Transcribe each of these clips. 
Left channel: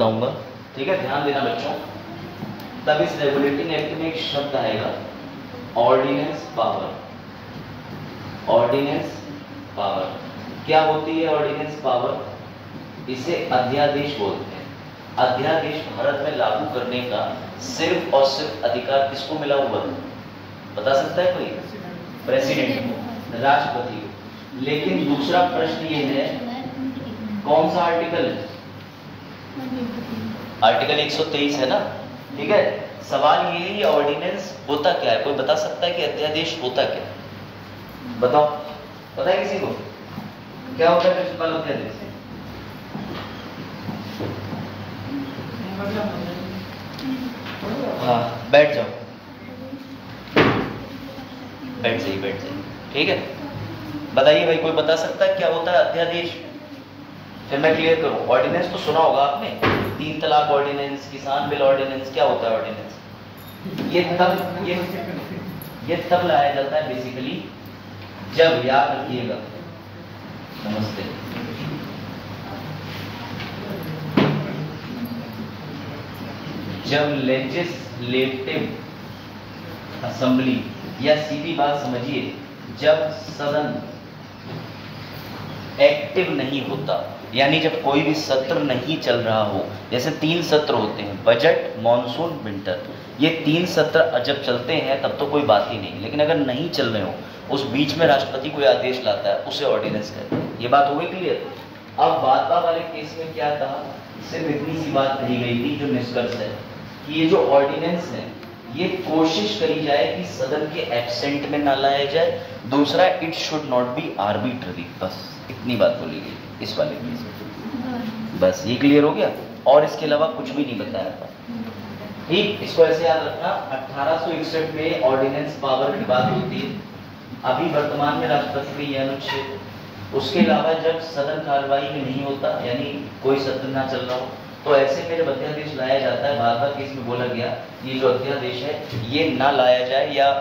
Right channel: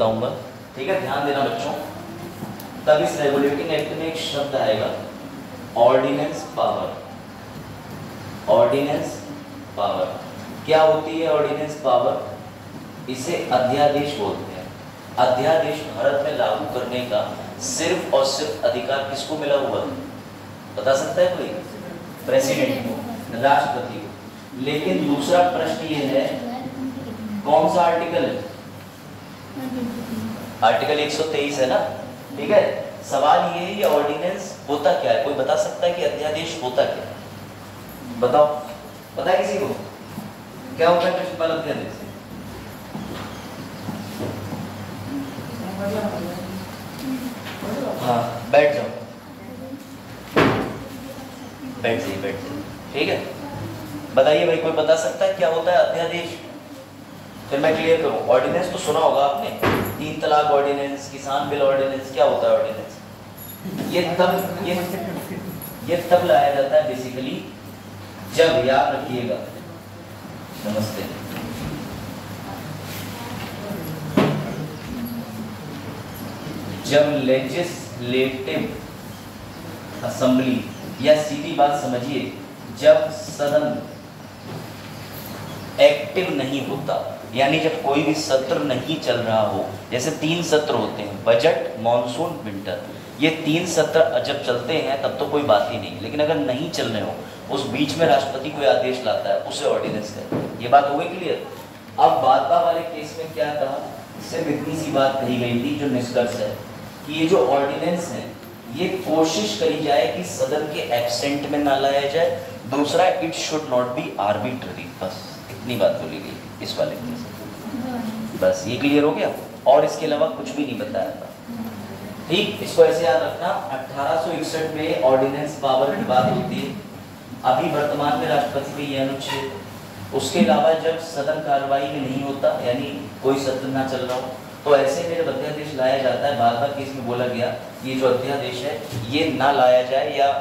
बताऊंगा, ठीक है, ध्यान देना बच्चों। तब इस रेगुलेटिंग एक्ट में एक शब्द आएगा ऑर्डिनेंस पावर। ऑर्डिनेंस पावर क्या होती है? ऑर्डिनेंस पावर इसे अध्यादेश बोलते हैं। अध्यादेश भारत में लागू करने का सिर्फ और सिर्फ अधिकार किसको मिला हुआ है? बता सकता है कोई? प्रेसिडेंट को, राष्ट्रपति को। लेकिन दूसरा प्रश्न ये है, कौन सा आर्टिकल है? आर्टिकल 123 है ना, ठीक है। सवाल ये है, ऑर्डिनेंस होता क्या है? कोई बता सकता है कि अध्यादेश होता क्या है? बताओ, पता है किसी को क्या होता है प्रिंसिपल अध्यादेश? हाँ, बैठ जाओ, बैठ जाइए, ठीक है। बताइए भाई, कोई बता सकता है क्या होता है अध्यादेश? फिर मैं क्लियर करूं। ऑर्डिनेंस तो सुना होगा आपने, 3 तलाक ऑर्डिनेंस, किसान बिल ऑर्डिनेंस। क्या होता है ऑर्डिनेंस? ये तब लाया जाता है बेसिकली जब, याद रखिएगा, नमस्ते, जब लेजिस्लेटिव असेंबली, या सीधी बात समझिए, जब सदन एक्टिव नहीं होता, यानी जब कोई भी सत्र नहीं चल रहा हो। जैसे 3 सत्र होते हैं, बजट, मॉनसून, विंटर। ये 3 सत्र जब चलते हैं तब तो कोई बात ही नहीं, लेकिन अगर नहीं चल रहे हो, उस बीच में राष्ट्रपति कोई आदेश लाता है, उसे ऑर्डिनेंस कहते हैं। ये बात हो गई क्लियर? अब भाजपा वाले केस में क्या था? सिर्फ इतनी सी बात कही गई थी, जो निष्कर्ष है कि ये जो ऑर्डिनेंस है, ये कोशिश करी जाए कि सदन के एब्सेंट में ना लाया जाए। दूसरा, it should not be arbitrary. बस इतनी बात बोली गई इस वाले केस में। बस ये क्लियर हो गया, और इसके अलावा कुछ भी नहीं बताया था, ठीक। इसको ऐसे याद रखना, 1861 में ऑर्डिनेंस पावर की बात होती है। अभी वर्तमान में राष्ट्रपति पे यह अनुच्छेद। उसके अलावा जब सदन कार्रवाई में नहीं होता, यानी कोई सत्र ना चल रहा हो, तो ऐसे में जब अध्यादेश लाया जाता है, बार बार केस में बोला गया, ये जो अध्यादेश है ये ना लाया जाए, या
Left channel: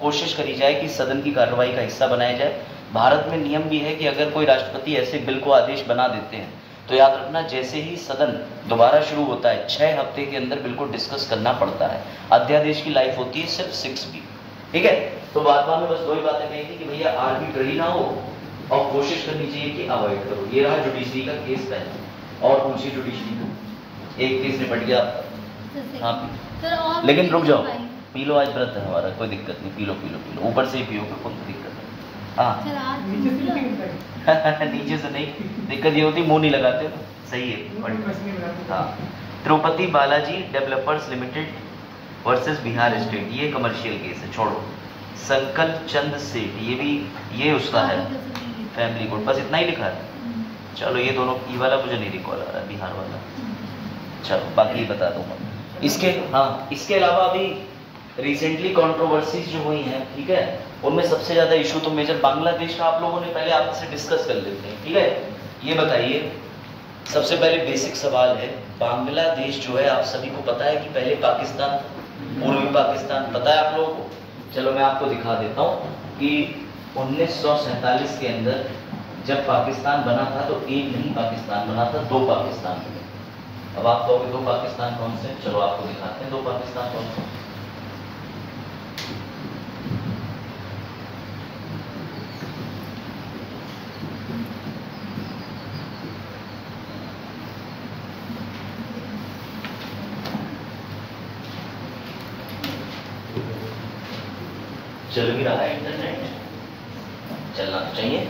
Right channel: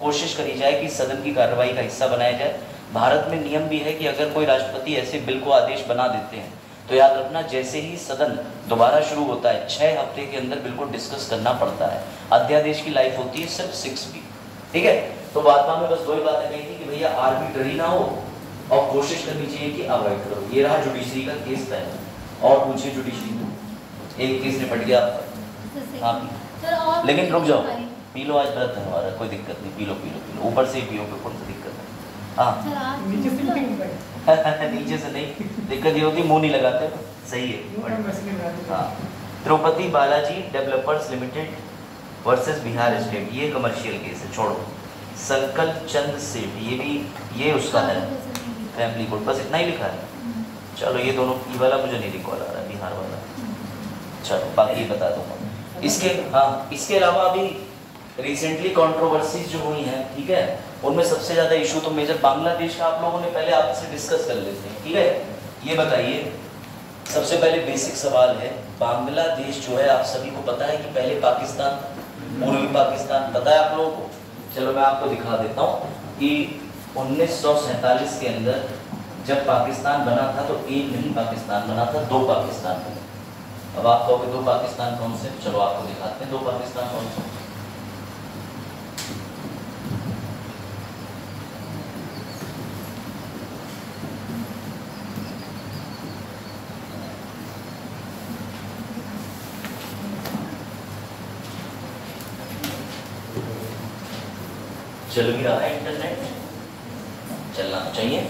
कोशिश करी जाए कि सदन की कार्रवाई का हिस्सा बनाया जाए। भारत में नियम भी है कि अगर कोई राष्ट्रपति ऐसे बिल को आदेश बना देते हैं, तो याद रखना, जैसे ही सदन दोबारा शुरू होता है, 6 हफ्ते के अंदर बिल को डिस्कस करना पड़ता है। अध्यादेश की लाइफ होती है सिर्फ 6 वीक, ठीक है। तो बात में बस 2 ही बातें कही थी कि भैया आर्बिट्ररी ना हो, और कोशिश करनी चाहिए कि अवॉइड करो। ये रहा जुडिशरी का केस पहला, और पूछिए जुडिशरी का। एक केस निपट गया आपका। हाँ, लेकिन रुक जाओ, पी लो, आज व्रत है हमारा, कोई दिक्कत नहीं, पी लो, ऊपर से ही पियो, कौन सी दिक्कत है? हाँ, नीचे से नहीं, दिक्कत ये होती मुंह नहीं लगाते, सही है। हाँ, Tirupati Balaji developers limited versus Bihar state, ये कमर्शियल केस है, छोड़ो। संकल्प चंद सेठ, ये उसका है फैमिली कोर्ट, बस इतना ही लिखा है। चलो, ये दोनों, ये वाला मुझे नहीं रिकॉल आ रहा, बिहार वाला। चलो, बाकी बता दूंगा। इसके अलावा अभी रिसेंटली कंट्रोवर्सीज जो हुई हैं, ठीक है, उनमें सबसे ज़्यादा इशू तो मेजर बांग्लादेश का आप लोगों ने पहले आपसे डिस्कस कर लेते हैं, ठीक है। ये बताइए, सबसे पहले बेसिक सवाल है, बांग्लादेश जो है, आप सभी को पता है कि पहले पाकिस्तान, पूर्वी पाकिस्तान, पता है आप लोगों को? चलो मैं आपको दिखा देता हूँ कि 1947 के अंदर जब पाकिस्तान बना था, तो एक नहीं पाकिस्तान बना था, 2 पाकिस्तान बने। अब आप कहोगे 2 पाकिस्तान कौन से? चलो आपको दिखाते हैं 2 पाकिस्तान कौन से। चल भी रहा है इंटरनेट, चलना तो चाहिए।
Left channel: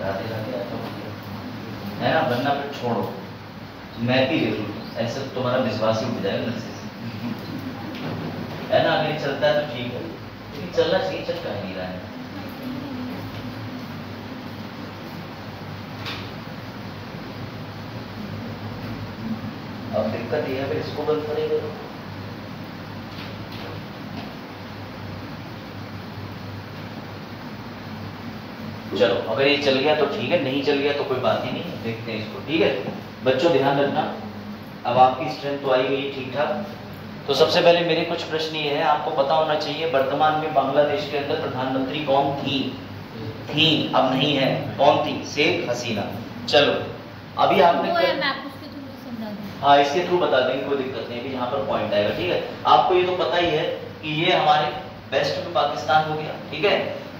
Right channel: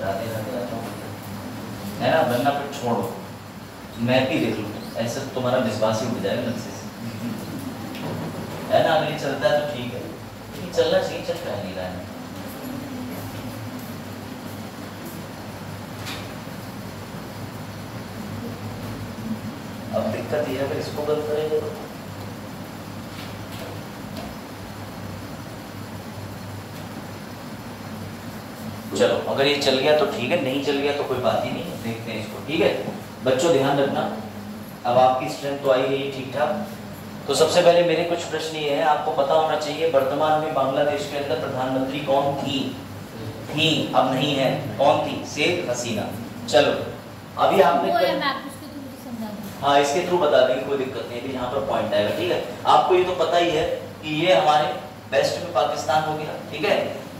राधे राधे आता हूँ, है ना, बनना फिर छोड़ो, मैं भी देख लूँ, ऐसे तो तुम्हारा विश्वास ही उठ जाएगा नक्शे से, है ना। अगर ये चलता है तो ठीक है, लेकिन चलना चाहिए, चल रहा नहीं रहा है। अब दिक्कत ये है, अगर इसको बंद करेंगे तो चलो, अगर ये चल गया तो ठीक है, नहीं चल गया तो कोई बात ही नहीं, देखते हैं इसको, ठीक है। बच्चों ध्यान रखना, अब आपकी स्ट्रेंथ तो आई गई ठीक ठाक, तो सबसे पहले मेरे कुछ प्रश्न ये है, आपको पता होना चाहिए वर्तमान में बांग्लादेश के अंदर प्रधानमंत्री कौन थी? अब नहीं है, कौन थी? शेख हसीना। चलो अभी आपने हाँ इसके थ्रू बता देंगे, कोई दिक्कत नहीं, यहाँ पर पॉइंट आएगा। ठीक है, आपको ये तो पता ही है कि ये हमारे वेस्ट में पाकिस्तान हो गया। ठीक है,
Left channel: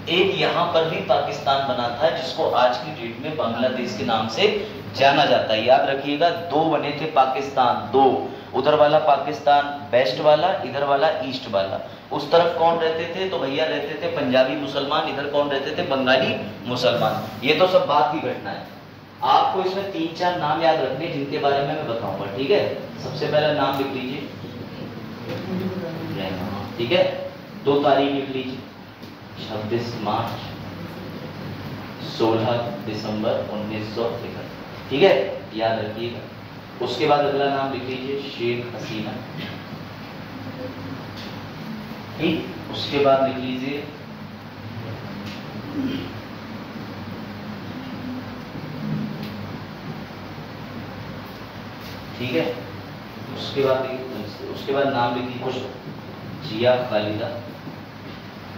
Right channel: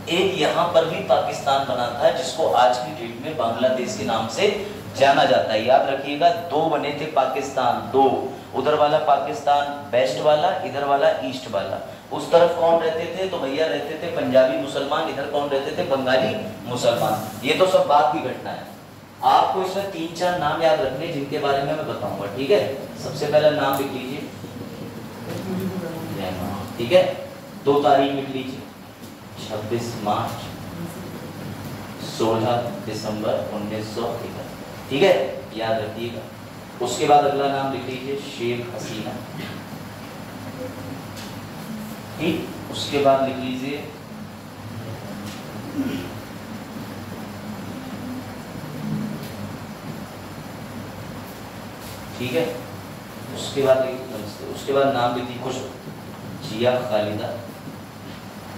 एक यहाँ पर भी पाकिस्तान बना था जिसको आज की डेट में बांग्लादेश के नाम से जाना जाता है। याद रखिएगा, दो बने थे पाकिस्तान, दो, उधर वाला पाकिस्तान वेस्ट वाला, इधर वाला ईस्ट वाला। उस तरफ कौन रहते थे? तो भैया रहते थे पंजाबी मुसलमान, इधर कौन रहते थे? बंगाली मुसलमान। ये तो सब बात की घटना है। आपको इसमें 3-4 नाम याद रखने जिनके बारे में मैं बताऊंगा। ठीक है, सबसे पहला नाम लिख लीजिए, ठीक है, 2 तारीख लिख लीजिए, 26 मार्च 16 दिसंबर 1961। ठीक है, याद रखिएगा। उसके बाद अगला नाम लिख लीजिए शेख हसीना। ठीक, उसके बाद लिख लीजिए ठीक है, उसके बाद नाम लिख दी कुछ जिया खालिदा।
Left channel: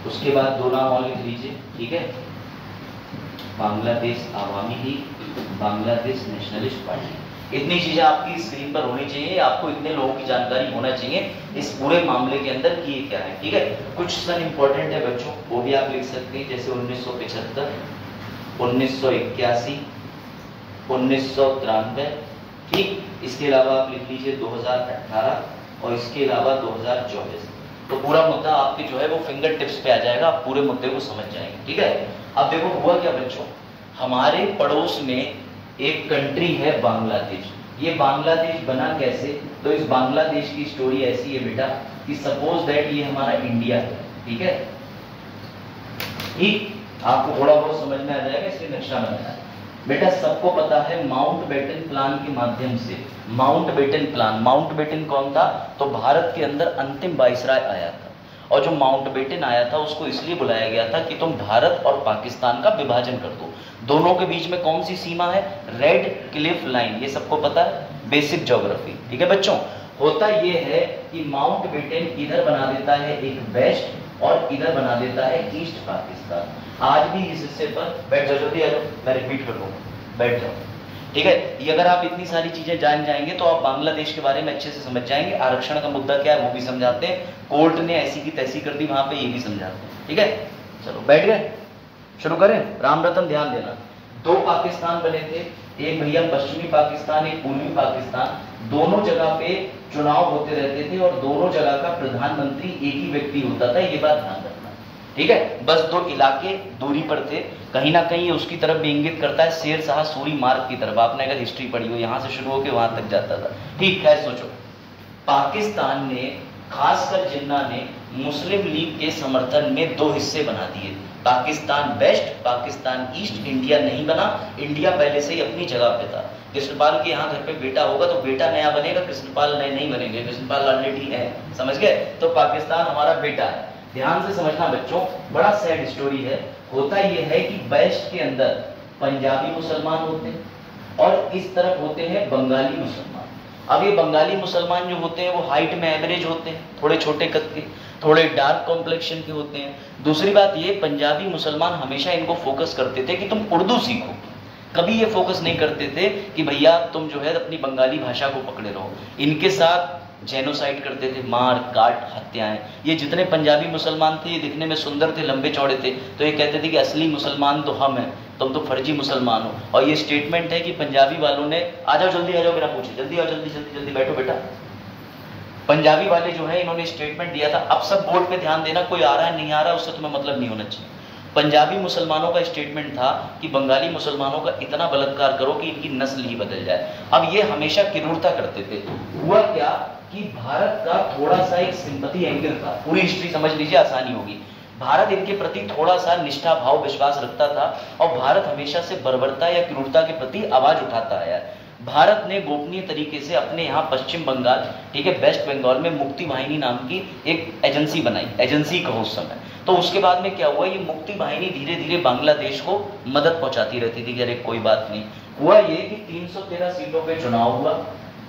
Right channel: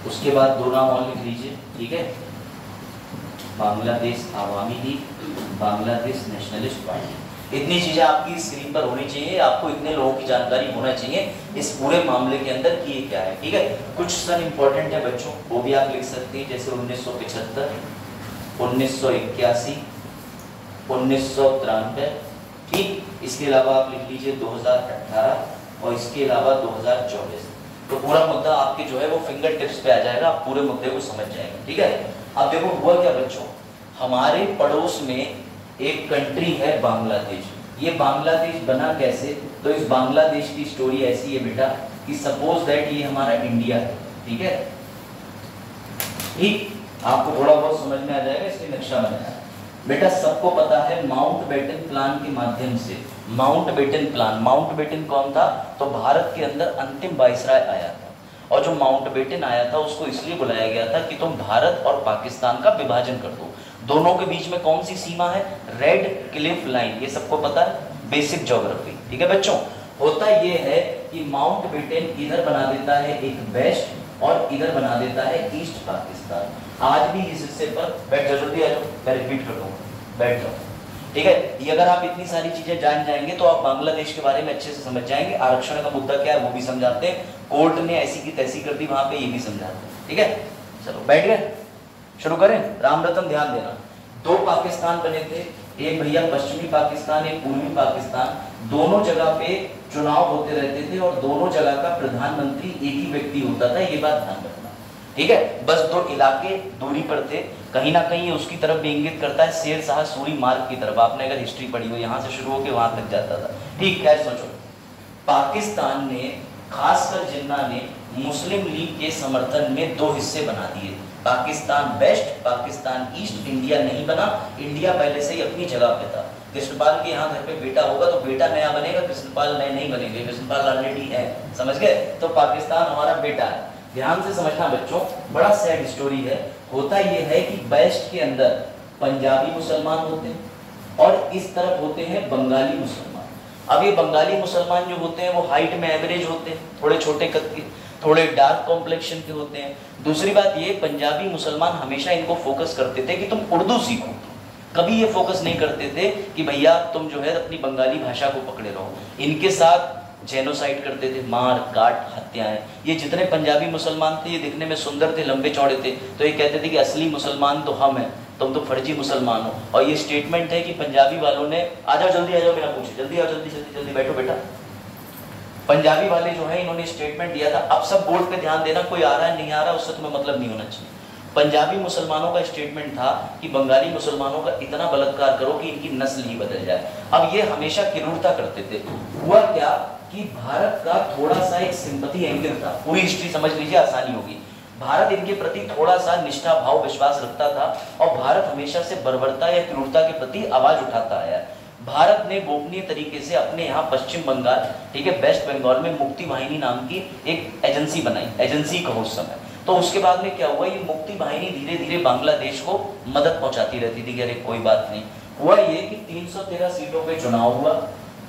उसके बाद 2 नाम और लिख लीजिए। ठीक है, Bangladesh Awami league, Bangladesh nationalist party. इतनी चीजें आपकी स्क्रीन पर होनी चाहिए, आपको इतने लोगों की जानकारी होना चाहिए इस पूरे मामले के अंदर कि ये क्या है। ठीक है, कुछ सन इंपॉर्टेंट है बच्चों, वो भी आप लिख सकते हैं, जैसे 1975, 1981, 1993। ठीक, इसके अलावा आप लिख लीजिए 2018 और इसके अलावा 2024। तो पूरा मुद्दा आपके जो है वो फिंगर टिप्स पे आ जाएगा, आप पूरे मुद्दे को समझ जाएंगे। ठीक है, अब देखो हुआ क्या बच्चों, हमारे पड़ोस में एक कंट्री है बांग्लादेश। ये बांग्लादेश बना कैसे? तो इस बांग्लादेश की स्टोरी ऐसी है बेटा कि सपोज दैट ये हमारा इंडिया है। ठीक है, ठीक, आपको थोड़ा बहुत समझ में आ जाएगा, इसलिए नक्शा बनाया बेटा। सबको पता है माउंटबेटन प्लान के माध्यम से, माउंटबेटन प्लान, माउंटबेटन कौन था? तो भारत के अंदर अंतिम वाइसराय आया था, और जो माउंटबेटन आया था उसको इसलिए बुलाया गया था कि तुम भारत और पाकिस्तान का विभाजन कर दो। दोनों के बीच में कौन सी सीमा है? रेड क्लिफ लाइन, ये सबको पता है, बेसिक ज्योग्राफी। ठीक है बच्चों, होता ये है कि माउंटबेटन इधर बना देता है एक वेस्ट और इधर बना देता है ईस्ट पाकिस्तान। आज भी इस हिस्से पर बैठ जाओ, जल्दी आ जाओ, मैं रिपीट कर दूंगा, बैठ जाओ। ठीक है, ये अगर आप इतनी सारी चीजें जान जाएंगे तो आप बांग्लादेश के बारे में अच्छे से समझ जाएंगे। आरक्षण का मुद्दा क्या है वो भी समझाते हैं, कोर्ट ने ऐसी की तैसी कर दी वहां पे, ये भी समझाते हैं। ठीक है, चलो बैठ गए, शुरू करें। राम रतन ध्यान देना, 2 पाकिस्तान बने थे, एक भैया पश्चिमी पाकिस्तान, एक पूर्वी पाकिस्तान। दोनों जगह पे चुनाव होते रहते थे और दोनों जगह का प्रधानमंत्री एक ही व्यक्ति होता था, ये बात ध्यान रखना। ठीक है, बस 2 इलाके दूरी पर थे, कहीं ना कहीं उसकी तरफ भी इंगित करता है शेर शाह सूरी मार्ग की तरफ। आपने अगर हिस्ट्री पढ़ी हो, यहाँ से शुरू होकर वहां तक जाता था। ठीक, खैर सोचो, पाकिस्तान ने, खासकर जिन्ना ने मुस्लिम लीग के समर्थन में 2 हिस्से बना दिए, Pakistan west, Pakistan east. India नहीं बना, इंडिया पहले से ही अपनी जगह पे था। कृष्णपाल के यहाँ घर पे बेटा होगा तो बेटा नया बनेगा, कृष्णपाल नए नहीं बनेंगे, कृष्णपाल ऑलरेडी है, समझ गए? तो पाकिस्तान हमारा बेटा है। ध्यान से समझना बच्चों, बड़ा सैड स्टोरी है। होता यह है कि वेस्ट के अंदर पंजाबी मुसलमान होते हैं और इस तरफ होते हैं बंगाली मुसलमान। अब ये बंगाली मुसलमान जो होते हैं वो हाइट में एवरेज होते हैं, थोड़े छोटे कद के, थोड़े डार्क कॉम्प्लेक्शन के होते हैं। दूसरी बात ये, पंजाबी मुसलमान हमेशा इनको फोकस करते थे कि तुम उर्दू सीखो, कभी ये फोकस नहीं करते थे कि भैया तुम जो है अपनी बंगाली भाषा को पकड़े रहो। इनके साथ जेनोसाइड करते थे, मार काट हत्याएं। ये जितने पंजाबी मुसलमान थे ये दिखने में सुंदर थे, लंबे चौड़े थे, तो ये कहते थे कि असली मुसलमान तो हम हैं, तुम तो फर्जी मुसलमान हो। और ये स्टेटमेंट है कि पंजाबी वालों ने, आ जाओ जल्दी आ जाओ बिना पूछे, जल्दी आओ, जल्दी जल्दी जल्दी बैठो बेटा। पंजाबी वाले जो है इन्होंने स्टेटमेंट दिया था, अब सब बोर्ड पे ध्यान देना, कोई आ रहा है नहीं आ रहा उससे तुम्हें मतलब नहीं होना चाहिए। पंजाबी मुसलमानों का स्टेटमेंट था कि बंगाली मुसलमानों का इतना बलात्कार करो कि इनकी नस्ल ही बदल जाए। अब ये हमेशा क्रूरता करते थे। हुआ क्या कि भारत का थोड़ा सा एक सिंपैथी एंगल था, पूरी हिस्ट्री समझ लीजिए आसानी होगी। भारत इनके प्रति थोड़ा सा निष्ठा भाव विश्वास रखता था और भारत हमेशा से बर्बरता या क्रूरता के प्रति आवाज उठाता आया। भारत ने गोपनीय तरीके से अपने यहाँ पश्चिम बंगाल, ठीक है, वेस्ट बंगाल में मुक्ति वाहिनी नाम की एक एजेंसी बनाई, एजेंसी कहो उस समय। तो उसके बाद में क्या हुआ, ये मुक्ति वाहिनी धीरे धीरे बांग्लादेश को मदद पहुंचाती रहती थी कि अरे कोई बात नहीं। हुआ ये कि 313 सीटों पे चुनाव हुआ।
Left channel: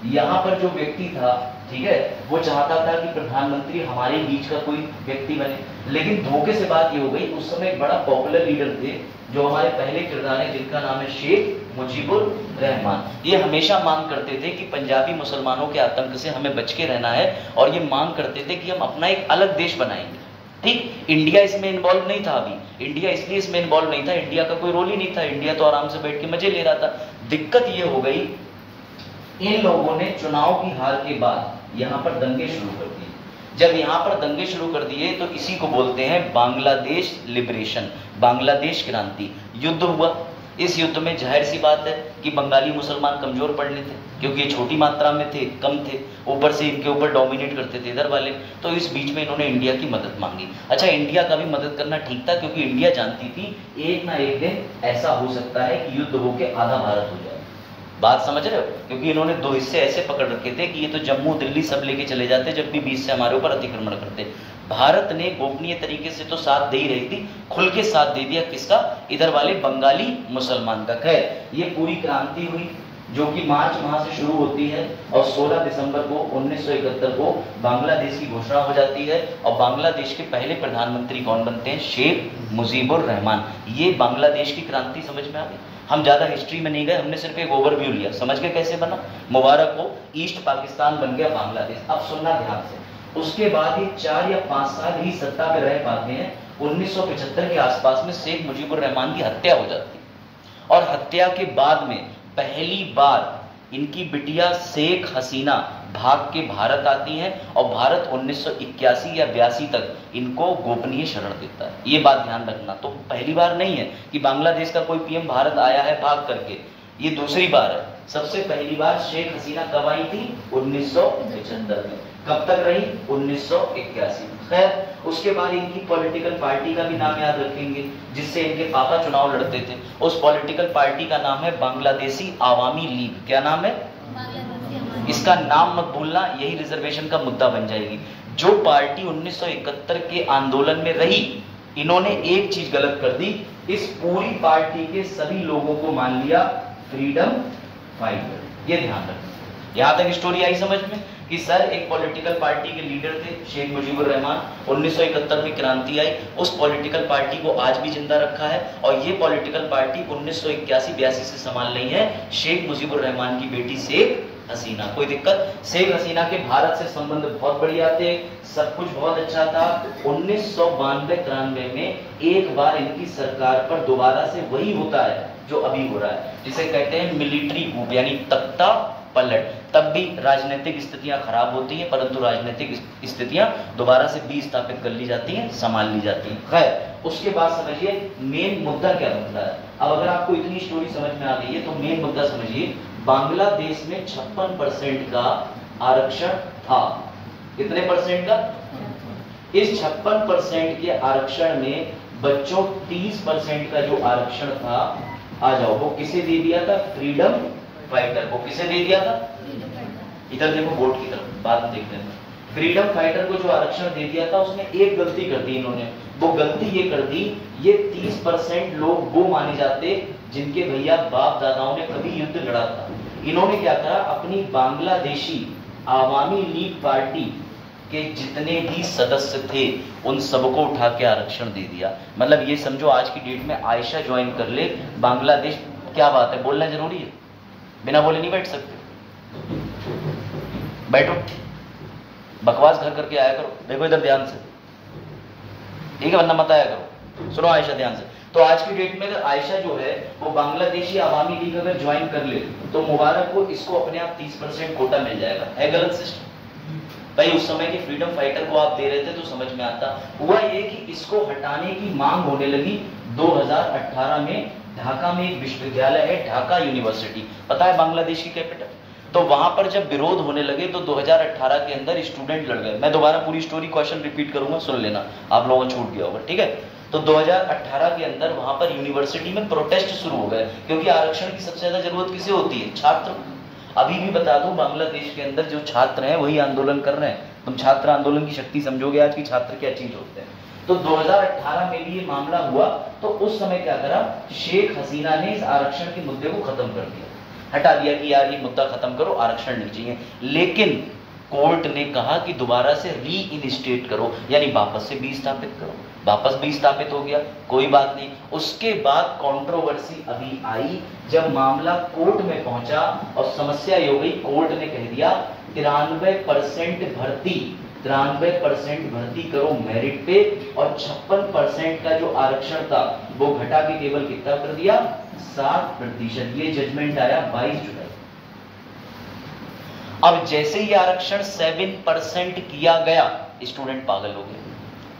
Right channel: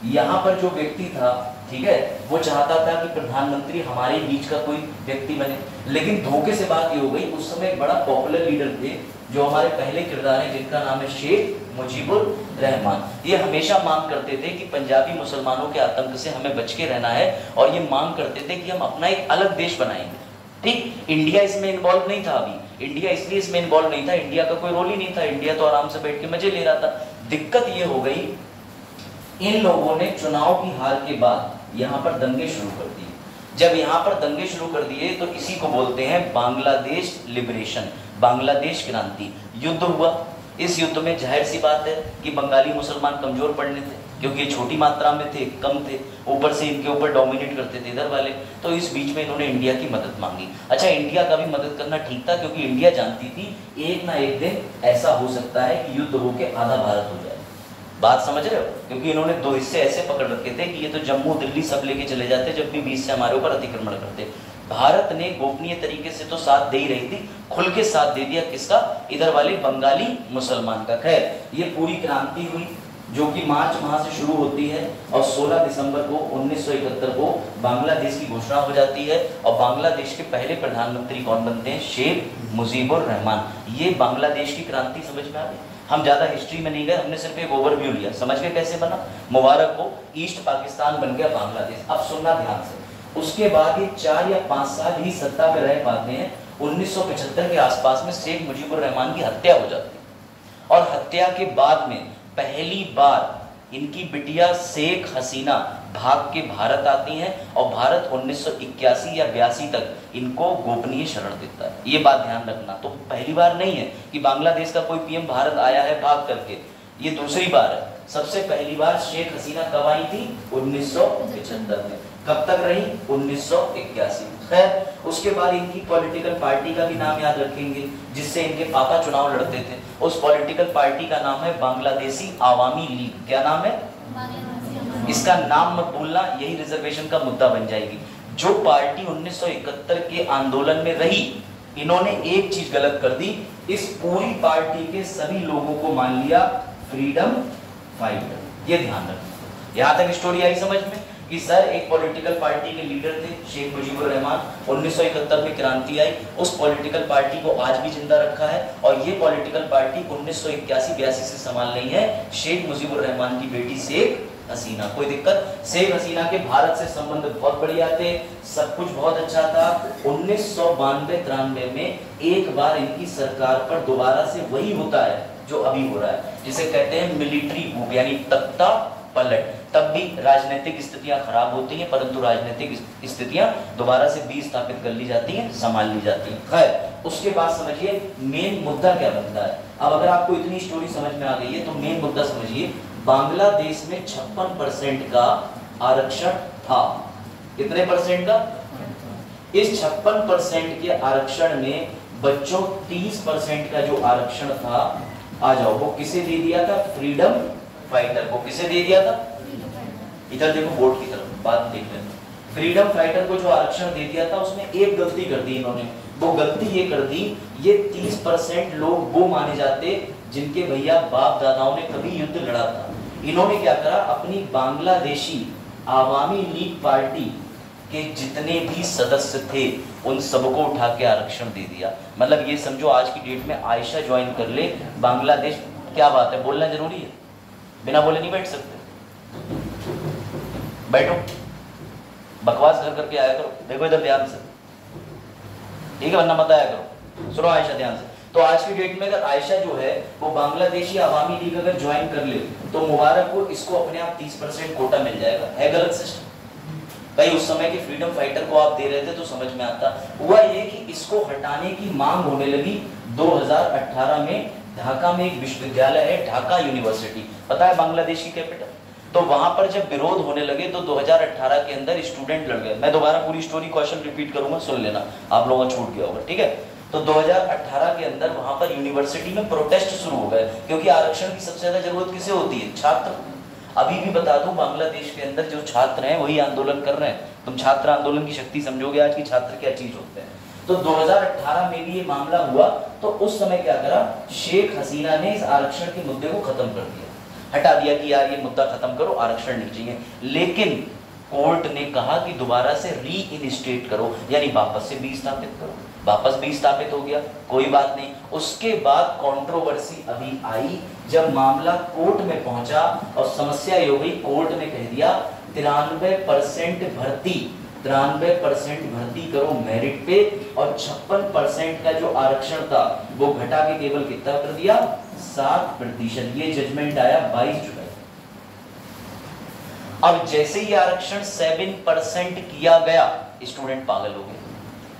यहाँ पर जो व्यक्ति था ठीक है, वो चाहता था कि प्रधानमंत्री हमारे बीच का कोई व्यक्ति बने, लेकिन धोखे से बात ये हो गई, उस समय एक बड़ा पॉपुलर लीडर थे जो हमारे पहले किरदार है, जिनका नाम है शेख मुजीबुर रहमान। ये हमेशा मांग करते थे कि पंजाबी मुसलमानों के आतंक से हमें बच के रहना है, और ये मांग करते थे कि हम अपना एक अलग देश बनाएंगे। ठीक, इंडिया इसमें इन्वॉल्व नहीं था। अभी इंडिया इसलिए इसमें इन्वॉल्व नहीं था, इंडिया का कोई रोल ही नहीं था, इंडिया तो आराम से बैठ के मजे ले रहा था। दिक्कत ये हो गई, इन लोगों ने चुनाव की हार के बाद यहाँ पर दंगे शुरू कर दिए। जब यहाँ पर दंगे शुरू कर दिए तो इसी को बोलते हैं बांग्लादेश लिबरेशन, बांग्लादेश क्रांति। युद्ध हुआ, इस युद्ध में जाहिर सी बात है कि बंगाली मुसलमान कमजोर पड़ने थे, क्योंकि ये छोटी मात्रा में थे, कम थे, ऊपर से इनके ऊपर डोमिनेट करते थे इधर वाले। तो इस बीच में इन्होंने इंडिया की मदद मांगी। अच्छा, इंडिया का भी मदद करना ठीक था, क्योंकि इंडिया जानती थी एक ना एक दिन ऐसा हो सकता है कि युद्ध होकर आधा भारत हो जाए। बात समझ रहे हो? क्योंकि इन्होंने दो हिस्से ऐसे पकड़ रखे थे कि ये तो जम्मू दिल्ली सब लेके चले जाते जब भी बीच से हमारे ऊपर अतिक्रमण करते। भारत ने गोपनीय तरीके से तो साथ दे ही रही थी, खुल के साथ दे दिया किसका? इधर वाले बंगाली मुसलमान का। खैर, ये पूरी क्रांति हुई जो कि मार्च माह से शुरू होती है और 16 दिसंबर को 1971 को बांग्लादेश की घोषणा हो जाती है। और बांग्लादेश के पहले प्रधानमंत्री कौन बनते हैं? शेख मुजीबुर रहमान। ये बांग्लादेश की क्रांति समझ में आ गई। हम ज्यादा हिस्ट्री में नहीं गए, हमने सिर्फ एक ओवरव्यू लिया, समझ गए कैसे बना। मुबारक हो, ईस्ट पाकिस्तान बन गया बांग्लादेश। अब सुनना ध्यान से, उसके बाद ये 4 या 5 साल ही सत्ता पे रह पाते हैं। 1975 के आसपास में शेख मुजीबुर रहमान की हत्या हो जाती है, और हत्या के बाद में पहली बार इनकी बिटिया शेख हसीना भाग के भारत आती हैं, और भारत 1981 या 82 तक इनको गोपनीय शरण देता है। ये बात ध्यान रखना। तो पहली बार नहीं है कि बांग्लादेश का कोई पीएम भारत आया है भाग करके, ये दूसरी बार है। सबसे पहली बार शेख हसीना कब आई थी? 1975 में। कब तक रही? 1981। खैर, उसके बाद इनकी पॉलिटिकल पार्टी का भी नाम याद रखेंगे, जिससे इनके पापा चुनाव लड़ते थे। उस पॉलिटिकल पार्टी का नाम है बांग्लादेशी आवामी लीग। क्या नाम है? इसका नाम मत भूलना, यही रिजर्वेशन का मुद्दा बन जाएगी। जो पार्टी 1971 के आंदोलन में रही, इन्होंने एक चीज गलत कर दी, इस पूरी पार्टी के सभी लोगों को मान लिया फ्रीडम फाइटर। ये ध्यान रखना। यहां तक स्टोरी आई समझ में कि सर एक पॉलिटिकल पार्टी के लीडर थे शेख मुजीबुर रहमान, 1971 में क्रांति आई, उस पॉलिटिकल पार्टी को आज भी जिंदा रखा है, और ये पॉलिटिकल पार्टी 1981-82 से संभाल रही है शेख मुजीबुर रहमान की बेटी शेख हसीना। कोई दिक्कत? शेख हसीना के भारत से संबंध बहुत बढ़िया थे, सब कुछ बहुत अच्छा था। 1992-93 में एक बार इनकी सरकार पर दोबारा से वही होता है जो अभी हो रहा है, जिसे कहते हैं मिलिट्री कूप, यानी तख्ता पलट। तब भी राजनीतिक स्थितियां खराब होती हैं, परंतु राजनीतिक स्थितियां दोबारा से भी स्थापित कर ली जाती हैं, संभाल ली जाती हैं। खैर, उसके बाद समझिए मेन मुद्दा क्या बनता है। अब अगर आपको इतनी स्टोरी समझ में आ गई है तो मेन मुद्दा समझिए। बांग्लादेश में 56% का आरक्षण था। कितने परसेंट का? इस 56% के आरक्षण में बच्चों 30% का जो आरक्षण था, आ जाओ, वो किसे दे दिया था? फ्रीडम फाइटर को। किसे दे दिया था? इधर देखो बोर्ड की तरफ, बात देख लेना। फ्रीडम फाइटर को जो आरक्षण दे दिया था, उसमें एक गलती कर दी इन्होंने। वो गलती ये कर दी, ये 30% लोग वो माने जाते जिनके भैया बाप दादाओं ने कभी युद्ध लड़ा था। इन्होंने क्या करा, अपनी बांग्लादेशी आवामी लीग पार्टी के जितने भी सदस्य थे उन सबको उठा के आरक्षण दे दिया। मतलब ये समझो आज की डेट में आयशा ज्वाइन कर ले बांग्लादेश। क्या बात है, बोलना जरूरी है, बिना बोले नहीं बैठ सकते। बैठो, बकवास घर करके आया करो। देखो इधर ध्यान से, ठीक है, वरना मत आया करो। सुनो आयशा ध्यान से। तो आज की डेट में अगर आयशा जो है वो बांग्लादेशी आवामी लीग अगर ज्वाइन कर ले तो मुबारक को इसको अपने आप 30% कोटा मिल जाएगा। है गलत सिस्टम भाई? उस समय के फ्रीडम फाइटर को आप दे रहे थे तो समझ में आता। हुआ ये कि इसको हटाने की मांग होने लगी 2018 में। ढाका में एक विश्वविद्यालय है, ढाका यूनिवर्सिटी, पता है बांग्लादेश की कैपिटल। तो वहां पर जब विरोध होने लगे तो 2018 के अंदर स्टूडेंट लड़ गए। मैं दोबारा पूरी स्टोरी क्वेश्चन रिपीट करूंगा, सुन लेना, आप लोगों का छूट गया होगा, ठीक है। तो 2018 के अंदर वहां पर यूनिवर्सिटी में प्रोटेस्ट शुरू हो गए, क्योंकि आरक्षण की सबसे ज्यादा जरूरत किसे होती है? छात्र। अभी भी बता दूं, बांग्लादेश के अंदर जो छात्र हैं वही आंदोलन कर रहे हैं। तुम छात्र आंदोलन की शक्ति समझोगे आज की छात्र क्या चीज होते हैं। तो 2018 में भी ये मामला हुआ, तो उस समय क्या करा, शेख हसीना ने इस आरक्षण के मुद्दे को खत्म कर दिया, हटा दिया कि यार ये मुद्दा खत्म करो, आरक्षण नहीं चाहिए। लेकिन कोर्ट ने कहा कि दोबारा से री इनस्टेट करो, यानी वापस से भी स्थापित करो। वापस भी स्थापित हो गया, कोई बात नहीं। उसके बाद कंट्रोवर्सी अभी आई जब मामला कोर्ट में पहुंचा और समस्या ये हो गई, कोर्ट ने कह दिया 93% भर्ती, 93% भर्ती करो मेरिट पे, और 56% का जो आरक्षण था वो घटा के केवल कितना कर दिया, 7%। ये जजमेंट आया 22 जुलाई। अब जैसे ही आरक्षण 7% किया गया, स्टूडेंट पागल हो गए,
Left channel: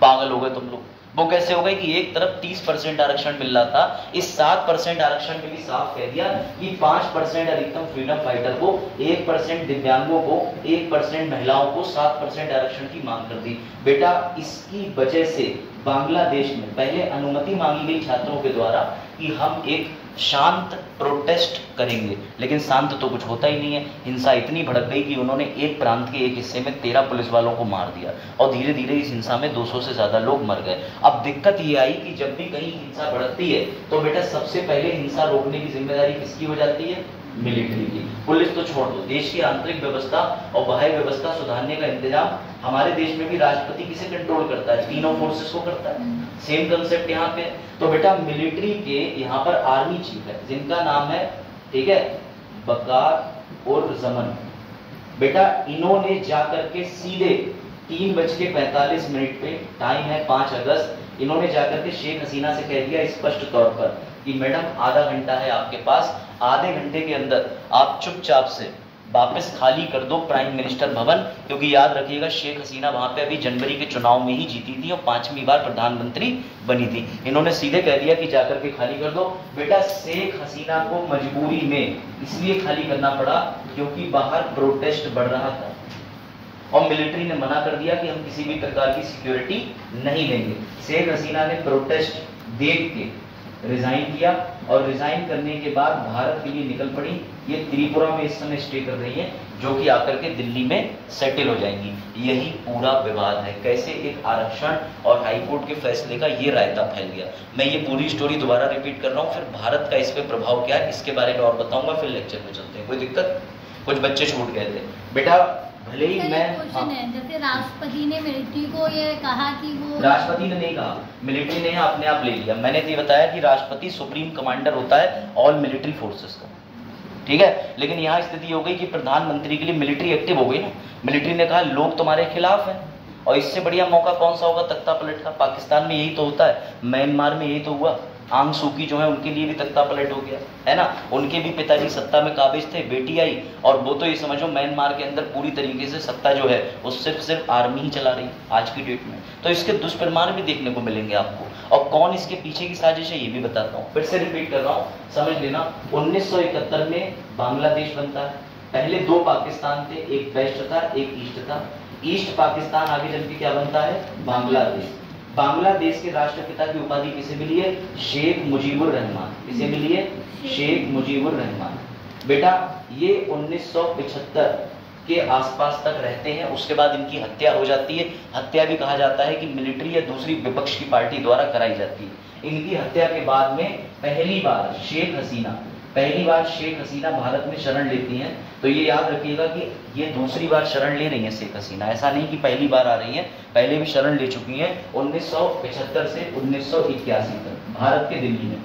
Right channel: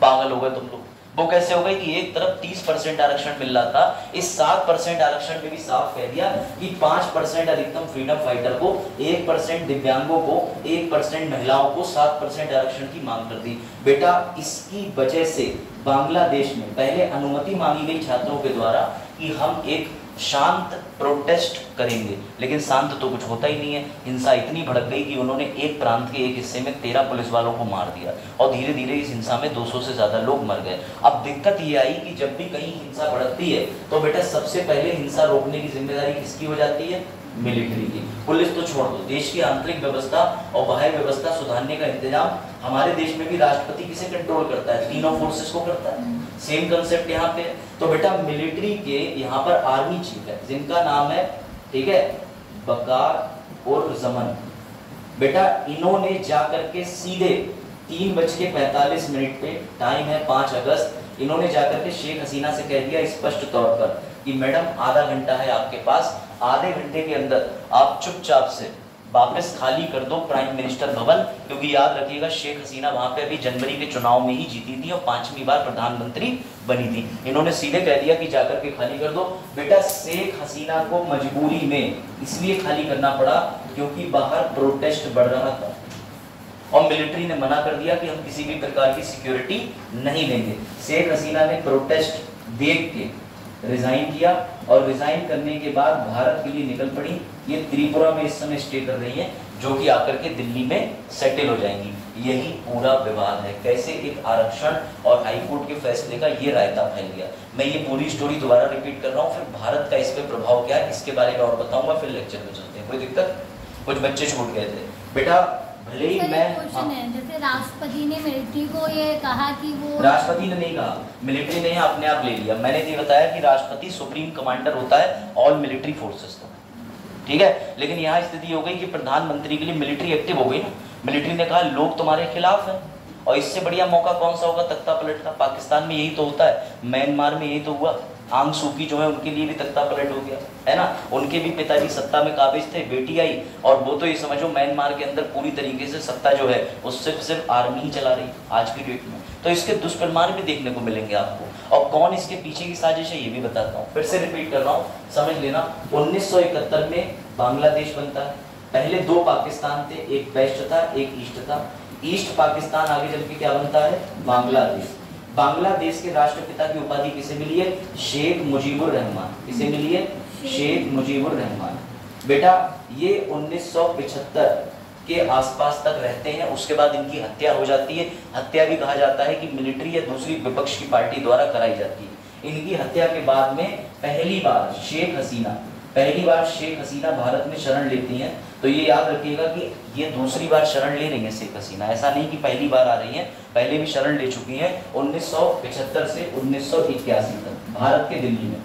पागल हो गए तुम लोग। वो कैसे हो गए कि एक तरफ 30% आरक्षण मिल रहा था, इस 7% आरक्षण में भी साफ कह दिया कि 5% अधिकतम फ्रीडम फाइटर को, 1% दिव्यांगों को, 1% महिलाओं को 7% आरक्षण की मांग कर दी। बेटा इसकी वजह से बांग्लादेश में पहले अनुमति मांगी गई छात्रों के द्वारा कि हम एक शांत प्रोटेस्ट करेंगे, लेकिन शांत तो कुछ होता ही नहीं है। हिंसा इतनी भड़क गई कि उन्होंने एक प्रांत के एक हिस्से में 13 पुलिस वालों को मार दिया और धीरे धीरे इस हिंसा में 200 से ज्यादा लोग मर गए। अब दिक्कत ये आई कि जब भी कहीं हिंसा भड़कती है तो बेटा सबसे पहले हिंसा रोकने की जिम्मेदारी किसकी हो जाती है, मिलिट्री की। पुलिस तो छोड़ दो, देश की आंतरिक व्यवस्था और बाह्य व्यवस्था सुधारने का इंतजाम हमारे देश में भी राष्ट्रपति किसे कंट्रोल करता है, तीनों फोर्सेस को करता है। सेम कंसेप्ट यहाँ पे। तो बेटा मिलिट्री के यहाँ पर आर्मी चीफ है जिनका नाम है, ठीक है, बकार और जमन। बेटा इन्होंने जाकर के सीधे 3:45 पे, टाइम है 5 अगस्त, इन्होंने जाकर के शेख हसीना से कह दिया स्पष्ट तौर पर कि मैडम आधा घंटा है आपके पास, आधे घंटे के अंदर आप चुपचाप से वापस खाली कर दो प्राइम मिनिस्टर भवन, क्योंकि याद रखिएगा शेख हसीना वहां पे अभी जनवरी के चुनाव में ही जीती थी और 5वीं बार प्रधानमंत्री बनी थी। इन्होंने सीधे कह दिया कि जाकर के खाली कर दो। बेटा शेख हसीना को मजबूरी में इसलिए खाली करना पड़ा क्योंकि बाहर प्रोटेस्ट बढ़ रहा था और मिलिट्री ने मना कर दिया कि हम किसी भी प्रकार की सिक्योरिटी नहीं देंगे। शेख हसीना ने प्रोटेस्ट देख के रिजाइन किया और रिजाइन करने के बाद भारत के लिए निकल पड़ी। ये त्रिपुरा में इस समय स्टे कर रही हैं, जो कि आकर के दिल्ली में सेटल हो जाएंगी। यही पूरा विवाद है, कैसे एक आरक्षण और हाईकोर्ट के फैसले का ये रायता फैल गया। मैं ये पूरी स्टोरी दोबारा रिपीट कर रहा हूँ, फिर भारत का इस पे प्रभाव क्या है इसके बारे में और बताऊंगा, फिर लेक्चर में चलते हैं। कोई दिक्कत? कुछ बच्चे छूट गए थे बेटा, भले ही मैं जैसे राष्ट्रपति ने मिलिट्री को ये कहा कि वो, राष्ट्रपति ने नहीं कहा, मिलिट्री ने अपने आप ले लिया। मैंने ये बताया कि राष्ट्रपति सुप्रीम कमांडर होता है ऑल मिलिट्री फोर्सेस का, ठीक है। लेकिन यहाँ स्थिति हो गई कि प्रधानमंत्री के लिए मिलिट्री एक्टिव हो गई ना। मिलिट्री ने कहा लोग तुम्हारे खिलाफ हैं, और इससे बढ़िया मौका कौन सा होगा तख्ता पलट का। पाकिस्तान में यही तो होता है, म्यांमार में यही तो हुआ। आंग सूकी जो है उनके लिए भी तख्ता पलट हो गया है ना, उनके भी पिताजी सत्ता में काबिज थे, बेटी आई और वो तो ये समझो म्यांमार के अंदर पूरी तरीके से सत्ता जो है वो सिर्फ आर्मी ही चला रही है आज की डेट में। तो इसके दुष्परिणाम भी देखने को मिलेंगे आपको, और कौन इसके पीछे की साजिश है ये भी बताता हूँ। फिर से रिपीट कर रहा हूँ, समझ लेना। 1971 में बांग्लादेश बनता है। पहले 2 पाकिस्तान थे, एक वेस्ट था एक ईस्ट था। ईस्ट पाकिस्तान आगे चल के क्या बनता है, बांग्लादेश। बांग्लादेश के राष्ट्रपिता की उपाधि किसे मिली है, शेख मुजीबुर रहमान। किसे मिली है, शेख मुजीबुर रहमान। बेटा ये 1975 के आसपास तक रहते हैं, उसके बाद इनकी हत्या हो जाती है। हत्या भी कहा जाता है कि मिलिट्री या दूसरी विपक्ष की पार्टी द्वारा कराई जाती है। इनकी हत्या के बाद में पहली बार शेख हसीना भारत में शरण लेती हैं। तो ये याद रखिएगा कि ये दूसरी बार शरण ले रही हैं शेख हसीना, ऐसा नहीं कि पहली बार आ रही हैं, पहले भी शरण ले चुकी हैं 1975 से 1981 तक भारत के दिल्ली में।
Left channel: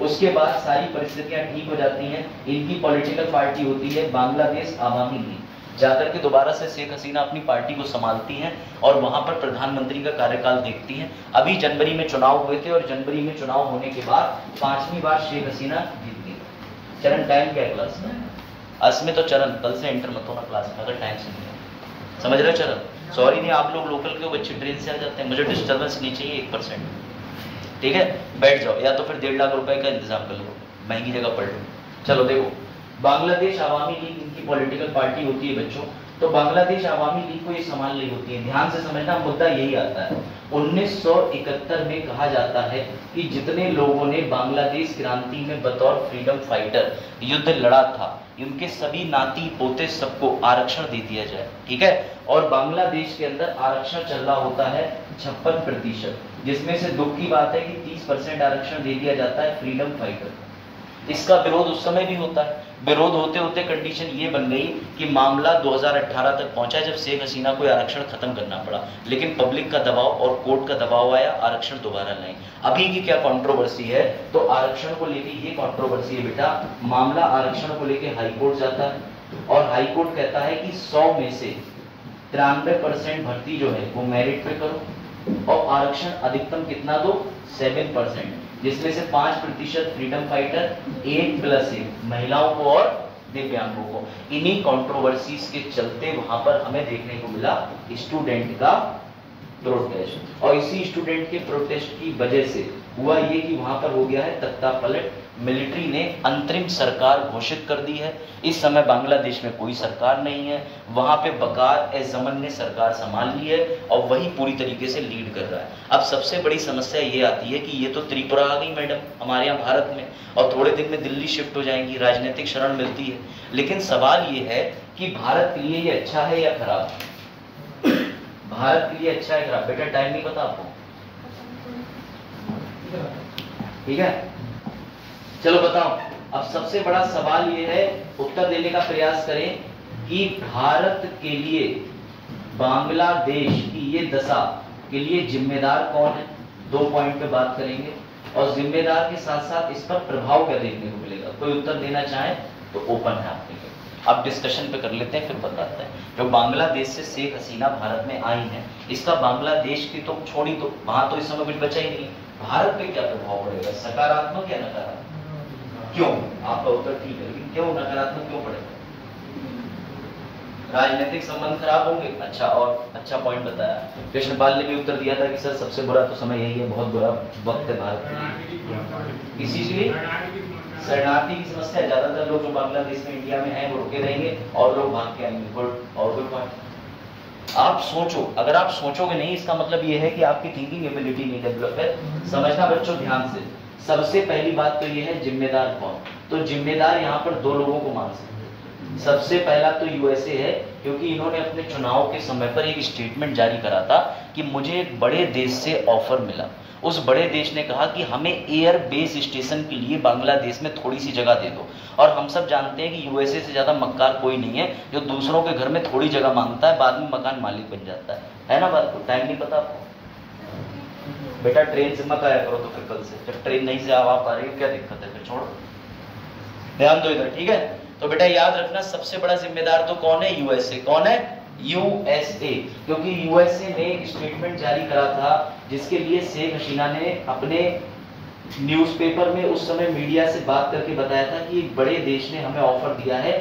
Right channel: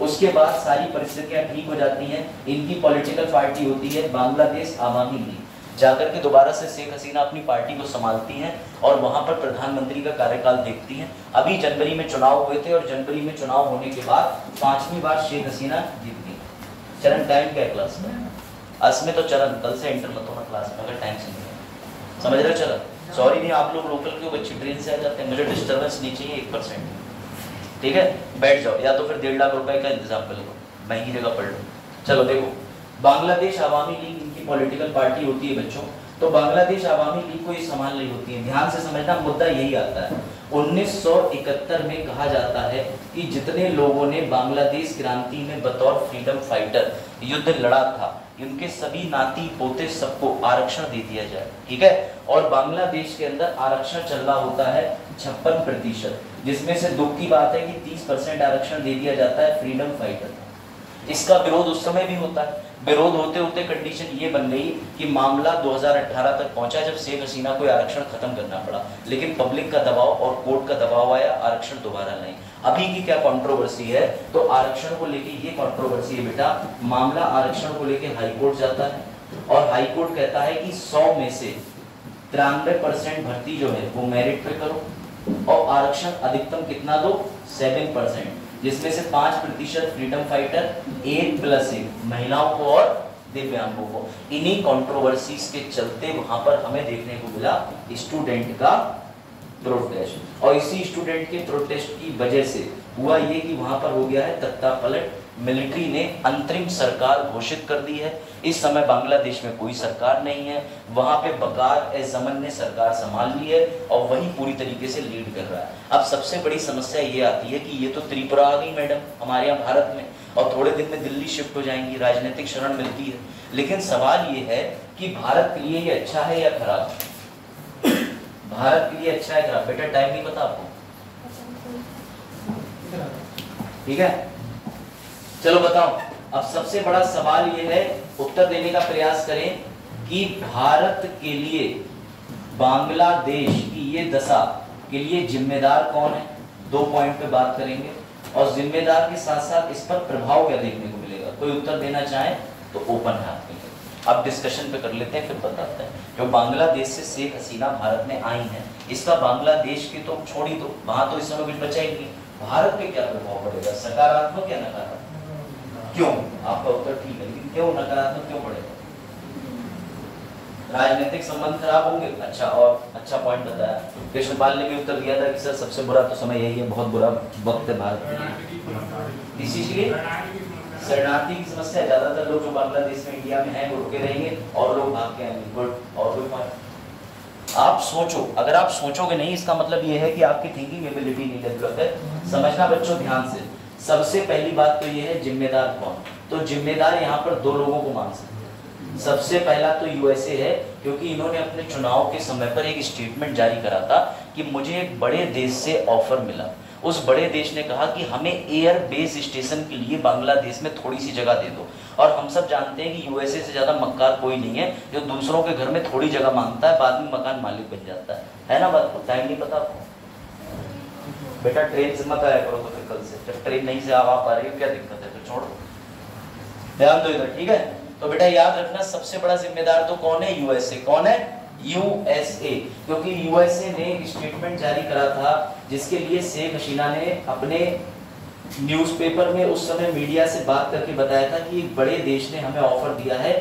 उसके बाद सारी परिस्थितियां ठीक हो जाती हैं। इनकी पॉलिटिकल पार्टी होती है बांग्लादेश आवामी लीग। जाकर के दोबारा से शेख हसीना अपनी पार्टी को संभालती हैं और वहां पर प्रधानमंत्री का कार्यकाल देखती हैं। अभी जनवरी में चुनाव हुए थे और जनवरी में चुनाव होने के बाद 5वीं बार शेख हसीना जीत गई। चरण टाइम क्या क्लास का, असमें तो चरण कल से एंटर मत होना क्लास में अगर टाइम से नहीं, समझ रहे हो चरण। सॉरी नहीं, आप लोग लोकल के बच्चे ट्रेन से आ जाते हैं, मुझे डिस्टर्बेंस नहीं चाहिए 1%, ठीक है। बैठ जाओ, या तो फिर 1.5 लाख रुपए का इंतजाम कर लो, महंगी जगह पढ़ लो। चलो देखो, बांग्लादेश आवामी लीग इनकी पॉलिटिकल पार्टी होती है बच्चों। तो बांग्लादेश आवामी लीग को ये संभाल रही होती है। ध्यान से समझना, मुद्दा यही आता है। 1971 में कहा जाता है कि जितने लोगों ने बांग्लादेश क्रांति में बतौर फ्रीडम फाइटर युद्ध लड़ा था, उनके सभी नाती पोते सबको आरक्षण दे दिया जाए, ठीक है। और बांग्लादेश के अंदर आरक्षण चल रहा होता है 56%, जिसमें से दुख की बात है कि 30% आरक्षण दे दिया जाता है फ्रीडम फाइटर। इसका विरोध उस समय भी होता है। विरोध होते होते कंडीशन ये बन गई कि मामला 2018 तक पहुंचा जब शेख हसीना को आरक्षण खत्म करना पड़ा, लेकिन पब्लिक का दबाव और कोर्ट का दबाव आया, आरक्षण दोबारा लाए। अभी की क्या कंट्रोवर्सी है, तो आरक्षण को लेके ये कंट्रोवर्सी है बेटा, मामला आरक्षण को लेके हाई कोर्ट जाता है और हाई कोर्ट कहता है कि 100 में से 93% भर्ती जो है वो मेरिट पे करो और आरक्षण अधिकतम कितना दो, 7%, जिसमें से 5% फ्रीडम फाइटर, 1+1 महिलाओं को और दिव्यांगों को। इन्हीं कंट्रोवर्सीज के चलते वहां पर हमें देखने को मिला स्टूडेंट का प्रोटेस्ट, और इसी स्टूडेंट के प्रोटेस्ट की वजह से हुआ ये कि वहां पर हो गया है तख्ता पलट, मिलिट्री ने अंतरिम सरकार घोषित कर दी है। इस समय बांग्लादेश में कोई सरकार नहीं है, वहां पे बकार ए जमन ने सरकार संभाल ली है और वही पूरी तरीके से लीड कर रहा है। अब सबसे बड़ी समस्या ये आती है कि ये तो त्रिपुरा आ गई मैडम हमारे यहाँ भारत में, और थोड़े दिन में दिल्ली शिफ्ट हो जाएंगी, राजनीतिक शरण मिलती है। लेकिन सवाल ये है कि भारत के लिए ये अच्छा है या खराब? भारत के लिए अच्छा है खराब? बेटा टाइम नहीं पता आपको, ठीक है? चलो बताओ। अब सबसे बड़ा सवाल ये है, उत्तर देने का प्रयास करें कि भारत के लिए बांग्लादेश की ये दशा के लिए जिम्मेदार कौन है? 2 पॉइंट पे बात करेंगे और जिम्मेदार के साथ साथ इस पर प्रभाव क्या देखने को मिलेगा। कोई उत्तर देना चाहे तो ओपन है आपके लिए। अब डिस्कशन पे कर लेते हैं, फिर बताते हैं। जो बांग्लादेश से शेख हसीना भारत में आई हैं, इसका बांग्लादेश की तो छोड़ी, तो वहां तो इस समय कुछ बचा ही नहीं। भारत पे क्या प्रभाव पड़ेगा, सकारात्मक या नकारात्मक? क्यों? आपका उत्तर ठीक है, लेकिन क्यों नकारात्मक क्यों पड़ेगा? राजनीतिक संबंध खराब होंगे। अच्छा, और अच्छा पॉइंट बताया। कृष्णपाल ने भी उत्तर दिया था कि सर सबसे बुरा तो समय यही है, बहुत बुरा वक्त है भारत के लिए। इसीलिए शरणार्थी की समस्या, ज्यादातर लोग जो बांग्लादेश में इंडिया में हैं वो रुके रहेंगे और लोग भाग के आएंगे। और कोई पॉइंट आप सोचो, अगर आप सोचोगे नहीं इसका मतलब ये है कि आपकी थिंकिंग एबिलिटी नहीं डेवलप है। समझना बच्चों ध्यान से। सबसे पहली बात तो ये है जिम्मेदार कौन, तो जिम्मेदार यहाँ पर 2 लोगों को मान सकते हैं। सबसे पहला तो यूएसए है, क्योंकि इन्होंने अपने चुनाव के समय पर एक स्टेटमेंट जारी करा था कि मुझे एक बड़े देश से ऑफर मिला। उस बड़े देश ने कहा कि हमें एयर बेस स्टेशन के लिए बांग्लादेश में थोड़ी सी जगह दे दो। और हम सब जानते हैं कि यूएसए से ज्यादा मक्कार कोई नहीं है जो दूसरों के घर में थोड़ी जगह मांगता है, बाद में मकान मालिक बन जाता है ना? बात को टाइम नहीं पता आपको? बेटा ट्रेन से मत आया करो तो फिर कल से, जब ट्रेन नहीं से आ पा रही क्या दिक्कत है, फिर छोड़ो, ध्यान दो इधर, ठीक है? तो बेटा याद रखना सबसे बड़ा जिम्मेदार तो कौन है? यूएसए। कौन है? यूएसए। क्योंकि यूएसए ने एक स्टेटमेंट जारी करा था जिसके लिए शेख हसीना ने अपने न्यूज़पेपर में उस समय मीडिया से बात करके बताया था कि एक बड़े देश ने हमें ऑफर दिया है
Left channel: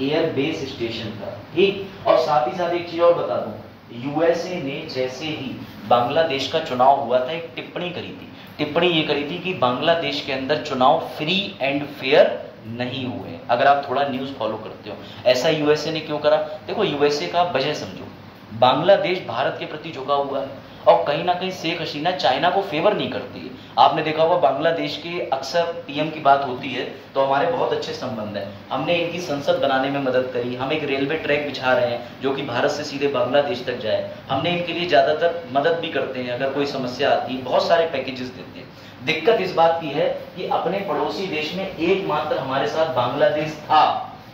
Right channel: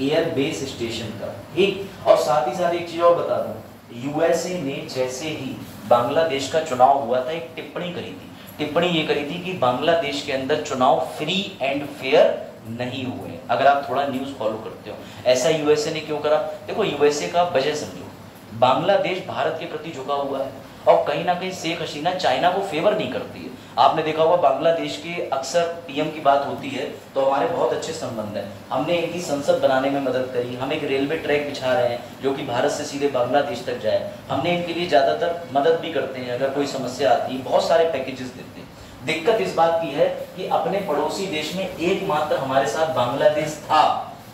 एयर बेस स्टेशन का, ठीक? और साथ ही साथ एक चीज और बता दूं, यूएसए ने जैसे ही बांग्लादेश का चुनाव हुआ था एक टिप्पणी करी थी। टिप्पणी ये करी थी कि बांग्लादेश के अंदर चुनाव फ्री एंड फेयर नहीं हुए। अगर आप थोड़ा न्यूज़ फॉलो करते हो, ऐसा यूएसए ने क्यों करा? देखो यूएसए का वजह समझो, बांग्लादेश भारत के प्रति झुका हुआ है और कहीं ना कहीं शेख हसीना चाइना को फेवर नहीं करती है। आपने देखा होगा बांग्लादेश के अक्सर पीएम की बात होती है तो हमारे बहुत अच्छे संबंध हैं। हमने इनकी संसद बनाने में मदद करी, हम एक रेलवे ट्रैक बिछा रहे हैं जो कि भारत से सीधे बांग्लादेश तक जाए। हमने इनके लिए ज्यादातर मदद भी करते हैं, अगर कोई समस्या आती है बहुत सारे पैकेजेस देते हैं। दिक्कत इस बात की है कि अपने पड़ोसी देश में एकमात्र हमारे साथ बांग्लादेश था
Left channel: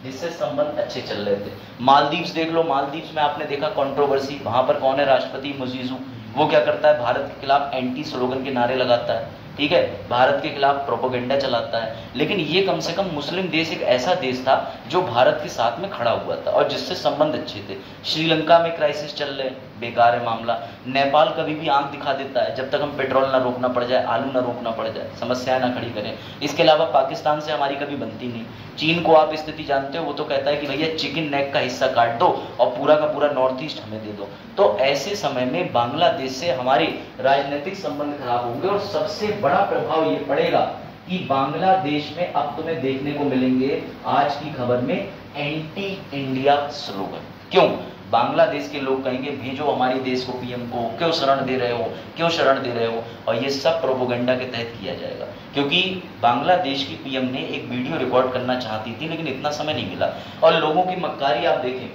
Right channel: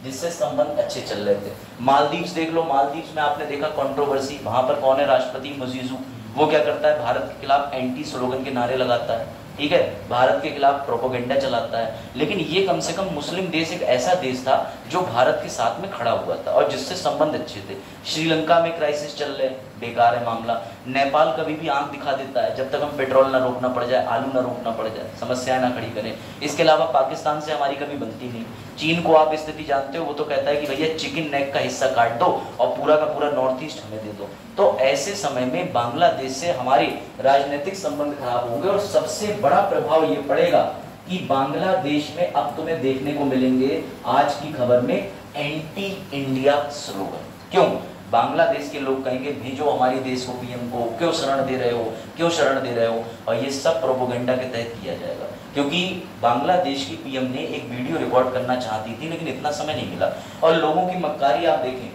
जिससे संबंध अच्छे चल रहे थे। मालदीव्स देख लो, मालदीव्स में आपने देखा कंट्रोवर्सी, वहां पर कौन है? राष्ट्रपति मुजीजू। वो क्या करता है? भारत के खिलाफ एंटी स्लोगन के नारे लगाता है, ठीक है? भारत के खिलाफ प्रोपोगेंडा चलाता है। लेकिन ये कम से कम मुस्लिम देश एक ऐसा देश था जो भारत के साथ में खड़ा हुआ था और जिससे संबंध अच्छे थे। श्रीलंका में क्राइसिस चल रहे, बेकार है मामला। नेपाल कभी भी आंख दिखा देता है जब तक हम पेट्रोल ना रोकना पड़ जाए, आलू ना रोकना पड़ जाए, समस्याएं ना खड़ी करें। इसके अलावा पाकिस्तान से हमारी कभी बनती नहीं। चीन को आप स्थिति जानते हो, वो तो कहता है कि भैया चिकन नेक का हिस्सा काट दो और पूरा का पूरा नॉर्थ ईस्ट हमें दे दो। तो ऐसे समय में बांग्लादेश से हमारे राजनीतिक संबंध खराब होंगे और सबसे बड़ा प्रभाव ये पड़ेगा कि बांग्लादेश में अब तुम्हें देखने को मिलेंगे आज की खबर में एंटी इंडिया स्लोगन। क्यों? बांग्लादेश के लोग कहेंगे भेजो हमारे देश को पीएम को, क्यों शरण दे रहे हो, क्यों शरण दे रहे हो? और ये सब प्रोपोगेंडा के तहत किया जाएगा। क्योंकि बांग्लादेश की पीएम ने एक वीडियो रिकॉर्ड करना चाहती थी लेकिन इतना समय नहीं मिला। और लोगों की मक्कारी आप देखें,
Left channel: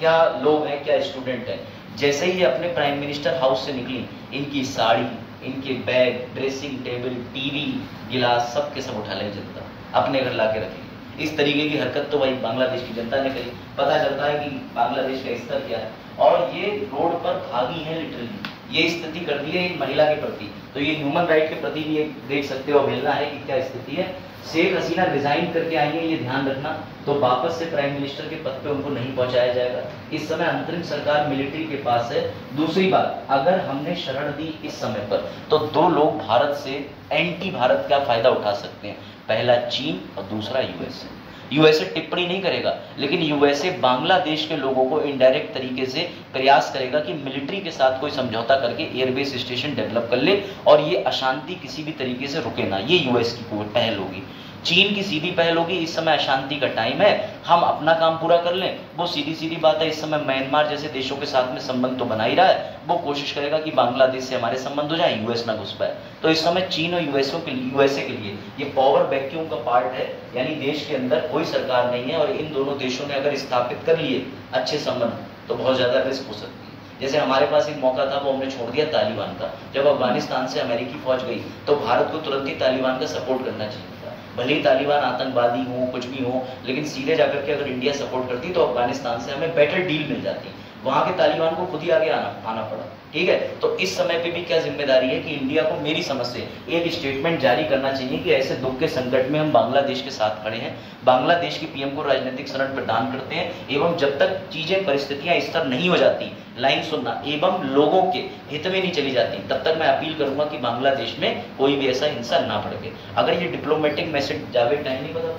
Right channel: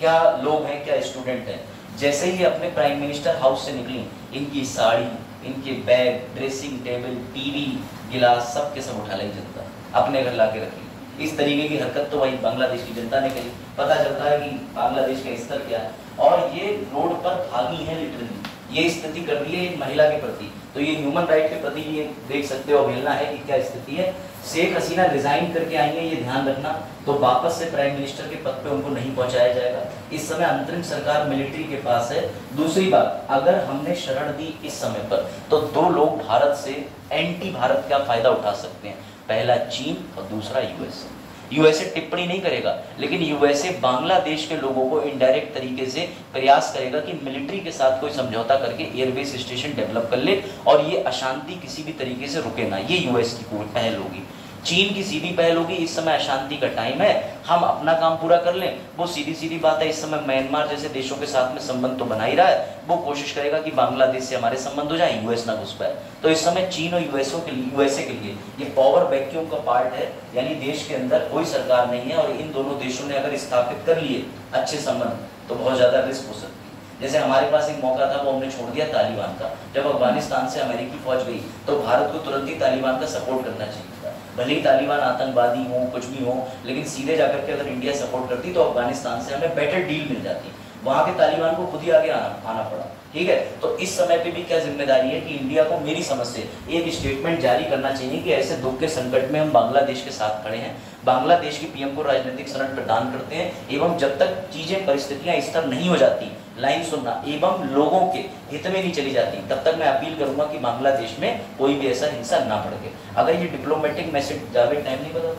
क्या लोग हैं, क्या स्टूडेंट हैं, जैसे ही अपने प्राइम मिनिस्टर हाउस से निकली, इनकी साड़ी, इनके बैग, ड्रेसिंग टेबल, टीवी, गिलास सब के सब उठा ले जनता। अपने घर ला के रखेंगे। इस तरीके की हरकत तो भाई बांग्लादेश की जनता ने करी। पता चलता है कि बांग्लादेश का स्तर क्या है, और ये रोड पर भागी है लिटरली, ये स्थिति कर दी है एक महिला के प्रति। तो ये ह्यूमन राइट के प्रति भी ये देख सकते हो अवहेलना है कि क्या स्थिति है। शेख हसीना रिजाइन करके आएंगे, ये ध्यान रखना, तो वापस से प्राइम मिनिस्टर के पद पे उनको नहीं पहुंचाया जाएगा। इस समय अंतरिम सरकार मिलिट्री के पास है। दूसरी बात, अगर हमने शरण दी इस समय पर, तो दो लोग भारत से एंटी भारत का फायदा उठा सकते हैं, पहला चीन और दूसरा यूएसए। यूएसए टिप्पणी नहीं करेगा, लेकिन यूएसए बांग्लादेश के लोगों को इनडायरेक्ट तरीके से प्रयास करेगा कि मिलिट्री के साथ कोई समझौता करके एयरबेस स्टेशन डेवलप कर ले और ये अशांति किसी भी तरीके से रुके ना। ये यूएस की पहल होगी। चीन की सीधी पहल होगी, इस समय अशांति का टाइम है, हम अपना काम पूरा कर लें। वो सीधी सीधी बात है, इस समय म्यांमार जैसे देशों के साथ में संबंध तो बना ही रहा है, वो कोशिश करेगा कि बांग्लादेश से हमारे संबंध हो जाए, यूएस ना घुस पाए। तो इस समय चीन और यूएसए के लिए ये पावर वैक्यूम का पार्ट है, यानी देश के अंदर कोई सरकार नहीं है, और इन दोनों देशों ने अगर स्थापित कर लिए अच्छे संबंध तो बहुत ज्यादा रिस्क हो सकती है। जैसे हमारे पास एक मौका था, वो हमने छोड़ दिया तालिबान का। जब अफगानिस्तान से अमेरिकी फौज गई तो भारत को तुरंत ही तालिबान का सपोर्ट करना चाहिए था। भले ही तालिबान आतंकवादी हो, कुछ भी हो, लेकिन सीधे जाकर के अगर इंडिया सपोर्ट करती तो अफगानिस्तान से हमें बेटर डील मिल जाती। वहां के तालिबान को खुद ही आगे आना पड़ा। ठीक है, तो इस समय पे भी क्या जिम्मेदारी है कि इंडिया को, मेरी समझ से, एक स्टेटमेंट जारी करना चाहिए कि ऐसे दुख के संकट में हम बांग्लादेश के साथ खड़े हैं, बांग्लादेश के पीएम को राजनीतिक शरण प्रदान करते हैं, एवं जब तक चीजें परिस्थितियां स्थिर नहीं हो जाती, लाइन सुनना, एवं लोगों के हित में नहीं चली जाती, तब तक मैं अपील करूंगा कि बांग्लादेश में कोई भी ऐसा हिंसा ना भड़के। अगर ये डिप्लोमेटिक मैसेज, जावेद टाइम नहीं पता,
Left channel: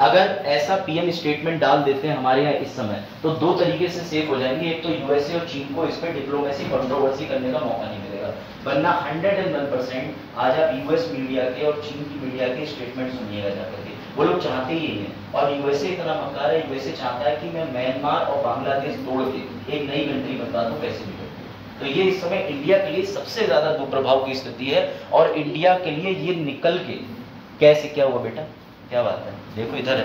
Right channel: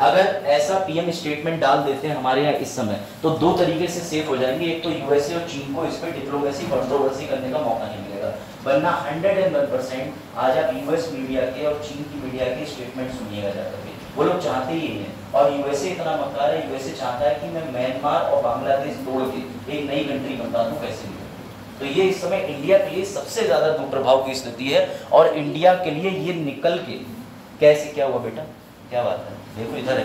अगर ऐसा पीएम स्टेटमेंट डाल देते हैं हमारे यहाँ इस समय, तो दो तरीके से सेफ हो जाएंगे। एक तो यूएसए और चीन को इस पर डिप्लोमेसी कंट्रोवर्सी करने का मौका नहीं मिलेगा, वरना 101% आज आप यूएस मीडिया के और चीन की मीडिया के स्टेटमेंट सुनिएगा जाकर के, वो लोग चाहते ही हैं। और यूएसए इतना मक्कार है, यूएसए चाहता है कि मैं म्यांमार और बांग्लादेश तोड़ के एक नई कंट्री बनता दूं, कैसे भी। तो ये इस समय इंडिया के लिए सबसे ज्यादा दुष्प्रभाव की स्थिति है, और इंडिया के लिए ये निकल के कैसे, क्या हुआ बेटा, क्या बात है, देखो इधर है।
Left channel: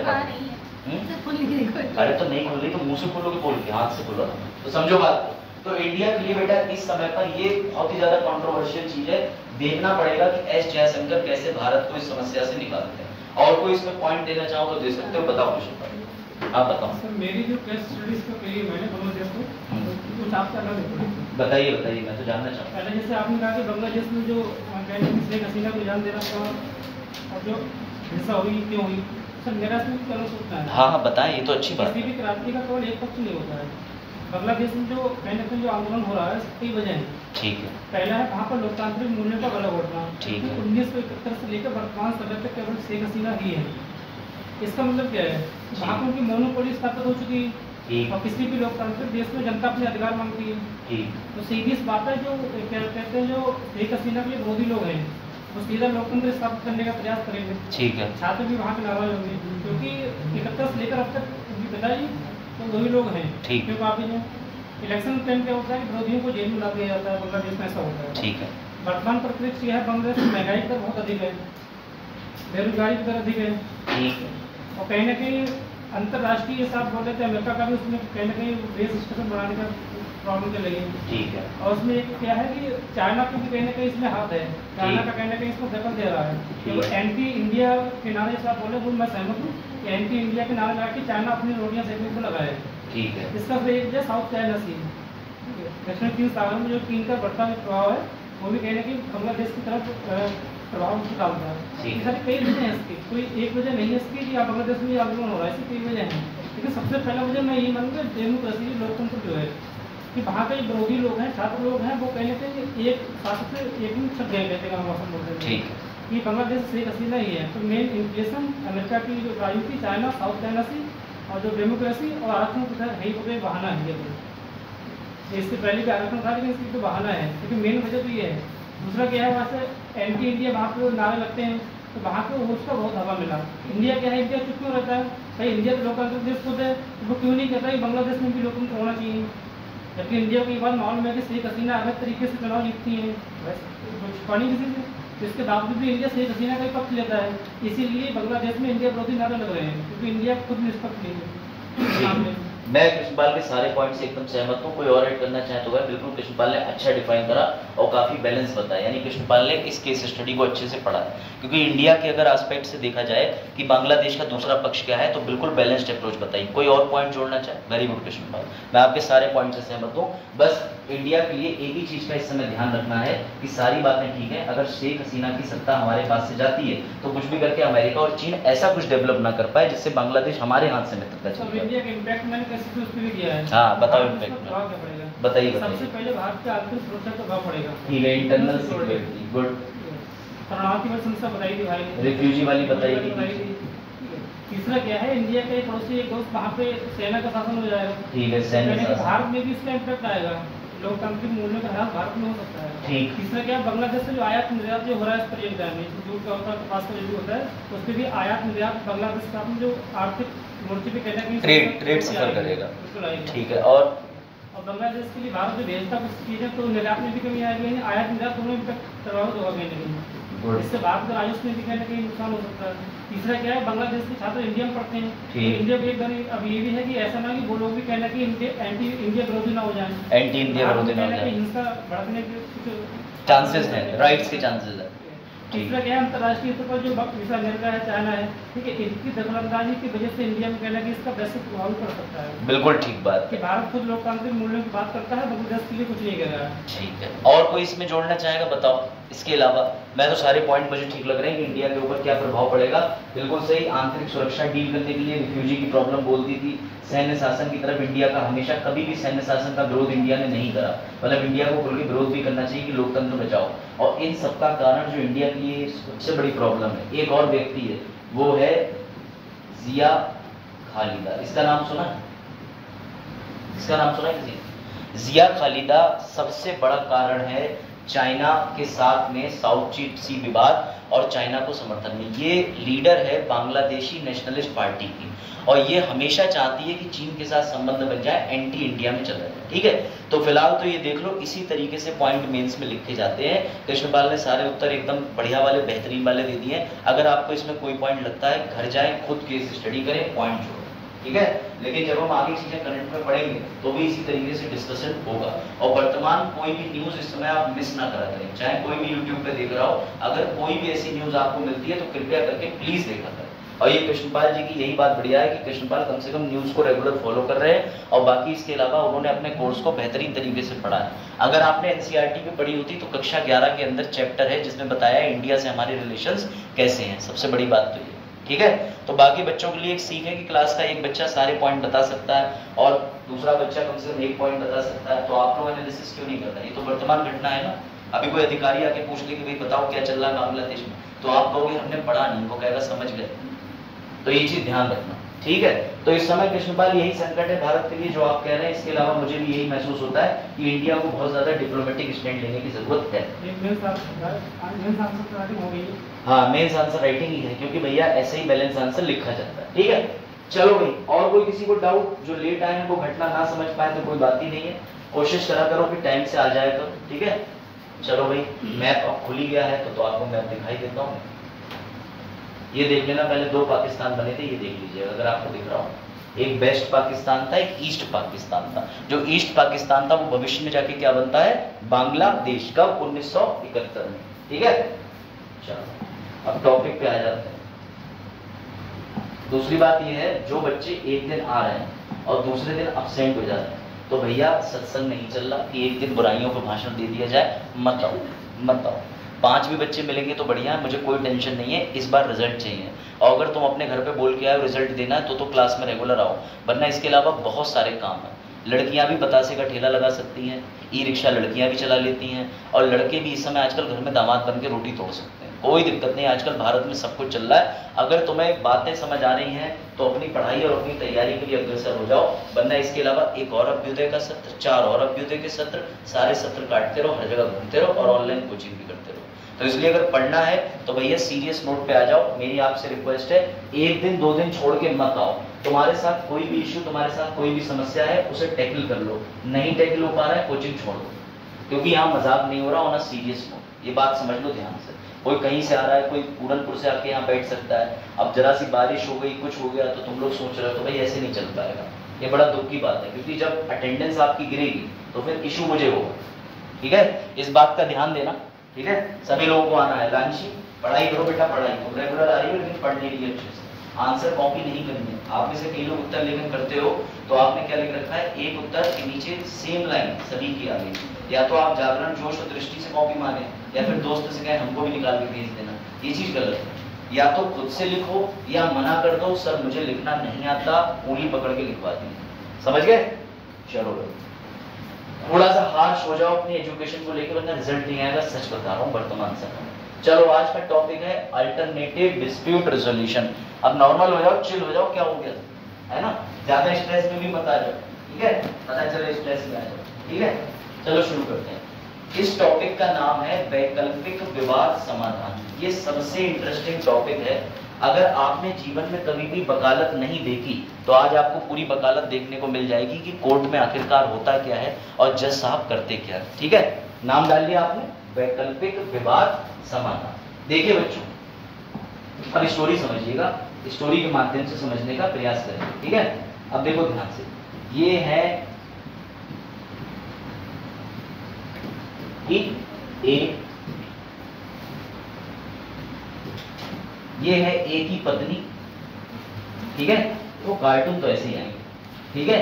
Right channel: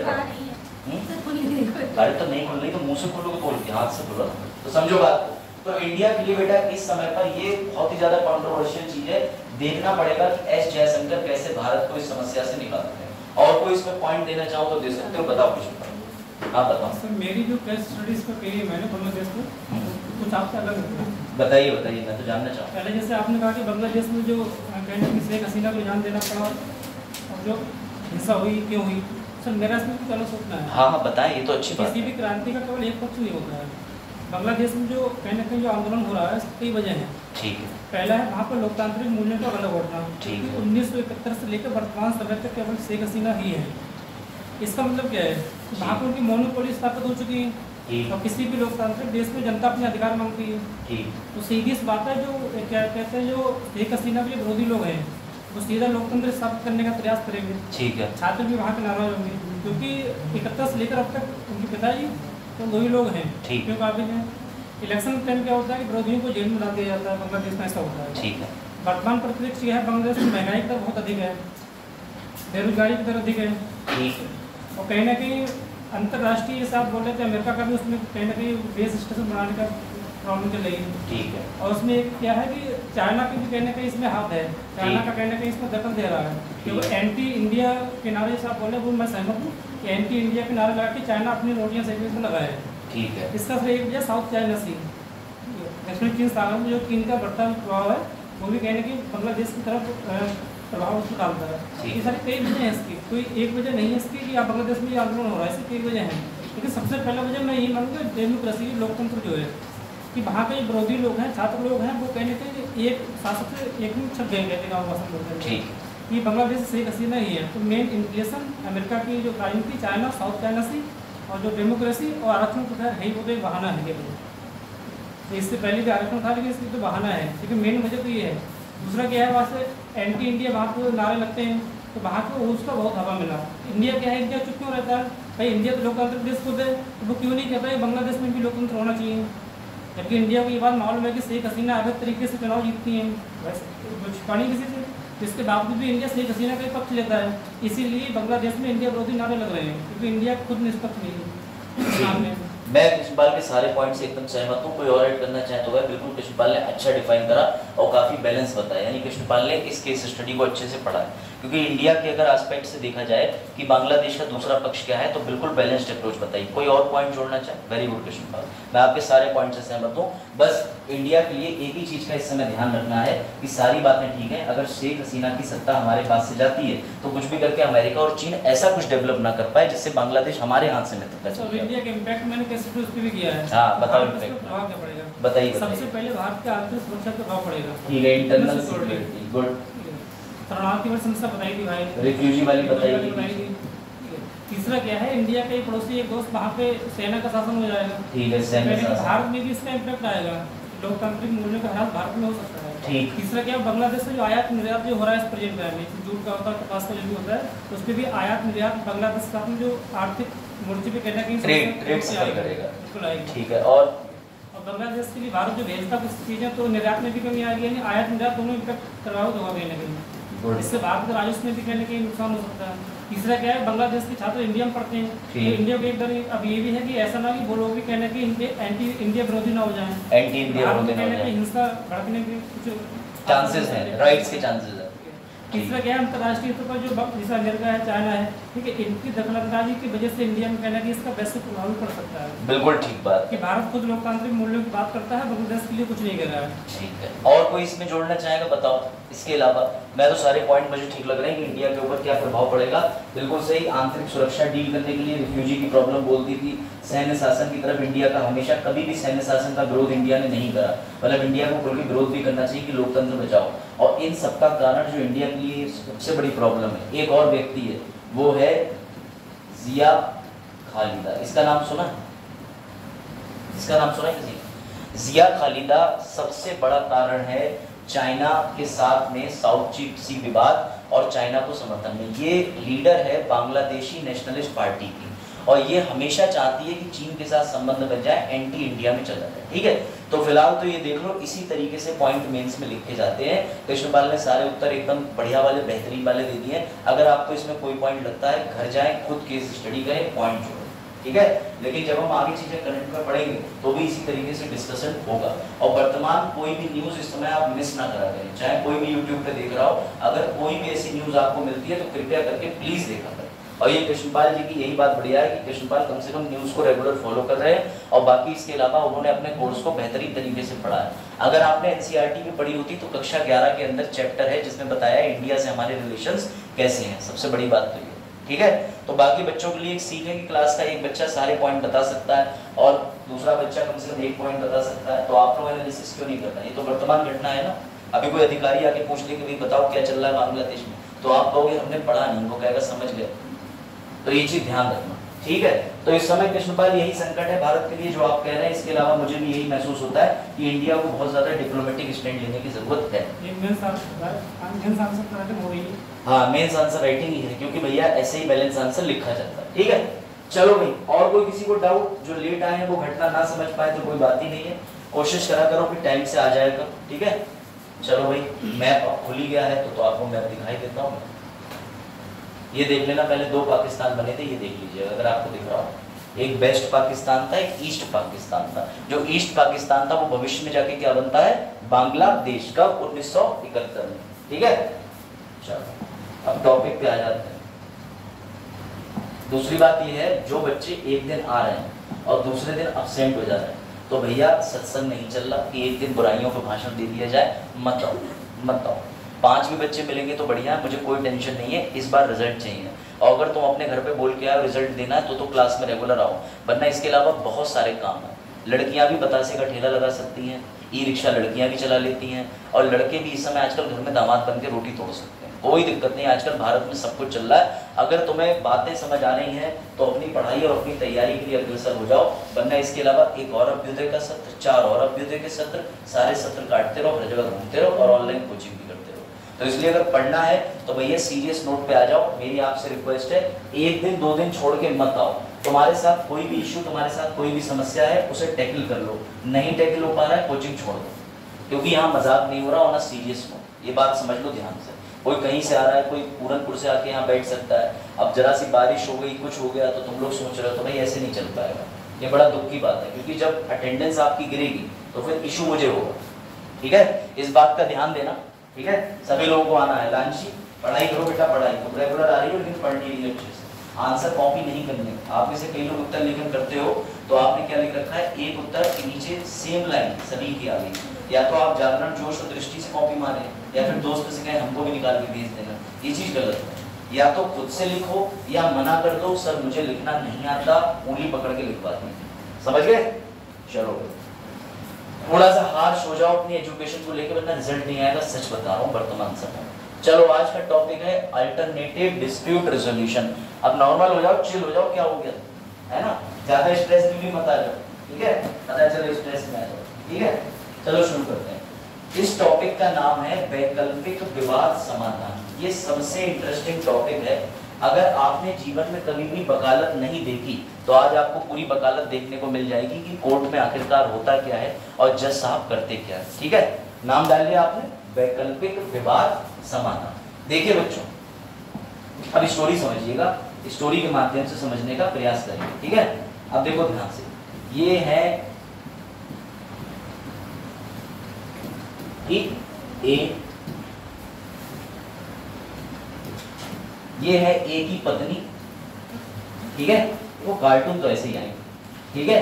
अरे तो नहीं खुल रही तो मुंह से खोलोगे, खोल के हाथ से खोलो, तो समझो बात को। तो इंडिया के लिए बेटा इस समय पर ये बहुत ही ज्यादा कंट्रोवर्शियल चीज है। देखना पड़ेगा कि एस जयशंकर कैसे भारत को इस समस्या से निकालते हैं। और कोई इसमें पॉइंट देना चाहो तो दे सकते हो, बताओ कुछ, आप बताओ। सर मेरी जो केस स्टडीज को कही मैंने बांग्लादेश को, कुछ आपसे अलग होती है। बताइए बताइए, मैं तो जानना चाहूँगा। पहले जैसे आपने कहा कि बांग्लादेश में जो कहने की शेख हसीना को जान देना पड़ा और जो हिंसा हुई, क्यों हुई, सर मेरा इसमें कुछ अलग सोचना है। हाँ हाँ बताएं, ये तो अच्छी बात किसी भी क्रांति का केवल एक पक्ष नहीं होता है। बांग्लादेश में जो कहीं ना कहीं जो आंदोलन हो रहा है, उसकी कई वजह है। ठीक है। पहला है वहाँ पर लोकतांत्रिक मूल्यों का गलत बढ़ना। ठीक है। 1971 से लेकर वर्तमान समय तक केवल शेख हसीना ही है। इसका मतलब क्या है, वहाँ पर उनकी मोनोपोली स्थापित हो चुकी है, और किसी भी लोकतांत्रिक देश में जनता अपने अधिकार मांगती है। ठीक। तो सीधी सी बात है, जो क्या कहते हैं, जो शेख हसीना के विरोधी लोग हैं, वो सीधा लोकतंत्र स्थापित करने का प्रयास करेंगे। ठीक है। छात्र भी वहाँ के नाराज होंगे, क्योंकि 71 से लेकर अब तक उनके पिताजी तो वही लोग हैं। ठीक। क्योंकि अभी जो इलेक्शन टाइम क्या होता है कि विरोधियों को जेल में डाल दिया जाता है, बांग्लादेश में ऐसा होता है। ठीक है। वर्तमान परिप्रेक्ष्य यह है, बांग्लादेश में महंगाई का बहुत अधिक है, बेरोजगारी की दर अधिक है। ठीक है। और कहीं ना कहीं अंतर्राष्ट्रीय जैसे आप बोल रहे थे, अमेरिका का भी उसमें कहीं ना कहीं बेस स्टेशन बनाने का प्रॉब्लम चल रही है। ठीक है। और उसमें क्या है कि चाइना की भी कहीं ना कहीं इसमें हाथ है, चाइना का कहीं ना कहीं इसमें दखल दे रहा है। तो एंटी इंडिया के नारे से आप बोले, वो मैं सहमत हूँ कि एंटी इंडिया के नारे लगा के चाइना अपनी रोटियाँ सेकने में लगाए। ठीक है। इसका सही वजह साउथ चाइना सी, दक्षिण चीन सागर में जो चीन का बढ़ता हुआ प्रभाव है, वो भी कहीं ना कहीं बांग्लादेश की तरफ प्रभाव उसको डालता है। ये सारी कई वजह हैं इसकी, कोई एक वजह नहीं है इसकी कि बांग्लादेश में आंदोलन हो रहा है, इसकी कई वजह हैं। लेकिन सबसे पहला वजह मैं यही मानूंगा, डेमोक्रेसी, लोकतंत्र जो है, कि वहाँ के विरोधी लोग हैं, छात्र लोग हैं, वो कहीं ना कहीं एक शासक से एक में छप गए, कहते गाँव भाषण बोलते हैं। ये बांग्लादेश शेख हसीना ही है। तो मेन इन्फ्लेशन अमेरिका की जो राजनीति, चाइना, साउथ चाइना सी, और जो डेमोक्रेसी और आरक्षण तो है ही, वो कोई बहाना है। इससे पहले भी आरक्षण था, लेकिन इसकी तो बहाना है, लेकिन मेन वजह तो ये है। दूसरा क्या है, वहाँ से एंटी इंडिया वहाँ पे नारे लगते हैं, तो वहाँ को उसका बहुत हवा मिला। इंडिया क्या है, इंडिया चुप क्यों रहता है भाई, इंडिया तो लोकतांत्रिक देश खुद है, वो क्यों नहीं कहता कि बांग्लादेश में भी लोकतंत्र होना चाहिए। जबकि इंडिया को ये बात मालूम है कि शेख हसीना अवैध तरीके से चुनाव जीतती है, बस छुपानी किसी से, इसके बावजूद भी इंडिया शेख हसीना का ही पक्ष लेता है। इसीलिए बांग्लादेश में इंडिया विरोधी नारे लग रहे हैं, क्योंकि इंडिया खुद निष्पक्ष नहीं है। मैं कृष्णपाल के सारे पॉइंट से एकदम सहमत हूँ। कोई और ऐड करना चाहे तो वह बिल्कुल, कृष्णपाल ने अच्छा डिफाइन करा और काफ़ी बैलेंस बताया, यानी कृष्णपाल ने इस केस स्टडी को अच्छे से पढ़ा है। क्योंकि इंडिया के अगर एस्पेक्ट से देखा जाए कि बांग्लादेश का दूसरा पक्ष क्या है, तो बिल्कुल बैलेंस्ड अप्रोच बताई। कोई और पॉइंट जोड़ना चाहे? वेरी गुड कृष्णपाल, मैं आपके सारे पॉइंट से सहमत हूँ। बस इंडिया के लिए एक ही चीज़ का इस समय ध्यान रखना है कि सारी बातें ठीक है, अगर शेख हसीना की सत्ता हमारे पास से जाती है तो कुछ भी करके अमेरिका और चीन ऐसा कुछ डेवलप ना कर पाए जिससे बांग्लादेश हमारे हाथ से निकलता चले जाए। इंडिया के इम्पैक्ट मैंने कैसे उस पे भी किया है। हाँ बताओ इम्पैक्ट, बताइए। सबसे पहले भारत के आर्थिक सुरक्षा को प्रभाव पड़ेगा। ठीक है, इंटरनल सिक्योरिटी, गुड। शरणार्थी वाली समस्या बताई थी भाई, रिफ्यूजी वाली बताई थी। तीसरा क्या है, इंडिया का एक पड़ोसी एक दोस्त वहाँ पे सेना का शासन हो जाएगा। ठीक है, सैन्य शासन। भारत में भी इसका इम्पैक्ट आएगा, लोकतांत्रिक मूल्यों का ध्यान भारत में हो सकता है। ठीक। तीसरा क्या, बांग्लादेश से जो आयात निर्यात जो हो रहा है इस प्रेजेंट टाइम में, जूट का होता है, कपास का जो भी होता है, उस पर भी आयात निर्यात बांग्लादेश के साथ में जो आर्थिक मोर्चे पे कहना कि ट्रेड सफर करेगा। ठीक है, और बांग्लादेश के लिए भारत जो भेजता कुछ चीजें, तो निर्यात में भी कमी आएगी, यानी आयात निर्यात दोनों इम्पैक्ट प्रभावित होगा कहीं ना कहीं। इससे भारत के राजस्व में भी कहीं ना कहीं नुकसान हो सकता है। तीसरा क्या है, बांग्लादेश के छात्र इंडिया में पढ़ते हैं, तो इंडिया भी एक बार अब ये भी है कि ऐसा ना कि वो लोग भी कहना कि एंटी इंडिया विरोधी ना हो जाए, एंटी इंडिया विरोधी ना हो जाए, हिंसा भड़कने के कुछ चांसेस हैं, राइट्स के चांसेस हैं। तीसरा क्या है, अंतर्राष्ट्रीय स्तर पर जो जैसे अमेरिका है, चाइना है, ठीक है, इनकी दखलंदाजी की वजह से इंडिया में कहना कि इसका वैश्विक प्रभाव पड़ सकता है। बिल्कुल ठीक बात कि भारत खुद लोकतांत्रिक मूल्यों की बात करता है, बांग्लादेश के लिए कुछ नहीं कर रहा है। ठीक है, और कोई इसमें जोड़ना चाहेगा? बताओ। इसके अलावा मैं तो सारे पॉइंट मुझे ठीक लग रहे हैं कि इंडिया के ऊपर क्या प्रभाव पड़ेगा। बिल्कुल सही, आंतरिक सुरक्षा डील करने के लिए रिफ्यूजी की प्रॉब्लम बोल दी थी। सैन्य शासन की तरफ इंडिया का हमेशा, कभी भी सैन्य शासन का विरोध इंडिया ने नहीं करा, मतलब इंडिया को खुल के विरोध भी करना चाहिए कि लोकतंत्र बचाओ। और इन सबका कारण जो इंडिया के लिए सबसे बड़ी प्रॉब्लम है, एक और व्यक्ति है, वो है जिया खालिदा। इसका नाम सुना है? इसका नाम सुना है किसी? जिया खालिदा सबसे बड़ा कारण है चाइना के साथ में साउथ चीन सी विवाद और चाइना को समर्थन में। ये लीडर है बांग्लादेशी नेशनलिस्ट पार्टी की, और ये हमेशा चाहती है कि चीन के साथ संबंध बन जाए, एंटी इंडिया में चला जाए। ठीक है, तो फिलहाल तो ये देख लो, इसी तरीके से पॉइंट मेंस में लिखे जाते हैं। कृष्णपाल ने सारे उत्तर एकदम बढ़िया वाले, बेहतरीन वाले दे दिए। अगर आपको इसमें कोई पॉइंट लगता है, घर जाएं, खुद केस स्टडी करें, पॉइंट जोड़ें, ठीक है। लेकिन जब हम आगे चीजें करंट में पढ़ेंगे तो भी इसी तरीके से डिस्कशन होगा। और वर्तमान कोई भी न्यूज इस समय आप मिस ना करा करें, चाहे कोई भी यूट्यूब पे देख रहा हो, अगर कोई भी ऐसी न्यूज आपको मिलती है तो कृपया करके प्लीज देखा करें। और ये कृष्णपाल जी की यही बात बढ़िया है कि कृष्णपाल कम से कम न्यूज़ को रेगुलर फॉलो कर रहे हैं, और बाकी इसके अलावा उन्होंने अपने कोर्स को बेहतरीन तरीके से पढ़ा है। अगर आपने एनसीईआरटी में पढ़ी होती तो कक्षा 11 के अंदर चैप्टर है जिसमें बताया इंडिया से हमारे रिलेशंस कैसे हैं, सबसे बड़ी बात तो ये, ठीक है। तो बाकी बच्चों के लिए एक सीख है कि क्लास का एक बच्चा सारे पॉइंट बता सकता है और दूसरा बच्चा कम से कम एक पॉइंट बता सकता है, तो आप लोग एनालिसिस क्यों नहीं करना? ये तो वर्तमान घटना है ना। अभी कोई अधिकारी आके पूछ ले कि भाई बताओ क्या चल रहा है बांग्लादेश में, तो आप कहोगे हमने पढ़ा नहीं, वो कहेगा समझ गए। तो ये चीज ध्यान रखना, ठीक है। तो इस समय कृष्णपाल यही संकट है भारत के लिए जो आप कह रहे हैं। इसके अलावा मुझे भी यही महसूस होता है कि इंडिया को बहुत ज्यादा डिप्लोमेटिक स्टैंड लेने की जरूरत है। हाँ, मेंस आंसर राइटिंग ही है, क्योंकि भैया ऐसे ही बैलेंस आंसर लिखा जाता है, ठीक है। चलो भाई, और कोई किसी को डाउट? जो लेट आए हैं वो घटना ना समझ पाए तो कोई बात ही नहीं है, कोशिश करा करो कि टाइम से आ जाए करो, ठीक है। चलो भाई, मैप अब खुल ही गया है तो आपको मैप दिखाई देता हूँ। ये देख लेना, पहले 2 पाकिस्तान बने थे, ये देख लीजिएगा अगर आपको दिख रहा हो। एक वेस्ट पाकिस्तान था, एक ईस्ट पाकिस्तान था। जो ईस्ट पाकिस्तान था वो भविष्य में जाके क्या बनता है? बांग्लादेश का 1971 में, ठीक है। चलो अब टॉपिक पे आ जाते हैं। दूसरी बात ये है, जो बच्चे एक दिन आ रहे हैं और दूसरे दिन अब्सेंट हो जा रहे हैं, तो भैया सत्संग नहीं चल रहा कि एक दिन बुराइयों पर भाषण दे दिया जाए, मत आओ मत आओ। 5 भी बच्चे मिलेंगे तो बढ़िया है, मुझे कोई टेंशन नहीं है, इस बार रिजल्ट चाहिए। और अगर तुम अपने घर पे बोल के आए रिजल्ट देना है तो क्लास में रेगुलर आओ, वरना इसके अलावा बहुत सारे काम हैं। लड़कियां भी बतासे का ठेला लगा सकती हैं, ई रिक्शा लड़कियां भी चला लेती हैं, और लड़के भी इस समय आजकल घर में दामाद बन के रोटी तोड़ सकते हैं, कोई दिक्कत नहीं। आजकल भारत में सब कुछ चल रहा है। अगर तुम्हें बातें समझ आ रही हैं तो अपनी पढ़ाई और अपनी तैयारी के लिए अग्रसर हो जाओ, वरना इसके अलावा एक और अभ्युदय का सत्र, 4 और अभ्युदय के सत्र, सारे सत्र काटते रहो, हर जगह घूमते रहो और ऑनलाइन कोचिंग भी करते रहो। तो इसलिए अगर पढ़ना है तो भैया सीरियस नोट पे आ जाओ। मेरी आपसे रिक्वेस्ट है, एक दिन 2 दिन छोड़ के मत आओ। तुम्हारे साथ कोई भी इश्यू, तुम्हारे साथ कोई भी समस्या है, उसे टैकल कर लो। नहीं टैकल हो पा रहा है, कोचिंग छोड़ दो, क्योंकि यहाँ मजाक नहीं हो रहा, होना सीरियस नोट। ये बात समझ लो ध्यान से। कोई कहीं से आ रहा है, कोई पूरनपुर से आके यहाँ बैठ सकता है, अब जरा सी बारिश हो गई, कुछ हो गया तो तुम लोग सोच रहे हो तो भाई ऐसे नहीं चल पाएगा। ये बड़ा दुख की बात है, क्योंकि जब अटेंडेंस आपकी गिरेगी तो फिर इशू मुझे होगा, ठीक है। इस बात का ध्यान देना, ठीक है। सभी लोगों को आना है। लांशी पढ़ाई करो बेटा, पढ़ाई तुम रेगुलर आ रही हो लेकिन पढ़ नहीं रही है अच्छे से, आंसर कॉपी नहीं करनी। आप में से कई लोग उत्तर लेखन करते हो तो आपने क्या लिख रखा है, एक उत्तर के नीचे सेम लाइन सभी की आ गई। या तो आप जागरण जोश और दृष्टि से कॉपी मारे, या फिर दोस्त से कहे हमको भी निकाल के भेज देना, ये चीज गलत है। या तो खुद से लिखो या मना कर दो, सर मुझे लिखना नहीं आता, उंगली पकड़ के लिखवा दीजिए, समझ गए। चलो थोड़ा सा हार्श हो जाओ अपनी एजुकेशन को लेकर, वरना रिजल्ट नहीं आएगा, सच बता रहा हूँ वर्तमान समय। चलो आज का टॉपिक है अल्टरनेटिव डिस्प्यूट रेजोल्यूशन। अब नॉर्मल हो जाओ, चिल हो जाओ, क्या हो गया है ना, ज्यादा स्ट्रेस में भी मत आ जाओ, ठीक है। पता चले स्ट्रेस में आ जाओ, ठीक है। चलो शुरू करते हैं। इस टॉपिक का नाम है वैकल्पिक विवाद समाधान। ये सबसे इंटरेस्टिंग टॉपिक है। अगर आपने जीवन में कभी भी वकालत नहीं देखी तो आज आपको पूरी वकालत देखने को मिल जाएगी कि कोर्ट में आखिरकार होता क्या है और जज साहब करते क्या है, ठीक है। नाम डाल लिया आपने, वैकल्पिक विवाद समाधान। देखिए बच्चों, अब स्टोरी समझिएगा, स्टोरी के माध्यम से समझने का प्रयास करेंगे, ठीक है। अब देखो ध्यान से, ये है ये है ए की पत्नी, ठीक है। वो कार्टून तो ऐसे ही आएंगे, ठीक है।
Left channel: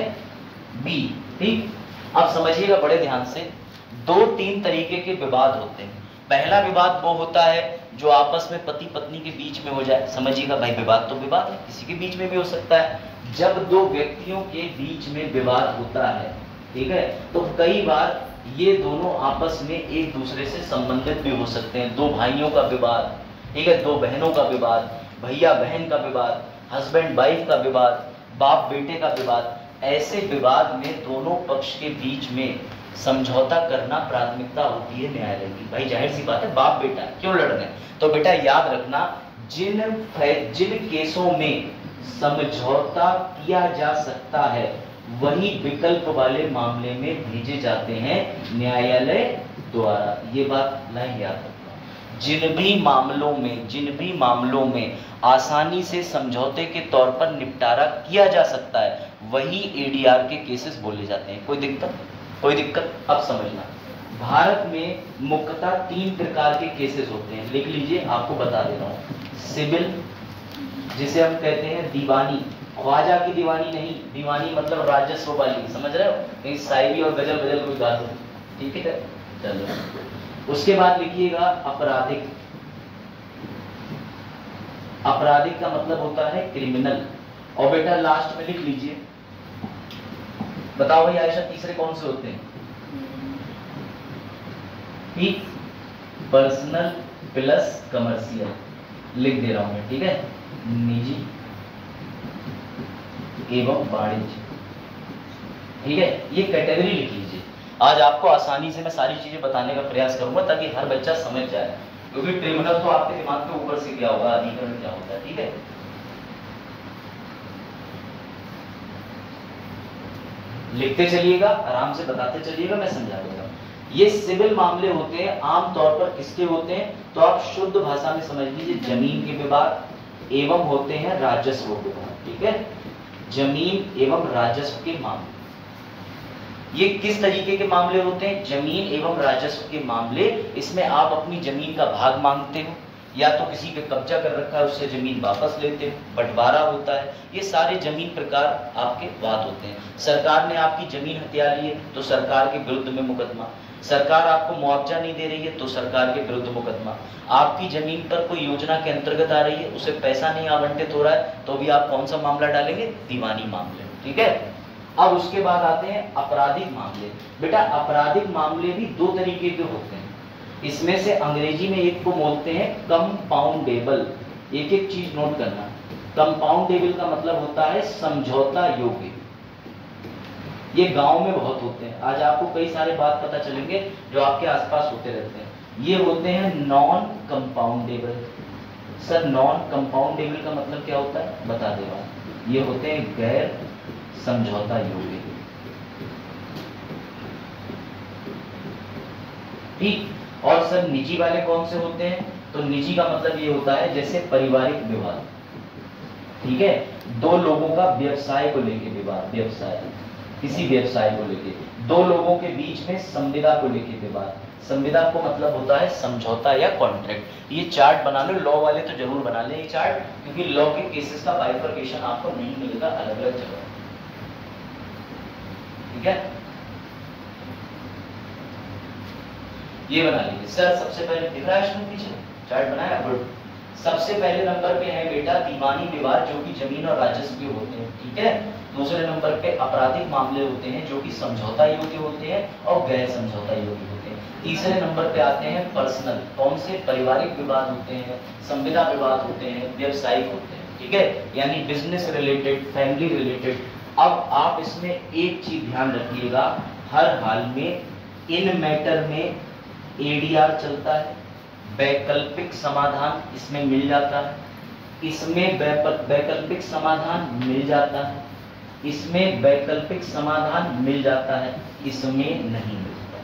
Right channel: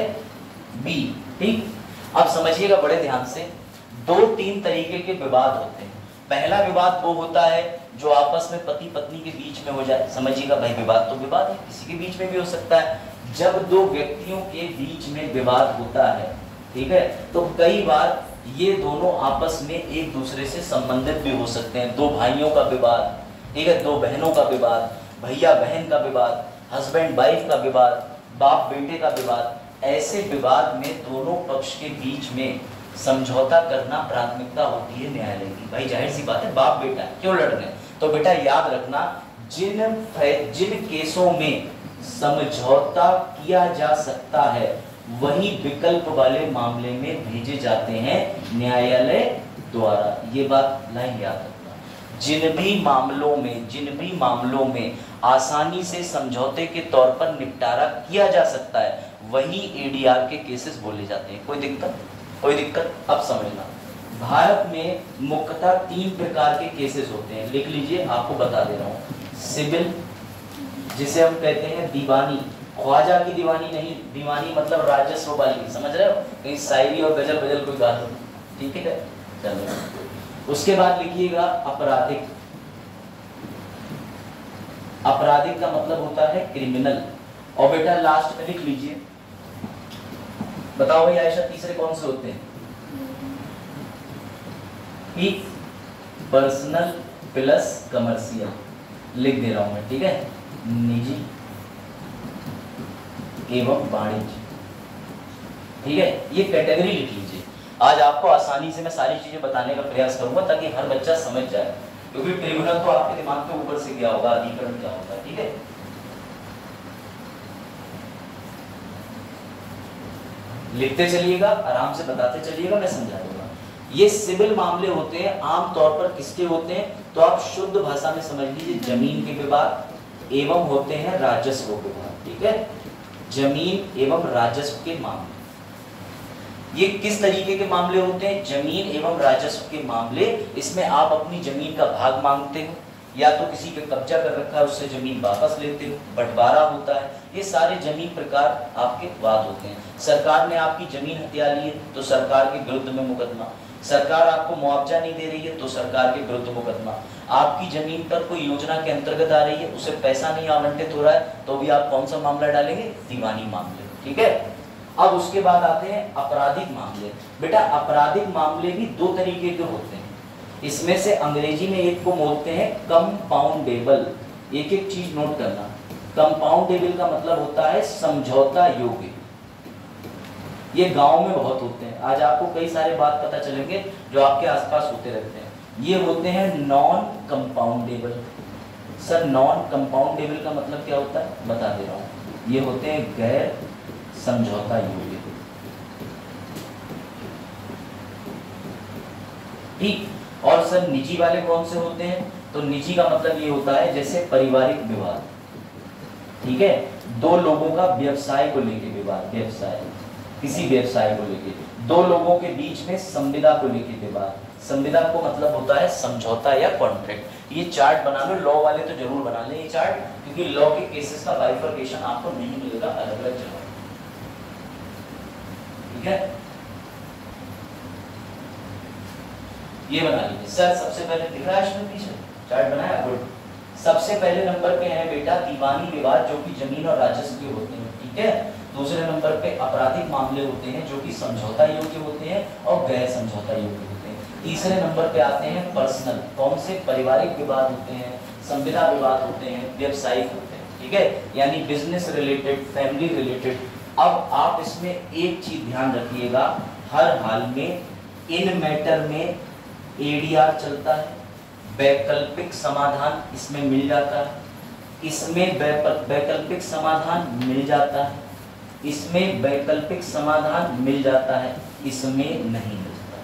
बी, ठीक। अब समझिएगा बड़े ध्यान से, 2-3 तरीके के विवाद होते हैं। पहला विवाद वो होता है जो आपस में पति पत्नी के बीच में हो जाए। समझिएगा भाई, विवाद तो विवाद है, किसी के बीच में भी हो सकता है। जब दो व्यक्तियों के बीच में विवाद होता है, ठीक है, तो कई बार ये दोनों आपस में एक दूसरे से संबंधित भी हो सकते हैं। दो भाइयों का विवाद, ठीक है, दो बहनों का विवाद, भैया बहन का विवाद, हस्बैंड वाइफ का विवाद, बाप बेटे का विवाद। ऐसे विवाद में दोनों पक्ष के बीच में समझौता करना प्राथमिकता होती है न्यायालय की। भाई जाहिर सी बात है, बाप बेटा क्यों लड़ रहे हैं, तो बेटा याद रखना, जिन केसों में समझौता किया जा सकता है वही विकल्प वाले मामले में भेजे जाते हैं न्यायालय द्वारा। ये बात लाइन याद रखना। जिन भी मामलों में आसानी से समझौते के तौर पर निपटारा किया जा सकता है वही एडीआर के केसेस बोले जाते हैं। कोई दिक्कत? अब समझना, भारत में मुख्यतः 3 प्रकार के केसेस होते हैं। लिख लीजिए, आपको बता दे रहा हूँ। सिविल, जिसे हम कहते हैं दीवानी, ख्वाजा की दीवानी नहीं, दीवानी मतलब राजस्व वाली, समझ रहे हो, कहीं शायरी और गजल कोई गा दो, ठीक है। चलो उसके बाद लिखिएगा आपराधिक। आपराधिक का मतलब होता है क्रिमिनल। और बेटा लास्ट में लिख लीजिए, बताओ भाई आयशा, तीसरे कौन से होते हैं? ठीक, पर्सनल प्लस कमर्शियल लिख दे रहा हूं मैं, ठीक है। निजी एवं वाणिज्य, ठीक है, ये कैटेगरी लिख लीजिए। आज आपको आसानी से मैं सारी चीजें बताने का प्रयास करूंगा ताकि हर बच्चा समझ जाए, क्योंकि ट्रिब्यूनल तो आपके दिमाग के ऊपर से क्या होगा, अधिकरण क्या होता है, ठीक है। लिखते चलिएगा, आराम से बताते चलिएगा, मैं समझा दूंगा। ये सिविल मामले होते हैं, आमतौर पर किसके होते हैं, तो आप शुद्ध भाषा में समझ लीजिए, जमीन के विवाद एवं होते हैं राजस्व के विवाद, ठीक है। जमीन एवं राजस्व के मामले, ये किस तरीके के मामले होते हैं? जमीन एवं राजस्व के मामले। इसमें आप अपनी जमीन का भाग मांगते हो, या तो किसी के कब्जा कर रखा है उससे जमीन वापस लेते हो, बंटवारा होता है। ये सारे जमीन प्रकार आपके वाद होते हैं। सरकार ने आपकी जमीन हथिया ली है तो सरकार के विरुद्ध में मुकदमा, सरकार आपको मुआवजा नहीं दे रही है तो सरकार के विरुद्ध मुकदमा, आपकी जमीन पर कोई योजना के अंतर्गत आ रही है, उसे पैसा नहीं आवंटित हो रहा है तो भी आप कौन सा मामला डालेंगे? दीवानी मामले, ठीक है। अब उसके बाद आते हैं आपराधिक मामले। बेटा आपराधिक मामले भी 2 तरीके के होते हैं। इसमें से अंग्रेजी में एक को बोलते हैं कंपाउंडेबल। एक एक चीज नोट करना, कंपाउंडेबल का मतलब होता है समझौता योग्य। ये गांव में बहुत होते हैं, आज आपको कई सारे बात पता चलेंगे जो आपके आसपास होते रहते हैं। ये होते हैं non compoundable. Sir non compoundable का मतलब क्या होता है, बता दे रहा हूं। ये होते हैं गैर समझौता योग्य, ठीक। और सर निजी वाले कौन से होते हैं? तो निजी का मतलब ये होता है जैसे पारिवारिक विवाद, ठीक है। दो लोगों का व्यवसाय को लेके विवाद, व्यवसाय, किसी व्यवसाय को लेके, दो लोगों के बीच में संविदा को लेके विवाद। संविदा को मतलब होता है समझौता या कॉन्ट्रैक्ट। ये चार्ट बना लो, लॉ वाले तो जरूर बना लें ये चार्ट, क्योंकि लॉ के केसेस का बाइफरकेशन आपको नहीं मिलेगा अलग अलग जगह, ठीक है। ये बना लीजिए सर। सबसे पहले दिख रहा है इसमें पीछे चार्ट बनाया, गुड। सबसे पहले नंबर पे है बेटा दीवानी विवाद, जो कि जमीन और राजस्व के होते हैं, ठीक है। दूसरे नंबर पे आपराधिक मामले होते हैं, जो कि समझौता योग्य होते हैं और गैर समझौता योग्य होते हैं। तीसरे नंबर पे आते हैं पर्सनल, कौन से, पारिवारिक विवाद होते हैं, संविदा विवाद होते हैं, व्यवसायिक होते हैं, ठीक है, यानी बिजनेस रिलेटेड, फैमिली रिलेटेड। अब आप इसमें एक चीज ध्यान रखिएगा, हर हाल में इन मैटर में एडीआर चलता है, वैकल्पिक समाधान इसमें मिल जाता है, इसमें वैकल्पिक समाधान मिल जाता है, इसमें वैकल्पिक समाधान मिल जाता है, इसमें नहीं मिलता,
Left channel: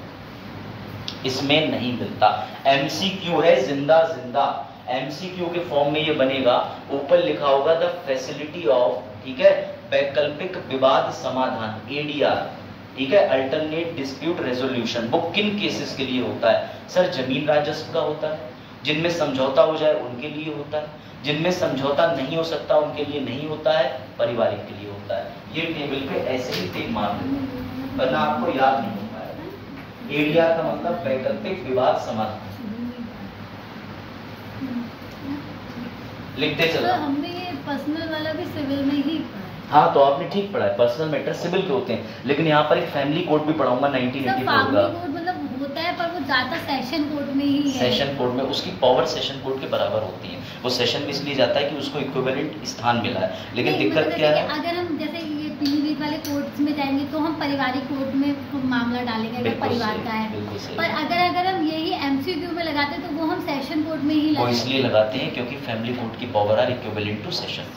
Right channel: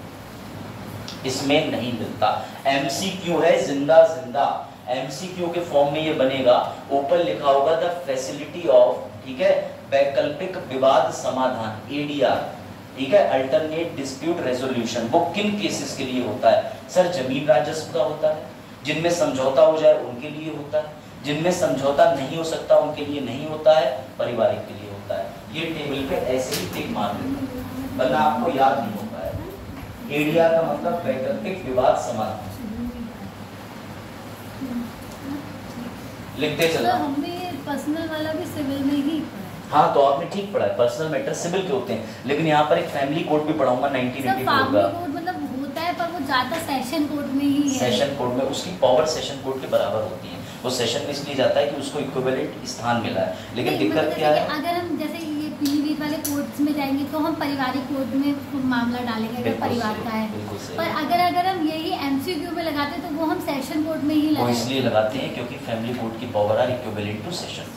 इसमें नहीं मिलता। एमसीक्यू है जिंदा जिंदा, एमसीक्यू के फॉर्म में ये बनेगा, ऊपर लिखा होगा द फैसिलिटी ऑफ, ठीक है, वैकल्पिक विवाद समाधान, एडीआर, ठीक है, अल्टरनेट डिस्प्यूट रेजोल्यूशन। वो किन केसेस के लिए होता है सर? जमीन राजस्व का होता है, जिनमें समझौता हो जाए उनके लिए होता है, जिनमें समझौता नहीं हो सकता उनके लिए नहीं होता है, पारिवारिक के लिए होता है। ये टेबल पे ऐसे ही टिक मार देना, वरना आपको याद नहीं हो पाएगा। एडीआर का मतलब वैकल्पिक विवाद समाधान, लिखते चलो। हमने पर्सनल वाला भी सिविल में ही पढ़ा। हाँ तो आपने ठीक पढ़ा है, पर्सनल मैटर सिविल के होते हैं, लेकिन यहाँ पर एक फैमिली कोड भी पढ़ाऊंगा 1984 का। फैमिली कोड मतलब होता है पर वो ज्यादा सेशन कोड में ही है। सेशन कोड में उसकी पावर सेशन कोड के बराबर होती है, वो सेशन में इसलिए जाता है कि उसको इक्विवेलेंट स्थान मिला है। लेकिन दिक्कत क्या है, अगर हम जैसे ये पीवी वाले कोड्स में जाएंगे तो हम पारिवारिक कोड में मामला डालेंगे अगर परिवार का है, पर अगर हम यही एमसीक्यू में लगाते हैं तो वो हम सेशन कोड में ही वो इसलिए लगाते हैं क्योंकि फैमिली कोड की power are equivalent to session.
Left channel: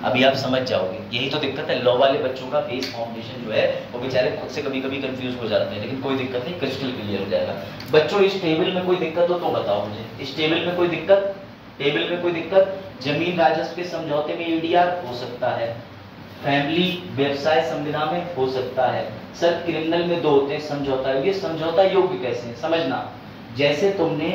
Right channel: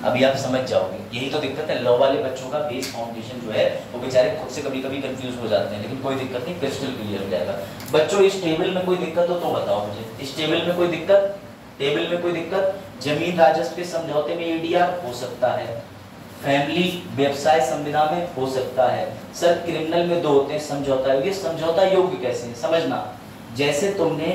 अभी आप समझ जाओगे, यही तो दिक्कत है। लॉ वाले बच्चों का बेस फाउंडेशन जो है वो बेचारे खुद से कभी कभी कंफ्यूज हो जाते हैं, लेकिन कोई दिक्कत नहीं, क्रिस्टल क्लियर हो जाएगा। बच्चों इस टेबल में कोई दिक्कत हो तो बताओ मुझे, इस टेबल में कोई दिक्कत? टेबल में कोई दिक्कत? जमीन राजस्व के समझौते में एडीआर हो सकता है, फैमिली व्यवसाय संविदा में हो सकता है। सर क्रिमिनल में दो होते हैं, समझौता योग्य, समझौता योग्य कैसे समझना, जैसे तुमने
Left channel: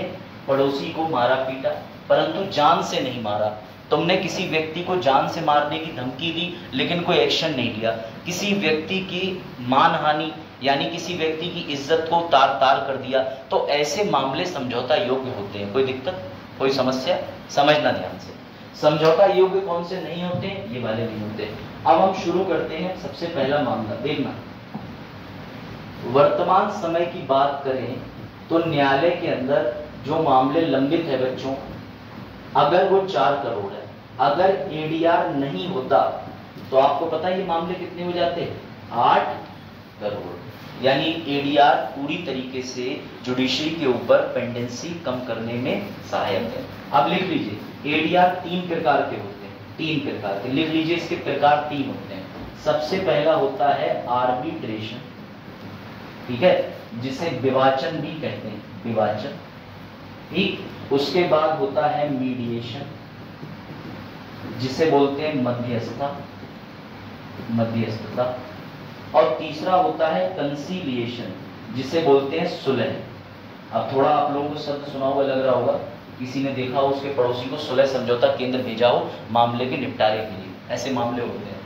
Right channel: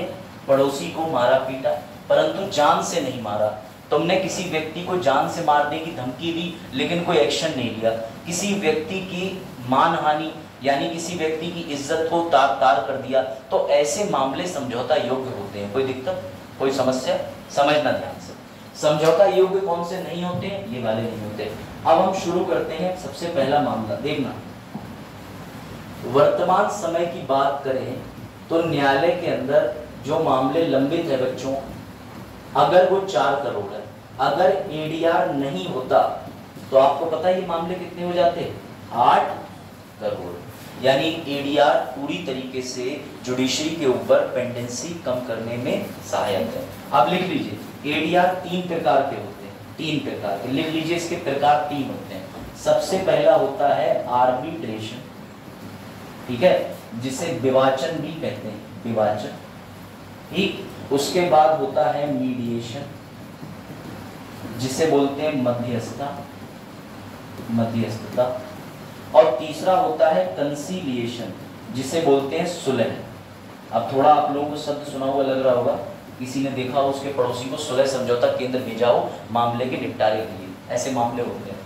पड़ोसी को मारा पीटा परंतु जान से नहीं मारा, तुमने किसी व्यक्ति को जान से मारने की धमकी दी लेकिन कोई एक्शन नहीं लिया, किसी व्यक्ति की मानहानि यानी किसी व्यक्ति की इज्जत को तार तार कर दिया, तो ऐसे मामले समझौता योग्य होते हैं। कोई दिक्कत, कोई समस्या? समझना ध्यान से, समझौता योग्य कौन से नहीं होते? ये वाले नहीं होते। अब हम शुरू करते हैं। सबसे पहला मामला देखना, वर्तमान समय की बात करें तो न्यायालय के अंदर जो मामले लंबित है बच्चों, अगर वो 4 करोड़ है, अगर एडीआर नहीं होता तो आपको पता है ये मामले कितने हो जाते? 8 करोड़। यानी एडीआर पूरी तरीके से जुडिशरी के ऊपर पेंडेंसी कम करने में सहायक है। अब लिख लीजिए एडीआर 3 प्रकार के होते हैं, 3 प्रकार के, लिख लीजिए इसके प्रकार 3 होते हैं। सबसे पहला होता है आर्बिट्रेशन, ठीक है, जिसे विवाचन भी कहते हैं, विवाचन, ठीक। उसके बाद होता है मीडिएशन, जिसे बोलते हैं मध्यस्थता, मध्यस्थता। और तीसरा होता है कंसीलिएशन, जिसे बोलते हैं सुलह। अब थोड़ा आप लोगों को शब्द सुना हुआ लग रहा होगा, किसी ने देखा हो उसके पड़ोसी को सुलह समझौता केंद्र भेजा हो मामले के निपटारे के लिए, ऐसे मामले होते हैं।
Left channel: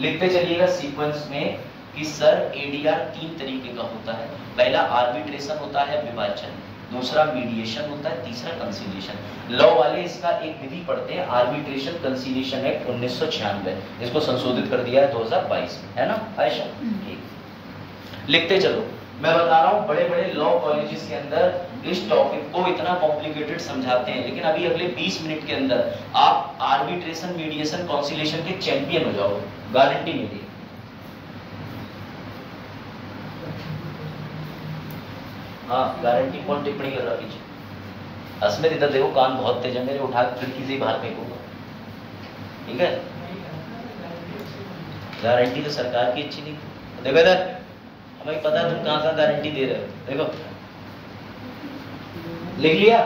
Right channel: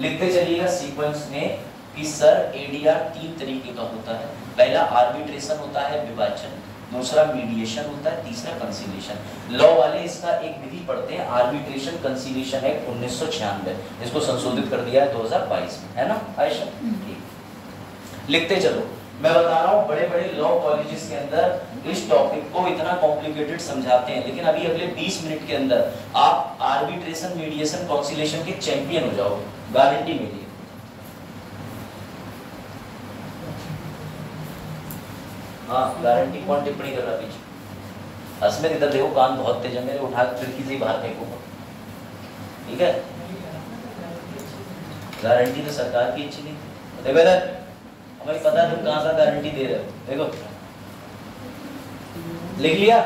लिखते चलिएगा सीक्वेंस में कि सर एडीआर 3 तरीके का होता है। पहला आर्बिट्रेशन होता है, विवाचन, दूसरा मीडिएशन होता है, तीसरा कंसीलिएशन। लॉ वाले इसका एक विधि पढ़ते हैं, आर्बिट्रेशन कंसीलिएशन एक्ट 1996, इसको संशोधित कर दिया है 2022 में, है ना आयशा? ठीक, लिखते चलो। मैं बता रहा हूँ बड़े बड़े लॉ कॉलेजेस के अंदर इस टॉपिक को इतना कॉम्प्लिकेटेड समझाते हैं, लेकिन अभी अगले 20 मिनट के अंदर आप आर्बिट्रेशन, मीडिएशन, कंसीलिएशन के चैंपियन हो जाओगे, गारंटी मेरी। हाँ गारंटी। कौन टिप्पणी कर रहा पीछे? अस्मित इधर देखो, कान बहुत तेज है मेरे, उठा के खिड़की से ही बाहर फेंकूंगा, ठीक है? गारंटी तो सरकार की अच्छी नहीं थी। देखो इधर, हमें पता है तुम कहाँ से गारंटी दे रहे हो। देखो लिख लिया,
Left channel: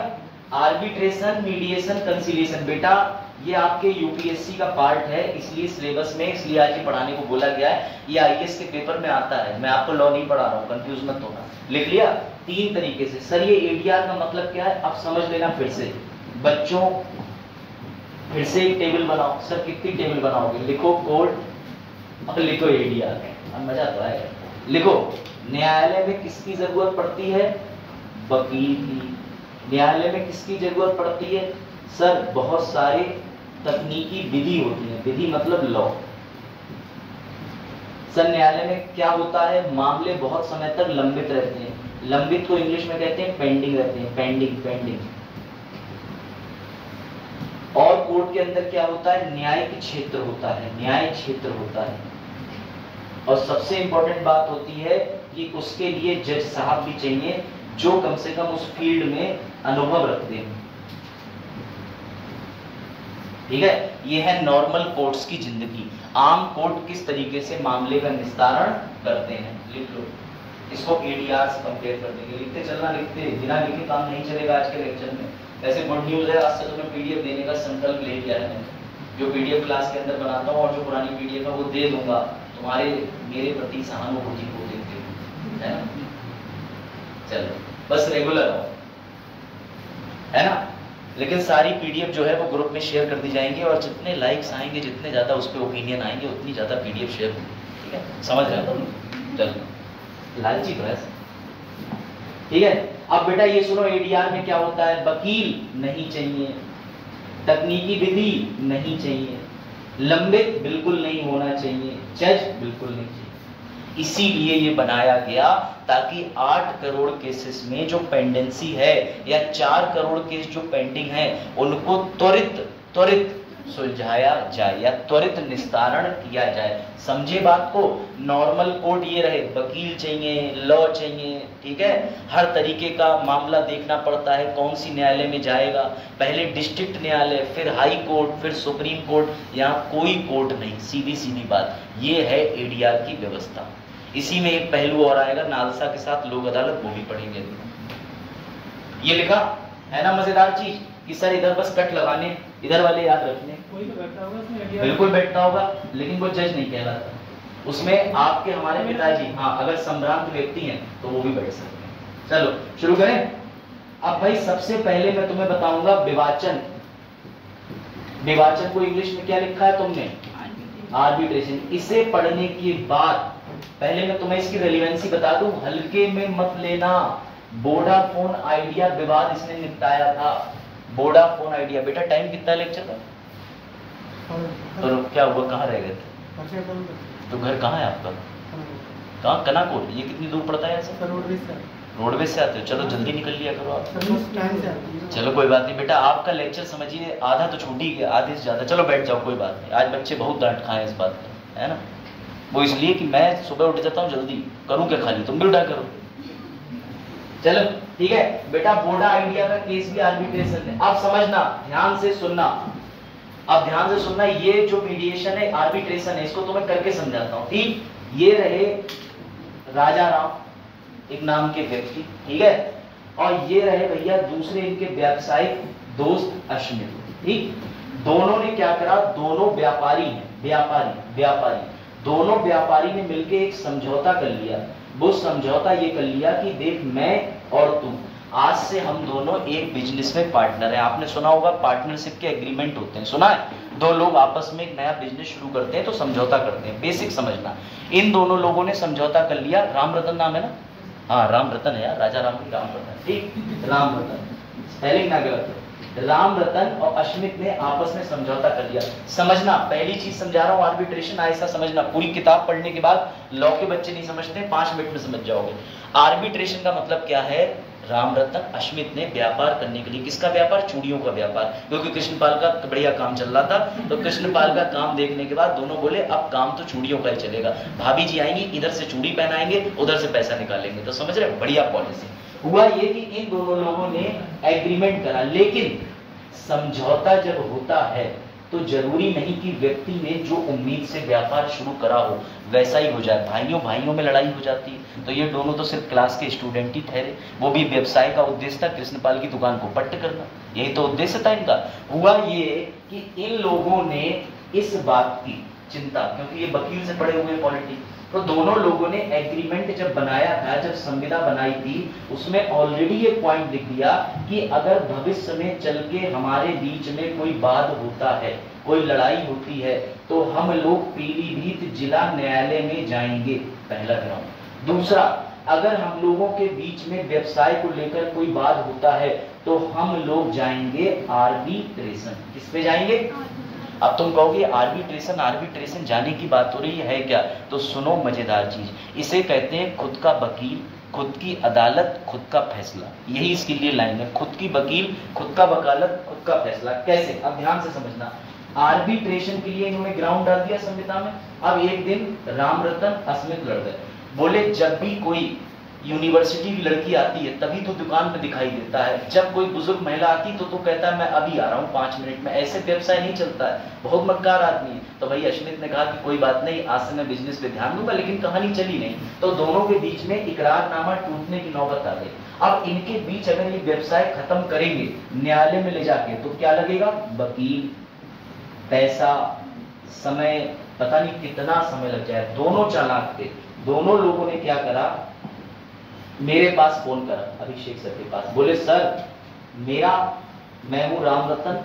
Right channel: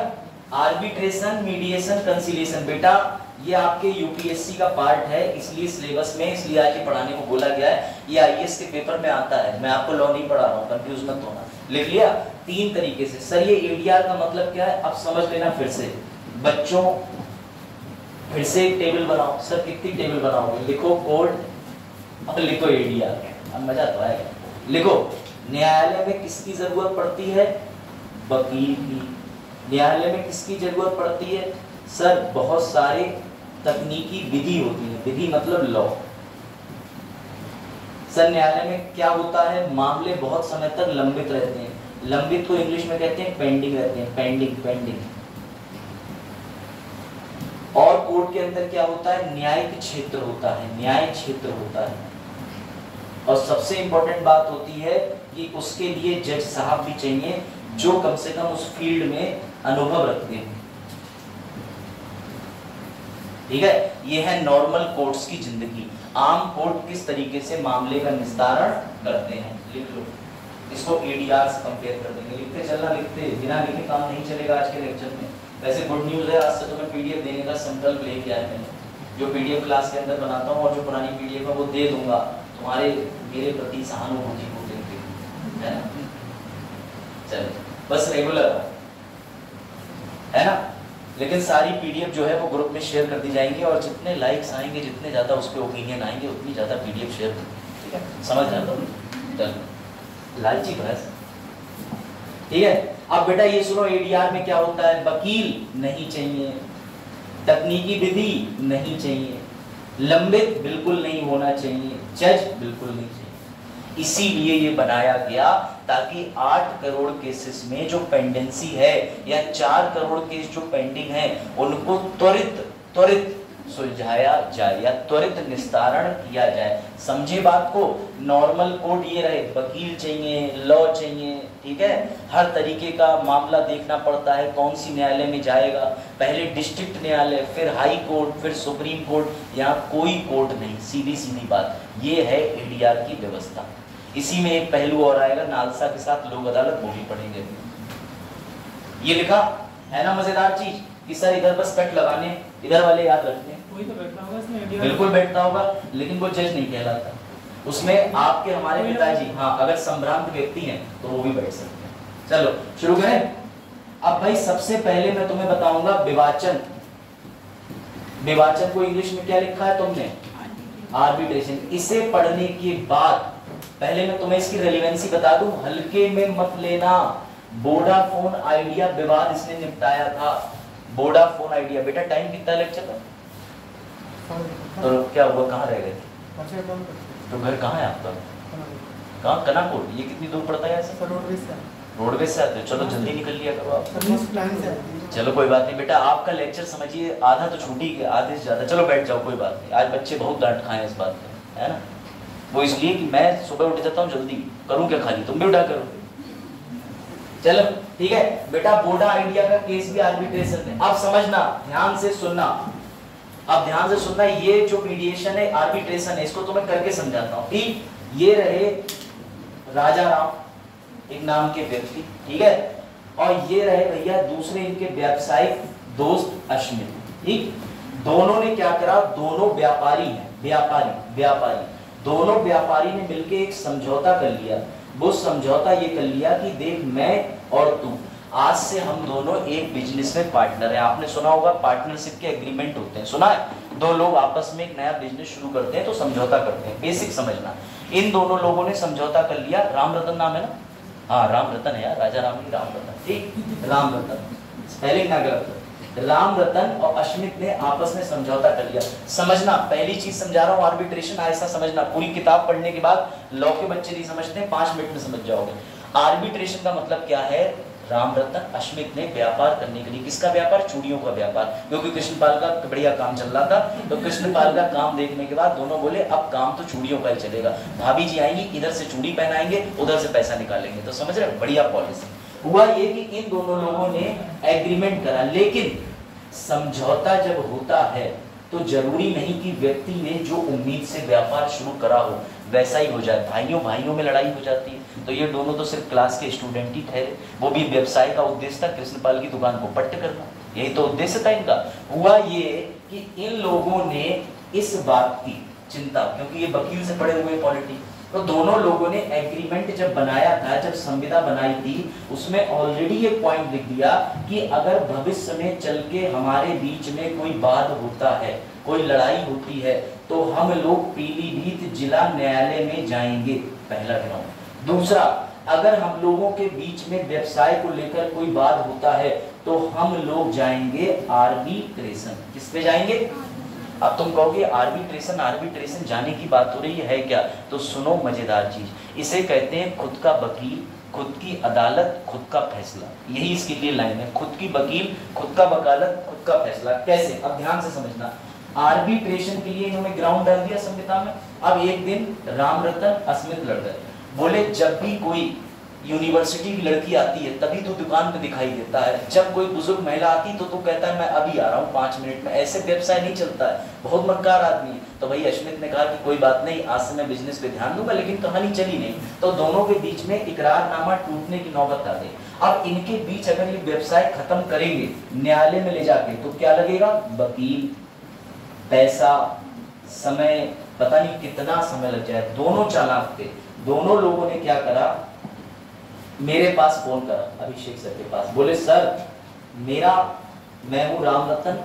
आर्बिट्रेशन, मीडिएशन, कंसीलिएशन। बेटा ये आपके यूपीएससी का पार्ट है, इसलिए सिलेबस में इसलिए आज ये पढ़ाने को बोला गया है। ये आईएएस के पेपर में आता है, मैं आपको लॉ नहीं पढ़ा रहा हूँ, कंफ्यूज मत होना। लिख लिया 3 तरीके से। सर ये एडीआर का मतलब क्या है, अब समझ लेना फिर से बच्चों, फिर से एक टेबल बनाओ। सर कितनी टेबल बनाओगे, लिखो कोड और लिखो एडीआर, अब मजा तो आएगा। लिखो न्यायालय में किसकी जरूरत पड़ती है, वकील की। न्यायालय में किसकी जरूरत पड़ती है, सर बहुत सारे तकनीकी विधि होती है, विधि मतलब लॉ। सर न्यायालय में क्या होता है, मामले बहुत समय तक लंबित रहते हैं, लंबित को इंग्लिश में कहते हैं पेंडिंग रहते हैं, पेंडिंग। और कोर्ट के अंदर क्या होता है, न्यायिक क्षेत्र होता है, न्याय क्षेत्र होता है। और सबसे इंपॉर्टेंट बात होती है कि उसके लिए जज साहब भी चाहिए जो कम से कम उस फील्ड में अनुभव रखते हैं। ठीक है, ये है नॉर्मल कोर्ट्स की जिंदगी। आम कोर्ट किस तरीके से मामले का निस्तारण करते हैं, लिख लो। इसको एडीआर से कंपेयर कर देंगे, लिखते चलना, लिखते बिना लिखे काम नहीं चलेगा आज के लेक्चर में। वैसे गुड न्यूज है, आज से तुम्हें पीडीएफ देने का संकल्प ले लिया है, जो पीडीएफ क्लास के अंदर बनाता हूँ और जो पुरानी पीडीएफ है वो दे दूंगा, तुम्हारे मेरे प्रति सहानुभूति को देखते है ना। चलो बस रेगुलर हो, है ना। लेकिन सारी पीडीएफ जो है वो ग्रुप में शेयर कर दी जाएंगी, और जितने लाइक्स आएंगे, जितने ज्यादा उस पर ओपिनियन आएंगे, उतनी ज्यादा पीडीएफ शेयर होगी। ठीक है, समझ रहे हो तुम। चलो लालची बहस, ठीक है। अब बेटा ये सुनो, एडीआर में क्या होता है, वकील नहीं चाहिए, तकनीकी विधि नहीं चाहिए, लंबित बिल्कुल नहीं होना चाहिए, जज बिल्कुल नहीं चाहिए। इसीलिए ये बनाया गया ताकि 8 करोड़ केसेस में जो पेंडेंसी है या 4 करोड़ केस जो पेंडिंग है उनको त्वरित सुलझाया जाए या त्वरित निस्तारण किया जाए। समझे बात को। नॉर्मल कोर्ट ये रहे, वकील चाहिए, लॉ चाहिए, ठीक है। हर तरीके का मामला देखना पड़ता है, कौन सी न्यायालय में जाएगा, पहले डिस्ट्रिक्ट न्यायालय, फिर हाई कोर्ट, फिर सुप्रीम कोर्ट। यहाँ कोई कोर्ट नहीं, सीधी बात। ये है एडीआर की व्यवस्था। इसी में एक पहलू और आएगा, नालसा के साथ लोक अदालत, वो भी पढ़ेंगे। ये लिखा है ना मजेदार चीज कि सर इधर बस कट लगाने, इधर वाले याद रखने। कोई तो बैठता होगा इसमें, बिल्कुल बैठता होगा, लेकिन वो जज नहीं कहलाता। उसमें आपके हमारे पिताजी, हाँ, अगर संभ्रांत व्यक्ति हैं तो वो भी बैठ सकते हैं। चलो शुरू करें। अब भाई सबसे पहले मैं तुम्हें बताऊंगा विवाचन। विवाचन को इंग्लिश में क्या लिखा है तुमने, आर्बिट्रेशन। इसे पढ़ने के बाद पहले मैं तुम्हें इसकी रेलेवेंसी बता दूं, हल्के में मत लेना। वोडाफोन आइडिया विवाद इसने निपटाया था। Vodafone idea. बेटा टाइम कितना लेक्चर का, तो क्या हुआ, कहाँ रह गए थे, तो घर कहाँ है आपका, कहाँ, कनाकोट। ये कितनी दूर पड़ता है ऐसे, रोडवेज से आते हो, चलो जल्दी निकल लिया करो आप। चलो कोई बात नहीं बेटा, आपका लेक्चर समझिए आधा तो छूट ही गया, आधे से ज्यादा। चलो बैठ जाओ, कोई बात नहीं। आज बच्चे बहुत डांट खाए इस बात पे, है ना। वो इसलिए कि मैं सुबह उठ जाता हूँ जल्दी, करूँ क्या खाली, तुम भी उठा करो। चलो ठीक है बेटा, बोडा आइडिया का केस भी आर्बिट्रेशन है। अब समझना, ध्यान से सुनना, अब ध्यान से सुनना। ये जो मीडिएशन है, आर्बिट्रेशन है, इसको तो मैं करके समझाता हूँ। ठीक, ये रहे राजा राम एक नाम के व्यक्ति, ठीक है, और ये रहे भैया दूसरे इनके व्यावसायिक दोस्त अश्मित। ठीक, दोनों ने क्या करा, दोनों व्यापारी हैं, व्यापारी दोनों व्यापारी ने मिलकर एक समझौता कर लिया। वो समझौता ये कर लिया कि देख, मैं और तू आज से हम दोनों एक बिजनेस में पार्टनर है। आपने सुना होगा पार्टनरशिप के एग्रीमेंट होते हैं, सुना है। दो लोग आपस में एक नया बिजनेस शुरू करते हैं तो समझौता करते हैं, बेसिक समझना। इन दोनों लोगों ने समझौता कर लिया। राम रतन नाम है ना, हाँ राम रतन है यार, राजा राम की राम रतन, ठीक, राम रतन, स्पेलिंग ना गलत। राम रतन और अश्मित ने आपस में समझौता कर लिया। समझना, पहली चीज समझा रहा हूँ, आर्बिट्रेशन ऐसा समझना। पूरी किताब पढ़ने के बाद लॉ के बच्चे नहीं समझते, 5 मिनट में समझ जाओगे। आर्बिट्रेशन का मतलब क्या है, राम रतन अश्मित ने व्यापार करने के लिए, किसका व्यापार, चूड़ियों का व्यापार, क्योंकि कृष्णपाल का तो बढ़िया काम चल रहा था। तो कृष्णपाल का काम देखने के बाद दोनों बोले अब काम तो चूड़ियों का ही चलेगा। भाभी जी आएंगी, इधर से चूड़ी पहनाएंगे, उधर से पैसा निकालेंगे। तो समझ रहे, बढ़िया पॉलिसी। हुआ ये कि इन दोनों लोगों ने एग्रीमेंट करा, लेकिन समझौता जब होता है तो जरूरी नहीं कि व्यक्ति ने जो उम्मीद से व्यापार शुरू करा हो वैसा ही हो जाए, भाइयों भाइयों में लड़ाई हो जाती है। तो ये दोनों तो सिर्फ क्लास के स्टूडेंट ही ठहरे, वो भी व्यवसाय का उद्देश्य था कृष्णपाल की दुकान को पट्ट करना, यही तो उद्देश्य था इनका। हुआ ये कि इन लोगों ने इस बात की चिंता, क्योंकि ये वकील से पढ़े हुए पॉलिटी, तो दोनों लोगों ने एग्रीमेंट जब बनाया था, जब संविदा बनाई थी, उसमें ऑलरेडी ये पॉइंट लिख दिया कि अगर भविष्य में चल के हमारे बीच में कोई वाद होता है, कोई लड़ाई होती है, तो हम लोग पीलीभीत जिला न्यायालय में जाएंगे, पहला ग्राउंड। दूसरा, अगर हम लोगों के बीच में व्यवसाय को लेकर कोई वाद होता है तो हम लोग जाएंगे आर्बिट्रेशन। किस पे जाएंगे? अब तुम कहोगे आर्बिट्रेशन जाने की बात हो रही है क्या? तो सुनो मजेदार चीज, इसे कहते हैं खुद का वकील, खुद की अदालत, खुद का फैसला। यही इसके लिए लाइन है, खुद की वकील, खुद का वकालत, खुद का फैसला। कैसे? अब ध्यान से समझना। आर्बिट्रेशन के लिए इन्होंने ग्राउंड डाल दिया संविदा में। अब एक दिन राम रतन अस्मित लड़ गए, बोले जब भी कोई यूनिवर्सिटी की लड़की आती है तभी तो दुकान पे दिखाई देता है, जब कोई बुजुर्ग महिला आती तो कहता है मैं अभी आ रहा हूँ 5 मिनट में। ऐसे व्यवसाय नहीं चलता है, बहुत मक्कार आदमी है। तो भाई अश्मित ने कहा कि कोई बात नहीं, आज से मैं बिजनेस पे ध्यान दूंगा, लेकिन कहानी चली नहीं। तो दोनों के बीच में इकरारनामा टूटने की नौबत आ गई। अब इनके बीच अगर ये व्यवसाय खत्म करेंगे न्यायालय में ले जाके, तो क्या लगेगा? वकील, पैसा, समय, पता नहीं कितना समय लग जाए। दोनों चालाक थे। दोनों लोगों ने क्या करा, मेरे पास फोन करा अभिषेक सर के पास, बोले सर मैं हूं राम रतन,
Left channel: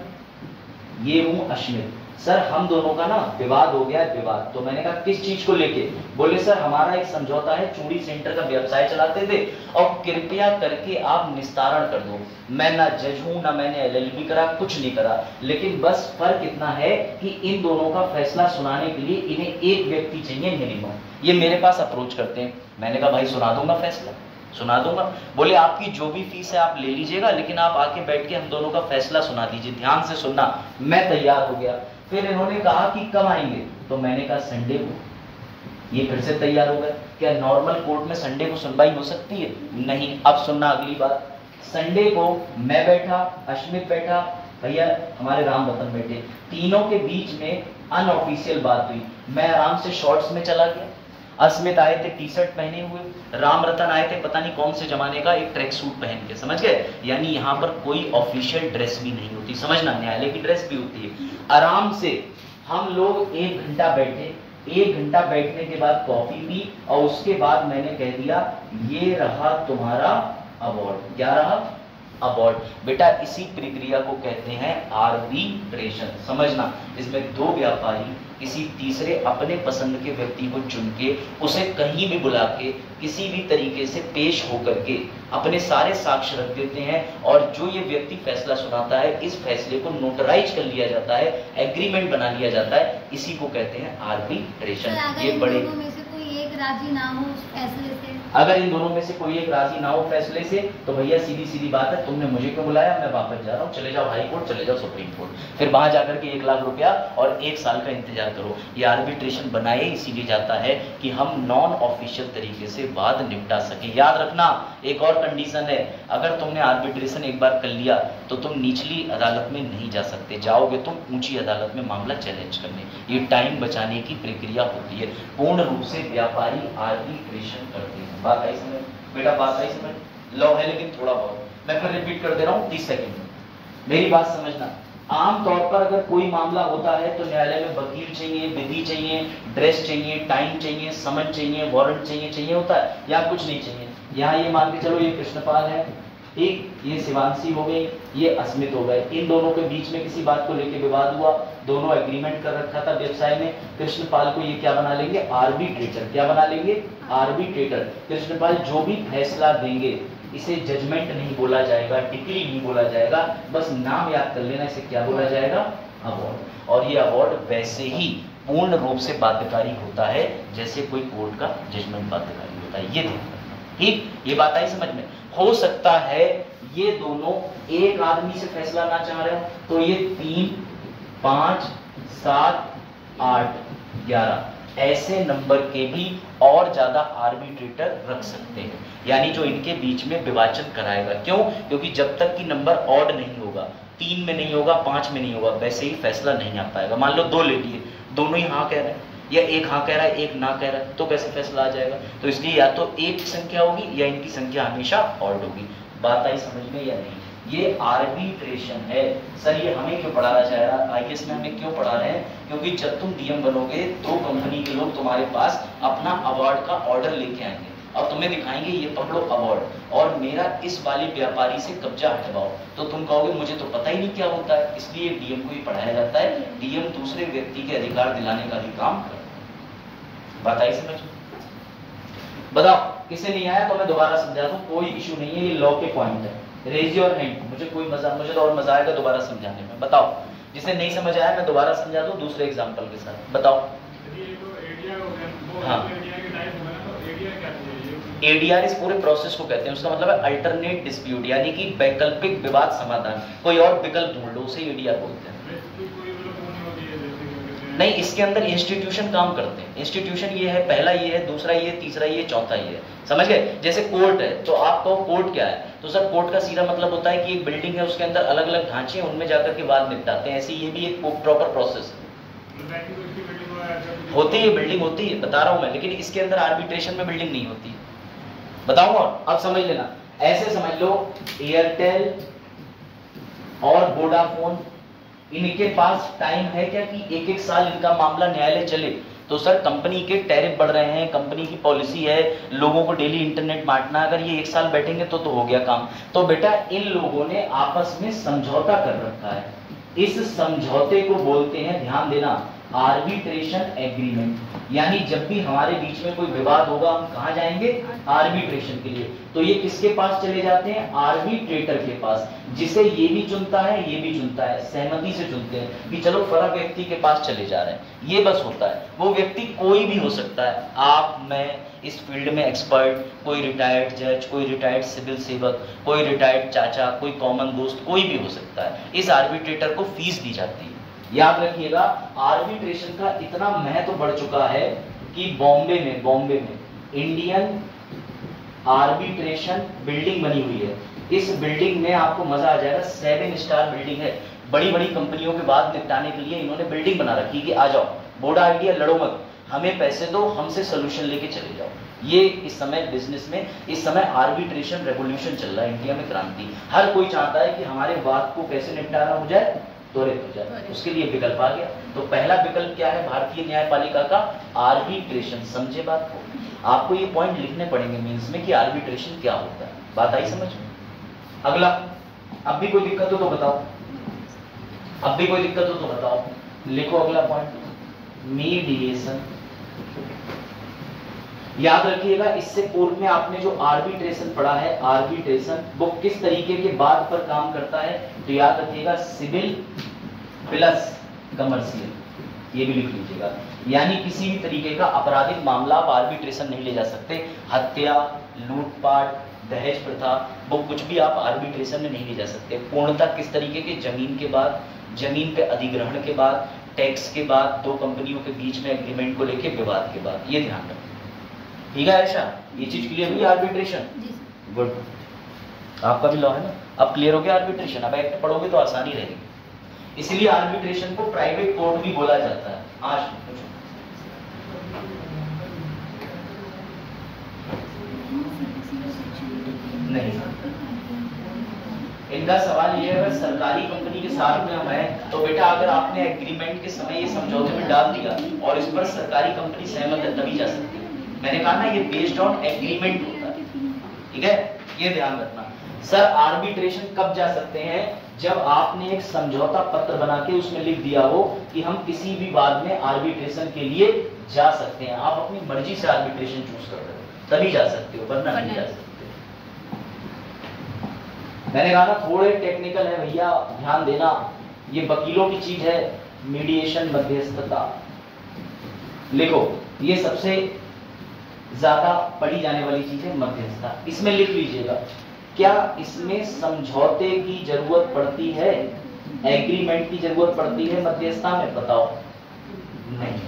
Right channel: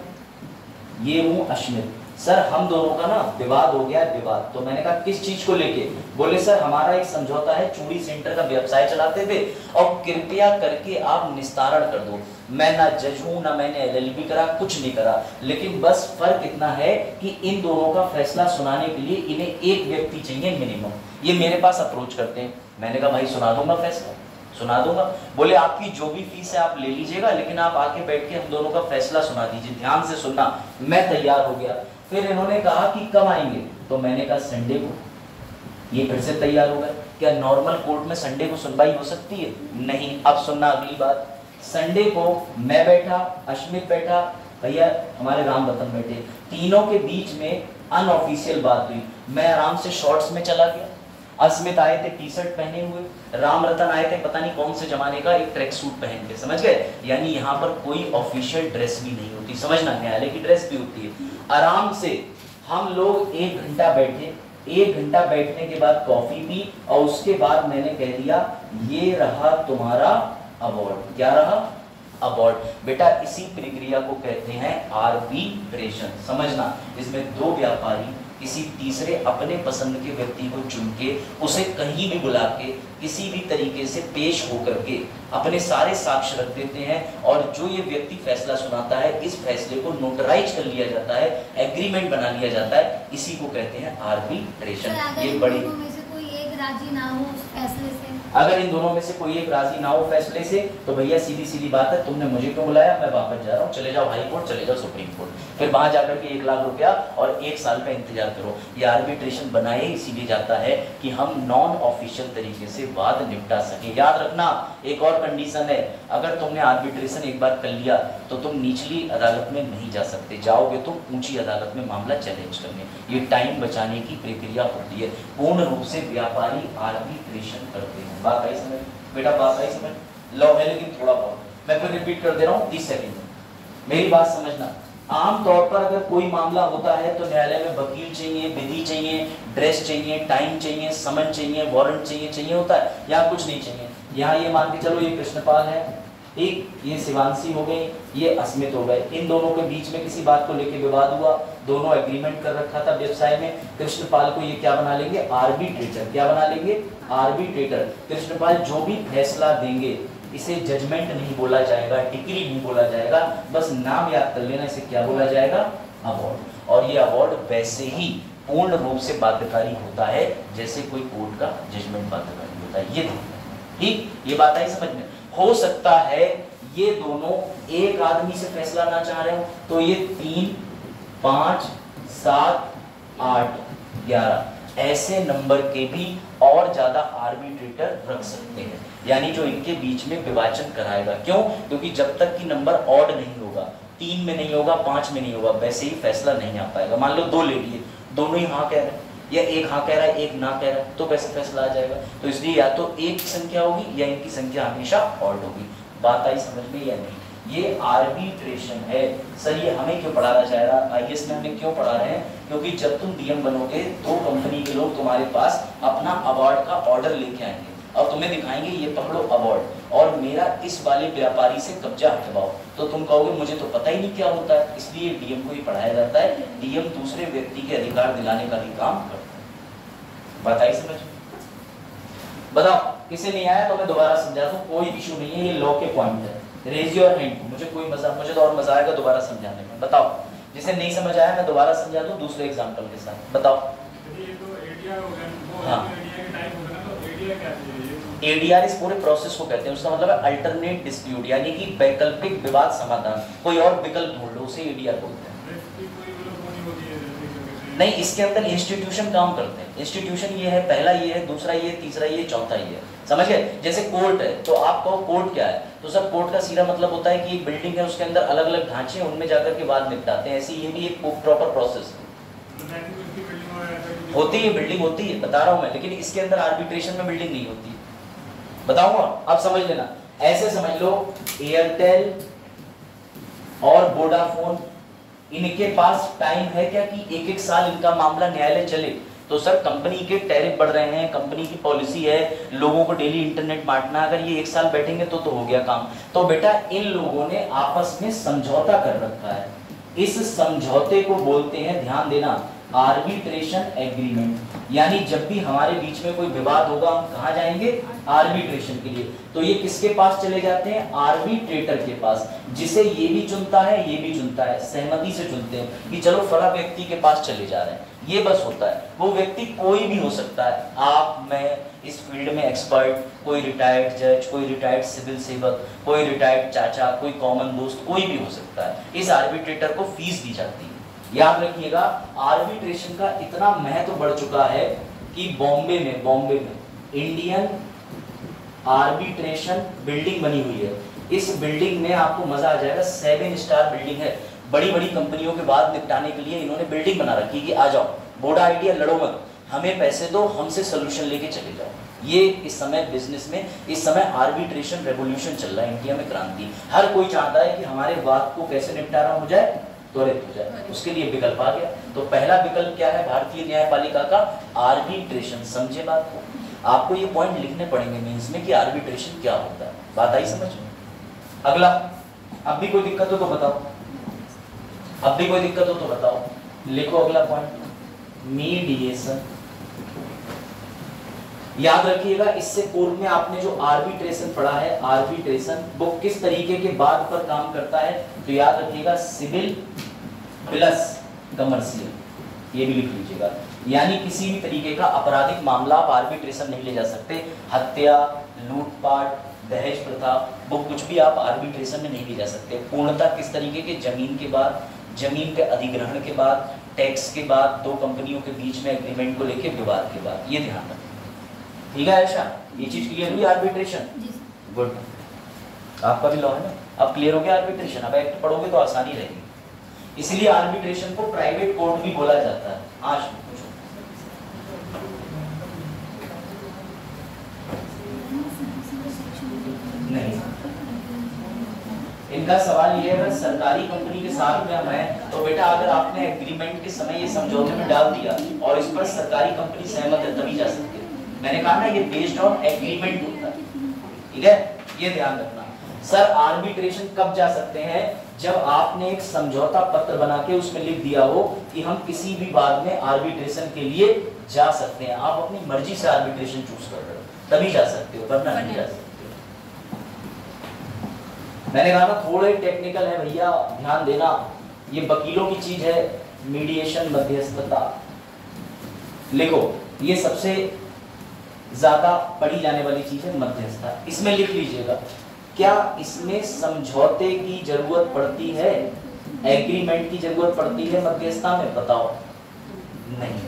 ये हूं अश्मित, सर हम दोनों का ना विवाद हो गया है, विवाद। तो मैंने कहा किस चीज को लेके? बोले सर हमारा एक समझौता है, चूड़ी सेंटर का व्यवसाय चलाते थे और कृपया करके आप निस्तारण कर दो। मैं ना जज हूं, ना मैंने LLB करा, कुछ नहीं करा, लेकिन बस फर्क इतना है कि इन दोनों का फैसला सुनाने के लिए इन्हें एक व्यक्ति चाहिए मिनिमम। ये मेरे पास अप्रोच करते हैं। मैंने कहा भाई सुना दूंगा, फैसला सुना दूंगा। बोले आपकी जो भी फीस है आप ले लीजिएगा, लेकिन आप आके बैठ के हम दोनों का फैसला सुना दीजिए, ध्यान से सुनना। मैं तैयार हो गया। फिर इन्होंने कहा कि कब आएंगे? तो मैंने कहा संडे को। ये फिर से तैयार हो गए। क्या नॉर्मल कोर्ट में संडे को सुनवाई हो सकती है? नहीं। अब सुनना अगली बात। संडे को मैं बैठा, अश्मित बैठा, भैया हमारे राम रतन बैठे, तीनों के बीच में अनऑफिशियल बात हुई। मैं आराम से शॉर्ट्स में चला गया, अस्मित आए थे टी शर्ट पहने हुए, राम रतन आए थे पता नहीं कौन से जमाने का एक ट्रैक सूट पहन के, समझ गए? यानी यहाँ पर कोई ऑफिशियल ड्रेस भी नहीं होती, समझना, न्यायालय की ड्रेस भी होती है। आराम से हम लोग 1 घंटा बैठे। 1 घंटा बैठने के बाद कॉफी पी और उसके बाद मैंने कह दिया ये रहा तुम्हारा अवार्ड। क्या रहा? अवार्ड। बेटा इसी प्रक्रिया को कहते हैं आर्बिट्रेशन। समझना, इसमें दो व्यापारी किसी तीसरे अपने पसंद के व्यक्ति को चुन के उसे कहीं भी बुला के किसी भी तरीके से पेश होकर के अपने सारे साक्ष्य रख देते हैं, और जो ये व्यक्ति फैसला सुनाता है इस फैसले को नोटराइज कर लिया जाता है, एग्रीमेंट बना लिया जाता है। इसी को कहते हैं आर्बिट्रेशन। ये बड़े राजी ना हो उस फैसले से, अगर इन दोनों में से कोई एक राजी ना हो फैसले से, तो भैया सीधी सीधी बात है, तुमने मुझे क्यों बुलाया, मैं वापस जा रहा हूँ, चले जाओ हाई कोर्ट, चले जाओ सुप्रीम कोर्ट, फिर वहां जाकर के 1 लाख रुपया और 1 साल का इंतजार करो। ये आर्बिट्रेशन बनाए इसीलिए जाता है कि हम नॉन ऑफिशियल तरीके से बात निपटा सके। याद रखना एक और कंडीशन है, अगर तुमने आर्बिट्रेशन एक बार कर लिया तो तुम निचली अदालत में नहीं जा सकते, जाओगे तुम ऊंची अदालत में मामला चैलेंज करने। ये टाइम बचाने की प्रक्रिया होती है। पूर्ण रूप से व्यापारी आर्बिट्रेशन करते हैं। बात आई समझ बेटा? बात आई समझ? लो है लेकिन थोड़ा बहुत, मैं फिर रिपीट कर दे रहा हूँ 30 सेकंड में, मेरी बात समझना। आमतौर पर अगर कोई मामला होता है तो न्यायालय में वकील चाहिए, विधि चाहिए, ड्रेस चाहिए, टाइम चाहिए, समन चाहिए, वारंट चाहिए होता है। यहाँ कुछ नहीं चाहिए। यहाँ ये मान के चलो ये कृष्णपाल है, ठीक, ये शिवांशी हो गई, ये अस्मित हो गए। इन दोनों के बीच में किसी बात को लेकर विवाद हुआ, दोनों एग्रीमेंट कर रखा था व्यवसाय में। कृष्णपाल को ये क्या बना लेंगे? आर्बिट्रेटर। क्या बना लेंगे? आर्बिट्रेटर। कृष्णपाल जो भी फैसला देंगे इसे जजमेंट नहीं बोला जाएगा, डिक्री नहीं बोला जाएगा, बस नाम याद कर लेना, इसे क्या बोला जाएगा? अवार्ड। और ये अवार्ड वैसे ही पूर्ण रूप से बाध्यकारी होता है जैसे कोई कोर्ट का जजमेंट बाध्यकारी होता है। ये देखो, ठीक, ये बात आई समझ में? हो सकता है ये दोनों एक आदमी से फैसला ना चाह रहे हो, तो ये 3, 5, 7, 8, 11 ऐसे नंबर के भी और ज्यादा आर्बिट्रेटर रख सकते हैं, यानी जो इनके बीच में विभाजन कराएगा। क्यों? क्योंकि जब तक कि नंबर ऑड नहीं होगा, 3 में नहीं होगा, 5 में नहीं होगा, वैसे ही फैसला नहीं आ पाएगा। मान लो 2 ले लिए, दोनों ही हाँ कह रहे हैं, या एक हाँ कह रहा है एक ना कह रहा है, तो कैसे फैसला आ जाएगा? तो इसलिए या तो एक संख्या होगी या इनकी संख्या हमेशा ऑड होगी। बात आई समझ में या नहीं? ये आर्बिट्रेशन है। सर ये हमें क्यों पढ़ाना चाह रहा है, IAS में हमें क्यों पढ़ा रहे हैं? क्योंकि जब तुम DM बनोगे तो कंपनी के लोग तुम्हारे पास अपना अवार्ड का ऑर्डर लेके आएंगे और तुम्हें दिखाएंगे ये पकड़ो अवार्ड और मेरा इस वाले व्यापारी से कब्जा हटवाओ, तो तुम कहोगे मुझे तो पता ही नहीं क्या होता है। इसलिए DM को ही पढ़ाया जाता है। DM दूसरे व्यक्ति के अधिकार दिलाने का भी काम करता है। बात आई समझ में? बताओ किसे नहीं आया तो मैं दोबारा समझा दूं, कोई इशू नहीं है, ये लॉ के पॉइंट है। रेज योर हैंड, मुझे तो और मजा आएगा दोबारा समझाने में। बताओ जिसे नहीं समझ आया मैं दोबारा समझा दूं दूसरे एग्जांपल के साथ। बताओ। हाँ, ADR इस पूरे प्रोसेस को कहते हैं, उसका मतलब है अल्टरनेट डिस्प्यूट, यानी कि वैकल्पिक विवाद समाधान। कोई और विकल्प ढूंढ लो, उसे ADR बोलते हैं। नहीं, इसके अंदर इंस्टीट्यूशन काम करते हैं। इंस्टीट्यूशन ये है, पहला ये है, दूसरा ये, तीसरा ये, चौथा ये है। समझ गए? जैसे कोर्ट है तो आप कहो कोर्ट क्या है, तो सर कोर्ट का सीधा मतलब होता है कि एक बिल्डिंग है, उसके अंदर अलग अलग ढांचे हैं, उनमें जाकर के वाद निपटाते हैं। ऐसे ये भी एक प्रॉपर प्रोसेस है। होती है बिल्डिंग, होती है, बता रहा हूं मैं, लेकिन इसके अंदर आर्बिट्रेशन में बिल्डिंग नहीं होती। बताऊंगा, अब समझ लेना। ऐसे समझ लो एयरटेल और वोडाफोन, इनके पास टाइम है क्या कि एक एक साल इनका मामला न्यायालय चले? तो सर कंपनी के टैरिफ बढ़ रहे हैं, कंपनी की पॉलिसी है लोगों को डेली इंटरनेट बांटना, अगर ये एक साल बैठेंगे तो हो गया काम। तो बेटा इन लोगों ने आपस में समझौता कर रखा है, इस समझौते को बोलते हैं, ध्यान देना, आर्बिट्रेशन एग्रीमेंट। यानी जब भी हमारे बीच में कोई विवाद होगा हम कहां जाएंगे? आर्बिट्रेशन के लिए। तो ये किसके पास चले जाते हैं? आर्बिट्रेटर के पास, जिसे ये भी चुनता है ये भी चुनता है, सहमति से चुनते हैं कि चलो फला व्यक्ति के पास चले जा रहे हैं। ये बस होता है। वो व्यक्ति कोई भी हो सकता है, आप, मैं, इस फील्ड में एक्सपर्ट, कोई रिटायर्ड जज, कोई रिटायर्ड सिविल सेवक, कोई रिटायर्ड चाचा, कोई कॉमन दोस्त, कोई भी हो सकता है। इस आर्बिट्रेटर को फीस दी जाती है। याद रखिएगा, आर्बिट्रेशन का इतना महत्व बढ़ चुका है कि बॉम्बे में इंडियन आर्बिट्रेशन बिल्डिंग बनी हुई है। इस बिल्डिंग में आपको मजा आ जाएगा, 7 स्टार बिल्डिंग है। बड़ी बड़ी कंपनियों के बाद निपटाने के लिए इन्होंने बिल्डिंग बना रखी कि आ जाओ, बोडा आइडिया, लड़ो मत, हमें पैसे दो, हमसे सोल्यूशन लेके चले जाओ। ये इस समय बिजनेस में, इस समय आर्बिट्रेशन रेवोल्यूशन चल रहा है, इंडिया में क्रांति। हर कोई चाहता है कि हमारे बात को कैसे निपटारा हो जाए, त्वरित हो जाए, उसके लिए विकल्प आ गया। तो पहला विकल्प क्या है भारतीय न्यायपालिका का? आर्बिट्रेशन। समझे बात को? आपको ये पॉइंट लिखने पड़ेंगे मेंस में कि आर्बिट्रेशन क्या होता है। बात आई समझ में? अगला, अब भी कोई दिक्कत हो तो बताओ, अब भी कोई दिक्कत हो तो बताओ, लिखो अगला पॉइंट, मीडिएशन। याद रखिएगा, इससे पूर्व में आपने जो आर्बिट्रेशन पढ़ा है, आर्बिट्रेशन वो किस तरीके के बाद पर काम करता है, तो याद रखिएगा सिविल प्लस कमर्शियल, ये भी लिख लीजिएगा। यानी किसी भी तरीके का आपराधिक मामला आप आर्बिट्रेशन नहीं ले जा सकते। हत्या, लूटपाट, दहेज प्रथा, वो कुछ भी आप आर्बिट्रेशन में नहीं ले जा सकते। पूर्णतः किस तरीके के? जमीन के बाद, जमीन पे अधिग्रहण के बाद, टैक्स के बाद, दो कंपनियों के बीच में एग्रीमेंट को लेकर विवाद के बाद। ये ध्यान रखें, ठीक है आयशा? ये चीज क्लियर हुई? आर्बिट्रेशन गुड, आपका भी लॉ है ना, अब क्लियर हो गया आर्बिट्रेशन। अब एक्ट पढ़ोगे तो आसानी रहेगी। इसीलिए आर्बिट्रेशन को प्राइवेट कोर्ट भी बोला जाता है। आज पूछो, नहीं, इनका सवाल ये है, अगर सरकारी कंपनी के साथ में हम हैं तो बेटा अगर आपने एग्रीमेंट के समय ये समझौते में डाल दिया और इस पर सरकारी कंपनी सहमत है तभी जा सकती है। मैंने कहा ना, ये बेस्ड ऑन एग्रीमेंट होता है, ठीक है? ये ध्यान रखना। सर आर्बिट्रेशन कब जा सकते हैं? जब आपने एक समझौता पत्र बना के उसमें लिख दिया हो कि हम किसी भी वाद में आर्बिट्रेशन के लिए जा सकते हैं। आप अपनी मर्जी से आर्बिट्रेशन चूज कर रहे हो तभी जा सकते हो, वरना नहीं जा सकते। मैंने कहा ना थोड़े टेक्निकल है भैया, ध्यान देना, ये वकीलों की चीज है। मीडिएशन, मध्यस्थता लिखो, ये सबसे ज्यादा पढ़ी जाने वाली चीज है मध्यस्थता। इसमें लिख लीजिएगा, क्या इसमें समझौते की जरूरत पड़ती है, एग्रीमेंट की जरूरत पड़ती है मध्यस्थता में? बताओ नहीं।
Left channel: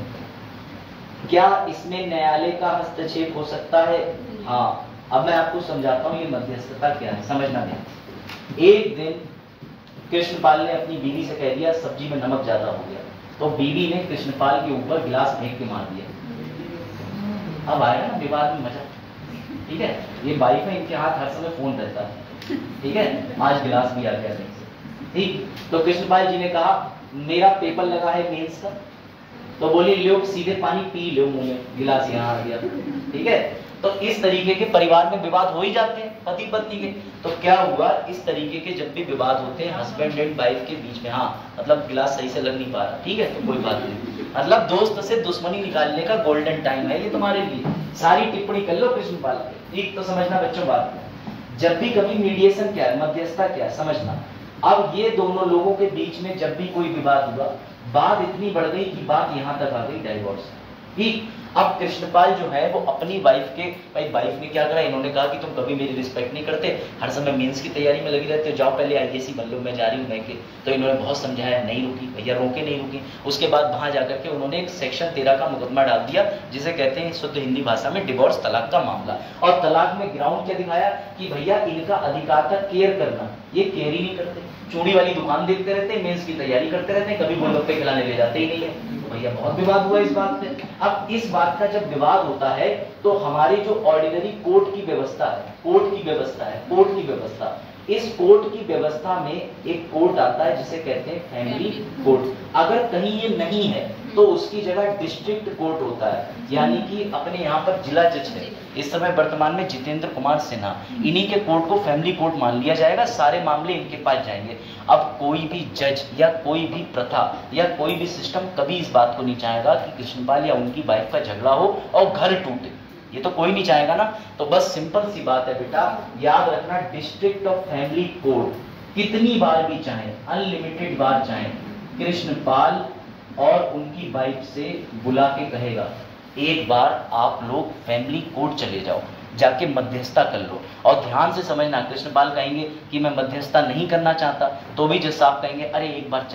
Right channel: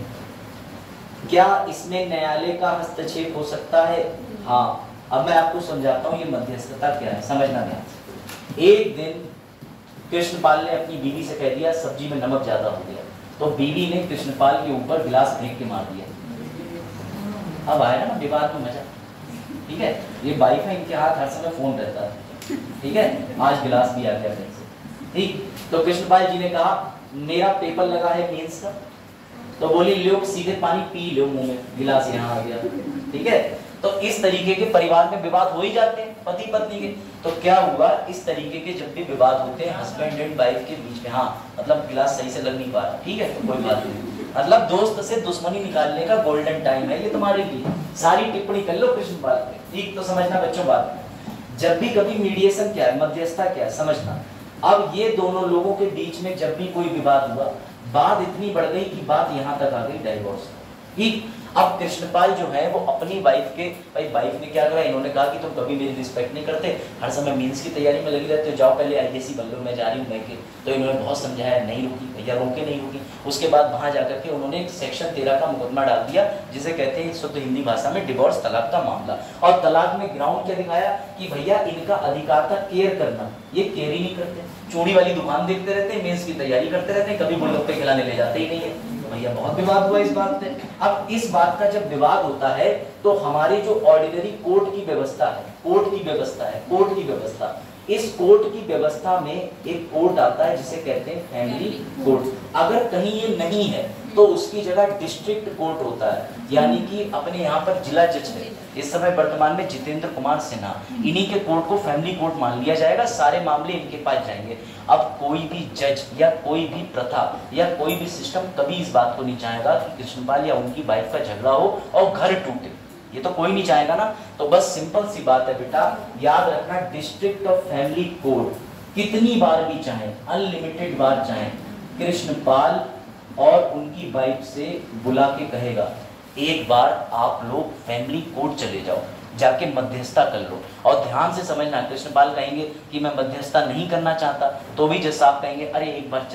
क्या इसमें न्यायालय का हस्तक्षेप हो सकता है? हाँ। अब मैं आपको समझाता हूँ ये मध्यस्थता क्या है, समझना ध्यान से। एक दिन कृष्णपाल ने अपनी बीवी से कह दिया सब्जी में नमक ज्यादा हो गया, तो बीवी ने कृष्णपाल के ऊपर गिलास फेंक के मार दिया। अब आया ना विवाद में मजा, ठीक है। ये वाइफ है, इनके हाथ हर समय फोन रहता है, ठीक है। आज गिलास भी आ गया कहीं से, ठीक। तो कृष्णपाल जी ने कहा मेरा पेपर लगा है मेंस का, तो बोली लो सीधे पानी पी लो मुंह में, गिलास यहाँ आ गया, ठीक है। तो इस तरीके के परिवार में विवाद हो ही जाते हैं पति पत्नी के। तो क्या हुआ, इस तरीके के जब भी विवाद होते हैं हस्बैंड एंड वाइफ के बीच में, हाँ मतलब गिलास सही से लग नहीं पा रहा, ठीक है, तो कोई बात नहीं, मतलब दोस्त से दुश्मनी निकालने का गोल्डन टाइम है ये तुम्हारे लिए। सारी टिप्पणी कर लो कृष्णपाल पे, ठीक। तो समझना बच्चों बात, जब भी कभी मीडिएशन क्या है, मध्यस्थता क्या है, समझना। अब ये दोनों लोगों के बीच में जब भी कोई विवाद हुआ, बात इतनी बढ़ गई कि बात यहाँ तक आ गई डाइवोर्स, ठीक। अब कृष्णपाल जो है वो अपनी वाइफ के, भाई वाइफ ने क्या करा, इन्होंने कहा कि तुम कभी मेरी रिस्पेक्ट नहीं करते, हर समय मींस की तैयारी में लगी रहते हो, जाओ पहले आईएएस बन लो, मैं जा रही हूँ मैं के। तो इन्होंने बहुत समझाया, नहीं रुकी भैया, रोके नहीं रुकी। उसके बाद वहां जाकर के उन्होंने एक सेक्शन 13 का मुकदमा डाल दिया, जिसे कहते हैं शुद्ध हिंदी भाषा में डिवोर्स, तलाक का मामला। और तलाक में ग्राउंड क्या दिखाया कि भैया इनका अधिकार था केयर करना, ये केयर ही नहीं करते, चूड़ी वाली दुकान देखते रहते हैं, मेंस की तैयारी करते रहते हैं, कभी गोलगप्पे खिलाने ले जाते ही नहीं है। भैया बहुत विवाद हुआ इस बात पे। अब इस बात का जब विवाद होता है तो हमारी जो ऑर्डिनरी कोर्ट की व्यवस्था है, कोर्ट की व्यवस्था, इस कोर्ट की व्यवस्था में एक कोर्ट आता है जिसे कहते हैं फैमिली कोर्ट। अगर कहीं ये नहीं है तो उसकी जगह डिस्ट्रिक्ट कोर्ट होता है, यानी कि अपने यहाँ पर जिला जज है इस समय वर्तमान में जितेंद्र कुमार सिन्हा, इन्हीं के कोर्ट को फैमिली कोर्ट मान लिया जाएगा, सारे मामले इनके पास जाएंगे। अब कोई भी जज या कोई भी प्रथा या कोई भी सिस्टम कभी इस बात को नहीं चाहेगा कि कृष्णपाल या उनकी वाइफ का झगड़ा हो और घर टूटे, ये तो कोई नहीं चाहेगा ना। तो बस सिंपल सी बात है बेटा, याद रखना, डिस्ट्रिक्ट ऑफ फैमिली कोर्ट कितनी बार भी चाहे, अनलिमिटेड बार चाहे, कृष्णपाल और उनकी वाइफ से बुला के कहेगा एक बार आप लोग फैमिली कोर्ट चले जाओ, जाके मध्यस्थता कर लो। और ध्यान से समझना, कृष्णपाल कहेंगे कि मैं मध्यस्थता नहीं करना चाहता, तो भी जज साहब कहेंगे अरे एक बार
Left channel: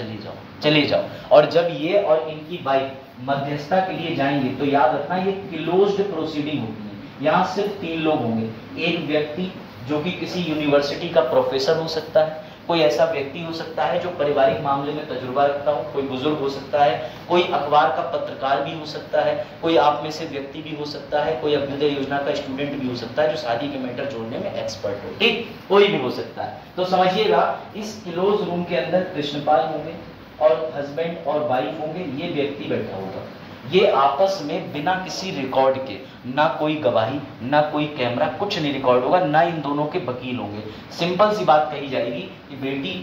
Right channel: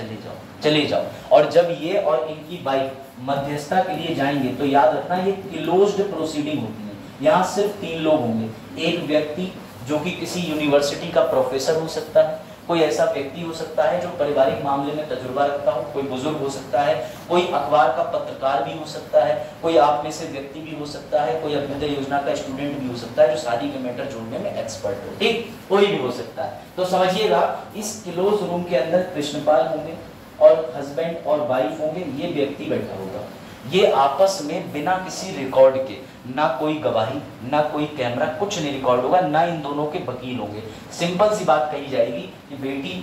चले जाओ। और जब ये और इनकी वाइफ मध्यस्थता के लिए जाएंगे तो याद रखना ये क्लोज्ड प्रोसीडिंग होती है, यहाँ सिर्फ 3 लोग होंगे। एक व्यक्ति जो कि किसी यूनिवर्सिटी का प्रोफेसर हो सकता है, कोई ऐसा व्यक्ति हो सकता है जो पारिवारिक मामले में तजुर्बा रखता हो, कोई बुजुर्ग हो सकता है, कोई अखबार का पत्रकार भी हो सकता है, कोई आप में से व्यक्ति भी हो सकता है, कोई अभ्युदय योजना का स्टूडेंट भी हो सकता है जो शादी के मैटर जोड़ने में एक्सपर्ट हो, ठीक, कोई भी हो सकता है। तो समझिएगा इस क्लोज रूम के अंदर कृष्णपाल होंगे और हस्बैंड और वाइफ होंगे, ये व्यक्ति बैठा होगा, ये आपस में बिना किसी रिकॉर्ड के, ना कोई गवाही ना कोई कैमरा, कुछ नहीं रिकॉर्ड होगा, ना इन दोनों के वकील होंगे। सिंपल सी बात कही जाएगी कि बेटी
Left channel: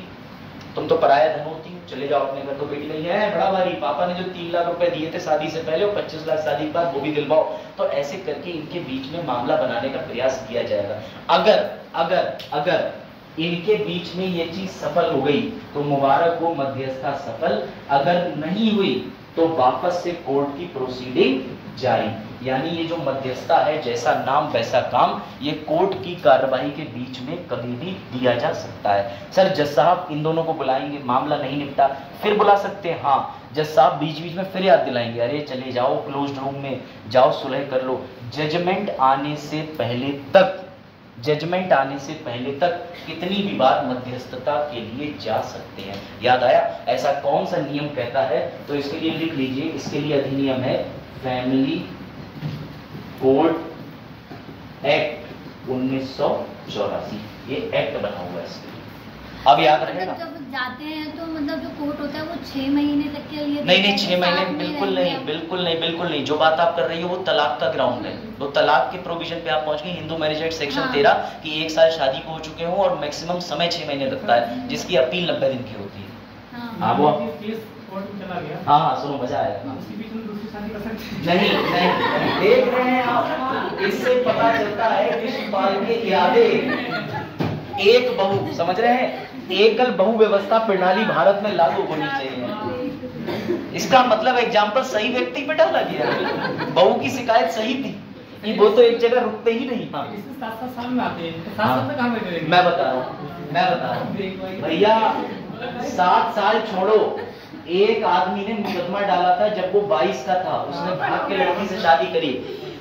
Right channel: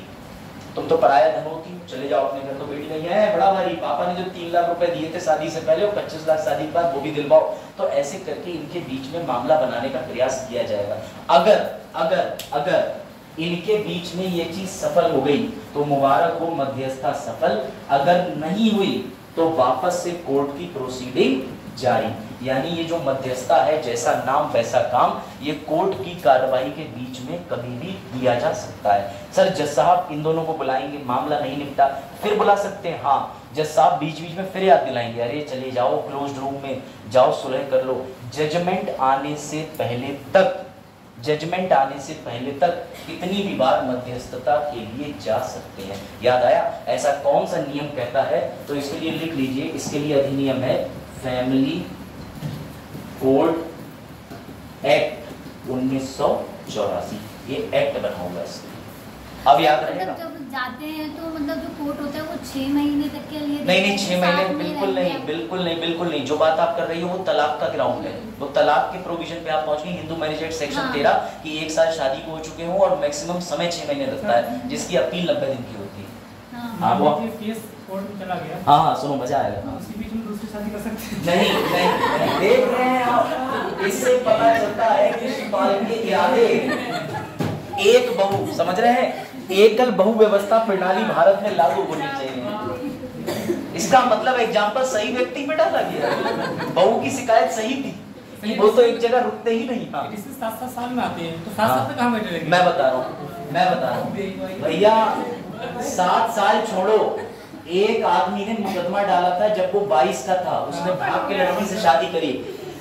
तुम तो पराया धन होती हो, चले जाओ अपने घर। तो बेटी नहीं है बड़ा भारी, पापा ने जो 3 लाख रुपए दिए थे शादी से पहले और 25 लाख शादी के बाद वो भी दिलवाओ। तो ऐसे करके इनके बीच में मामला बनाने का प्रयास किया जाएगा। अगर इनके बीच में ये चीज सफल हो गई तो मुबारक हो, मध्यस्थता सफल। अगर नहीं हुई तो वापस से कोर्ट की प्रोसीडिंग जारी। यानी ये जो मध्यस्थता है, जैसा नाम वैसा काम, ये कोर्ट की कार्रवाई के बीच में कभी भी दिया जा सकता है। सर जज साहब इन दोनों को बुलाएंगे, मामला नहीं निपटा, फिर बुला सकते हैं, हाँ जज साहब बीच बीच में फिर याद दिलाएंगे, अरे चले जाओ क्लोज्ड रूम में, जाओ सुलह कर लो। जजमेंट आने से पहले तक कितनी भी बार मध्यस्थता के लिए जा सकते हैं। याद आया? ऐसा कौन सा नियम कहता है? तो इसके लिए लिख लीजिए, इसके लिए अधिनियम है फैमिली कोड एक्ट 1984, ये एक्ट बना हुआ है इसके लिए। अब याद रहेगा। जब जाते हैं तो मतलब जो कोर्ट होता है वो 6 महीने तक के लिए नहीं 6 महीने बिल्कुल नहीं। जो बात आप कर रही हो वो तलाक का ग्राउंड है, तो तलाक के प्रोविजन पे आप पहुंच गए। हिंदू मैरिज एक्ट सेक्शन 13 कि 1 साल शादी को हो चुके हो और मैक्सिमम समय 6 महीने लगता है, जिसकी अपील 90 दिन की होती है। हाँ वो हाँ सुनो मजा आएगा। नहीं देख रहे हैं आप, इससे पता चलता है कि शिपाल के यादें एक बहु, समझ रहे हैं, एकल बहु व्यवस्था प्रणाली भारत में लागू होनी चाहिए। इसका मतलब एग्जाम्पल सही व्यक्ति पे डाला गया। बहू की शिकायत सही थी, वो तो एक जगह रुकते ही नहीं। हाँ 7 साल में आते हैं तो 7 साल तक कहाँ बैठे रहेंगे? मैं बता रहा हूँ भैया, 7 साल छोड़ो, एक आदमी ने मुकदमा डाला था जब वो 22 का था, उसने भाग के लड़की से शादी करी,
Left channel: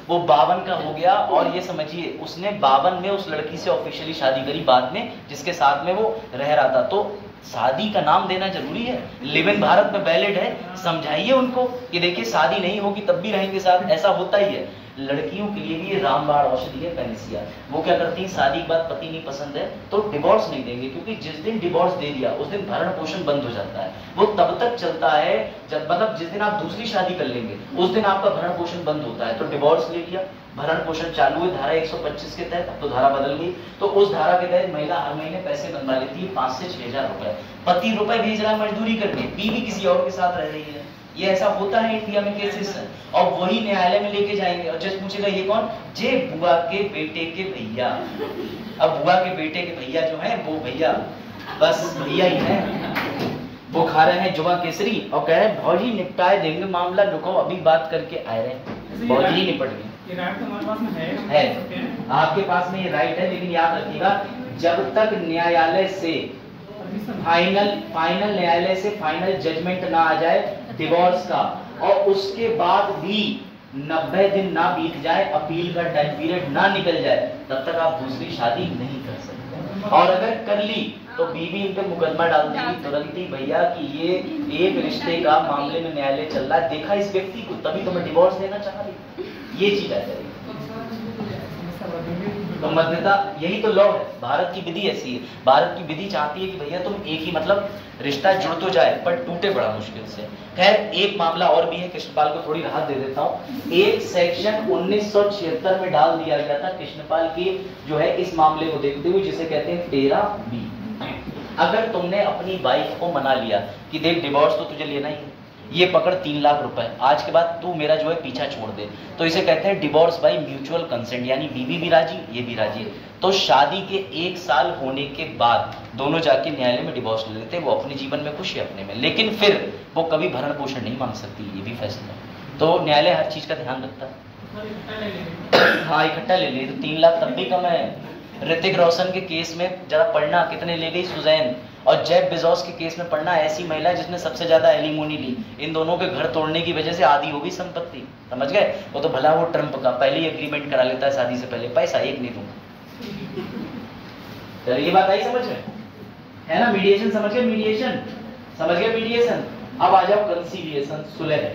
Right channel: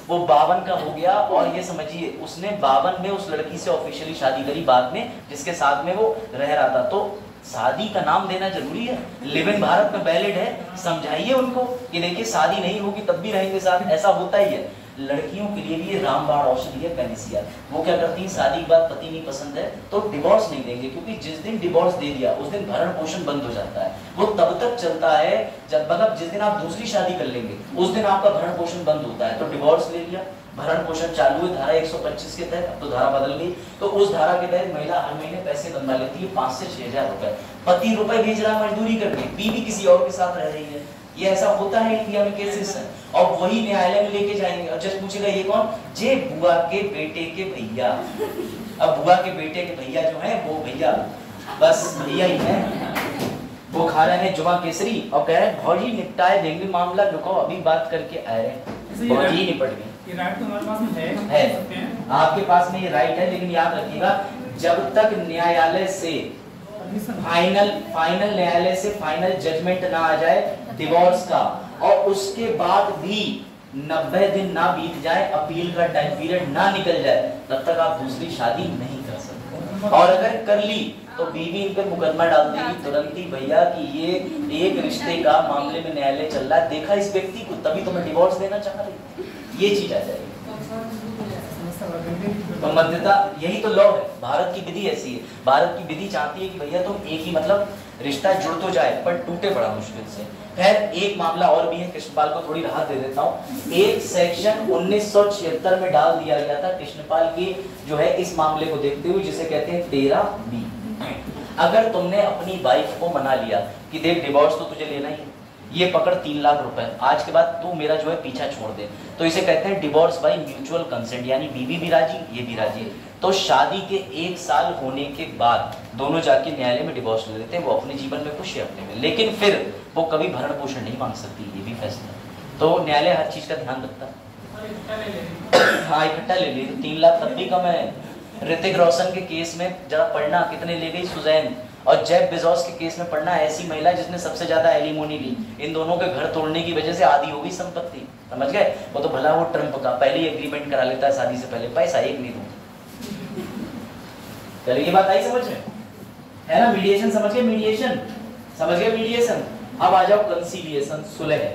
वो 52 का हो गया। और ये समझिए उसने 52 में उस लड़की से ऑफिशियली शादी करी बाद में, जिसके साथ में वो रह रहा था। तो शादी का नाम देना जरूरी है। लिव इन भारत में वैलिड है, समझाइए उनको कि देखिए शादी नहीं होगी तब भी रहेंगे साथ, ऐसा होता ही है। लड़कियों के लिए भी रामबाण औषधि है पेनिसिया। वो क्या करती हैं, शादी के बाद पति नहीं पसंद है तो डिवोर्स नहीं देंगे, क्योंकि जिस दिन डिवोर्स दे दिया उस दिन भरण पोषण बंद हो जाता है। वो तब तक चलता है जब मतलब जिस दिन आप दूसरी शादी कर लेंगे उस दिन आपका भरण पोषण बंद होता है। तो डिवोर्स ले लिया, भरण पोषण चालू है धारा 125 के तहत, अब तो धारा बदल गई। तो उस धारा के तहत महिला हर महीने पैसे कमा लेती है 5 से 6 हजार रुपए। पति रुपए भेज रहा है मजदूरी करने, बीवी किसी और के साथ रह रही है। ये ऐसा होता है इंडिया में केसेस है। और वही न्यायालय में लेके जाएंगे और जज पूछेगा ये कौन, जे बुआ के बेटे के भैया। अब बुआ के बेटे के भैया जो है वो भैया बस भैया ही है, वो खा रहे हैं जुमा केसरी और कह रहे हैं भौजी निपटाए देंगे मामला, रुको अभी बात करके आ रहे हैं। भौजी निपट गई है, आपके पास में ये राइट है, लेकिन याद रखिएगा जब तक न्यायालय से फाइनल न्यायालय से फाइनल जजमेंट ना आ जाए डिवोर्स का, और उसके बाद भी 90 दिन ना बीत जाए, अपील का टाइम पीरियड ना निकल जाए, तब तक आप दूसरी शादी नहीं कर सकते। और अगर कर ली तो बीवी इन पे मुकदमा डाल देगी तुरंत ही भैया कि ये एक रिश्ते का मामले में न्यायालय चल रहा है, देखा इस व्यक्ति को तभी तो मैं डिवोर्स देना चाह रही, ये चीज आ जाएगी। तो मध्यता यही तो लॉ है, भारत की विधि ऐसी है। भारत की विधि चाहती है कि भैया तुम एक ही मतलब रिश्ता जुड़ तो जाए पर टूटे बड़ा मुश्किल से। खैर एक मामला और भी है, कृष्णपाल को थोड़ी राहत दे देता हूँ। एक सेक्शन 1976 में डाल दिया गया था कृष्णपाल की जो है इस मामले को देखते हुए, जिसे कहते हैं 13B। अगर तुमने अपनी वाइफ को मना लिया कि देख डिवोर्स तो तुझे लेना ही है, ये पकड़ 3 लाख रुपए, आज के बाद तू मेरा जो है पीछा छोड़ दे, तो इसे कहते हैं डिवोर्स बाय म्यूचुअल कंसेंट, यानी बीवी भी राजी ये भी राजी। तो शादी के 1 साल होने के बाद दोनों जाके न्यायालय में डिवोर्स ले लेते हैं, वो अपने जीवन में खुश है अपने में, लेकिन फिर वो कभी भरण पोषण नहीं मांग सकती, ये भी फैसला। तो न्यायालय हर चीज का ध्यान रखता है। हाँ इकट्ठा ले लिए तो 3 लाख तब भी कम है। ऋतिक रोशन के केस में जरा पढ़ना कितने ले गई सुजैन, और जेफ बेजोस के केस में पढ़ना ऐसी महिला जिसने सबसे ज्यादा एलिमोनी ली। इन दोनों के घर तोड़ने की वजह से आधी हो गई संपत्ति, समझ गए। वो तो भला वो ट्रम्प का पहले ही एग्रीमेंट करा लेता है शादी से पहले, पैसा एक नहीं दूंगा। चलिए ये बात आई समझ में, है ना। मीडिएशन समझ गए, मीडिएशन समझ गए, मीडिएशन। अब आ जाओ कंसीलिएशन, सुलह।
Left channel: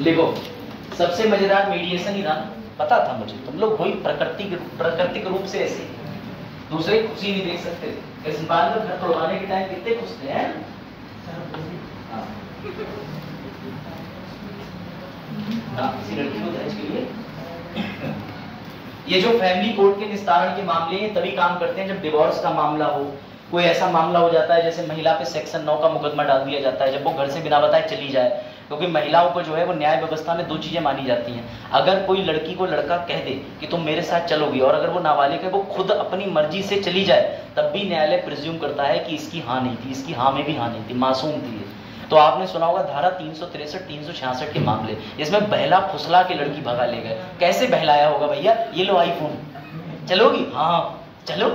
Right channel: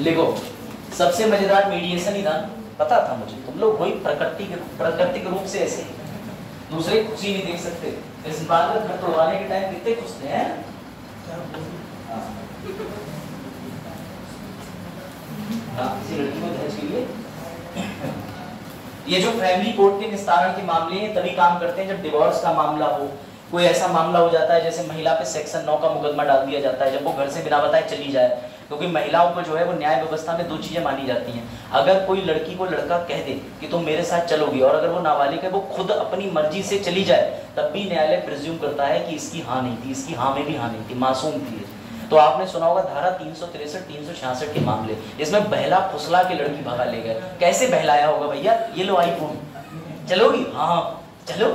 लिखो सबसे मजेदार मीडिएशन ही था, पता था मुझे, तुम लोग वही प्राकृतिक रूप से ऐसे दूसरे खुशी नहीं देख सकते। इस बात में घर तोड़वाने के टाइम कितने खुश थे हैं। किसी लड़की को दहेज के लिए ये जो फैमिली कोर्ट के निस्तारण के मामले हैं तभी काम करते हैं जब डिवोर्स का मामला हो। कोई ऐसा मामला हो जाता है जैसे महिला पे सेक्शन 9 का मुकदमा डाल दिया जाता है, जब वो घर से बिना बताए चली जाए, क्योंकि महिलाओं को जो है वो न्याय व्यवस्था में 2 चीजें मानी जाती हैं। अगर कोई लड़की को लड़का कह दे कि तुम मेरे साथ चलोगी, और अगर वो नाबालिग है वो खुद अपनी मर्जी से चली जाए, तब भी न्यायालय प्रिज्यूम करता है कि इसकी हाँ नहीं थी, इसकी हाँ में भी हाँ नहीं थी, मासूम थी। तो आपने सुना होगा धारा 363, 366 के मामले, इसमें बहला फुसला के लड़की भगा ले गए। कैसे बहलाया होगा भैया, ये लो आईफोन, चलोगी हाँ चलो,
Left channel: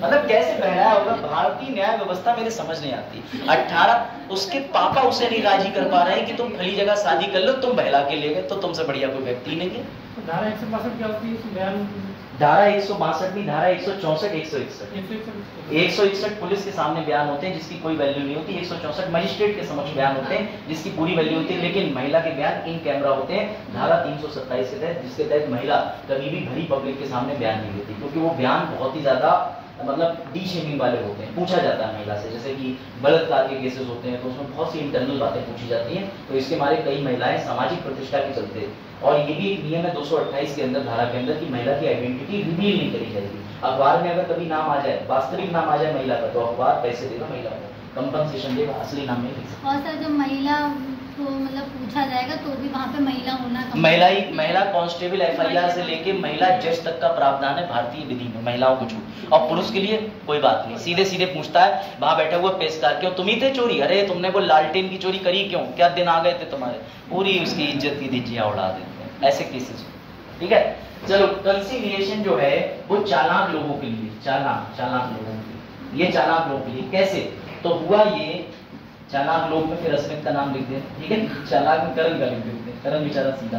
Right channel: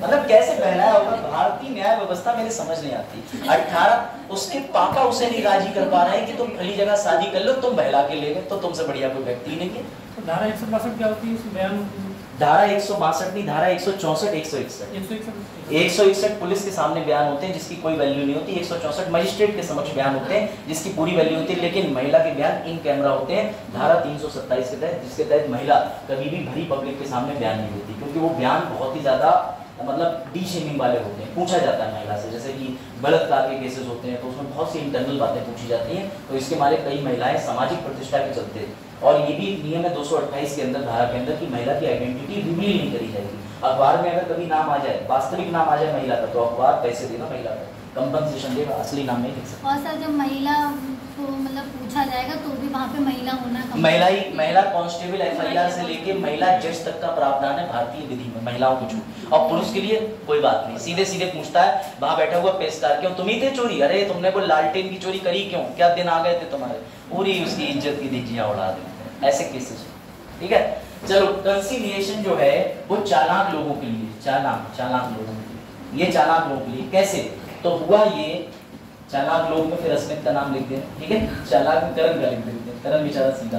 मतलब कैसे बहलाया होगा। भारतीय न्याय व्यवस्था मेरे समझ नहीं आती। 18 उसके पापा उसे नहीं राजी कर पा रहे हैं कि तुम खली जगह शादी कर लो, तुम बहला के ले गए, तो तुमसे बढ़िया कोई व्यक्ति नहीं है। धारा 162 क्या होती है? धारा 162 नहीं, धारा 164, 161 पुलिस के सामने बयान होते हैं जिसकी कोई वैल्यू नहीं होती। 164 मजिस्ट्रेट के समक्ष बयान होते हैं जिसकी पूरी वैल्यू होती है, लेकिन महिला के बयान इन कैमरा होते हैं। धारा 327 के तहत, जिसके तहत महिला कभी भी भरी पब्लिक के सामने बयान नहीं देती, क्योंकि वो बयान बहुत ही ज्यादा मतलब डी शेमिंग वाले होते हैं। पूछा जाता है महिला से, जैसे कि बलात्कार के केसेस होते हैं तो उसमें बहुत सी इंटरनल बातें पूछी जाती हैं, तो इसके मारे कई महिलाएं सामाजिक प्रतिष्ठा के चलते, और ये भी एक नियम है 228 के अंदर, धारा के अंदर, कि महिला की आइडेंटिटी रिवील नहीं करी जाएगी। अखबार में अगर कभी नाम आ जाए, वास्तविक नाम आ जाए महिला का, तो अखबार पैसे देगा महिला को, कंपनसेशन देगा, असली नाम नहीं लिख सकता। और सर जब महिला को मतलब पूछा जाएगा तो भी वहाँ पे महिला होना, महिला कांस्टेबल FIR से लेके महिला जज तक का प्रावधान है भारतीय विधि में, महिलाओं को छूट। और पुरुष के लिए कोई बात नहीं, सीधे सीधे पूछता है वहां बैठा हुआ पेशकार, क्यों तुम ही थे चोरी, अरे तुमने वो लालटेन की चोरी करी क्यों, क्या दिन आ गए थे तुम्हारे, पूरी उसकी इज्जत की धज्जियां उड़ा देते हैं, ऐसे केसेस। ठीक है, चलो कंसीलिएशन जो है वो चालाक लोगों के लिए, चालाक लोगों के लिए, ये चालाक लोगों के लिए कैसे। तो हुआ ये चालाक लोग में फिर अस्मित का नाम लिख देना, ठीक है। चालाक में करण का लिख देते हैं, करण बेचारा सीधा।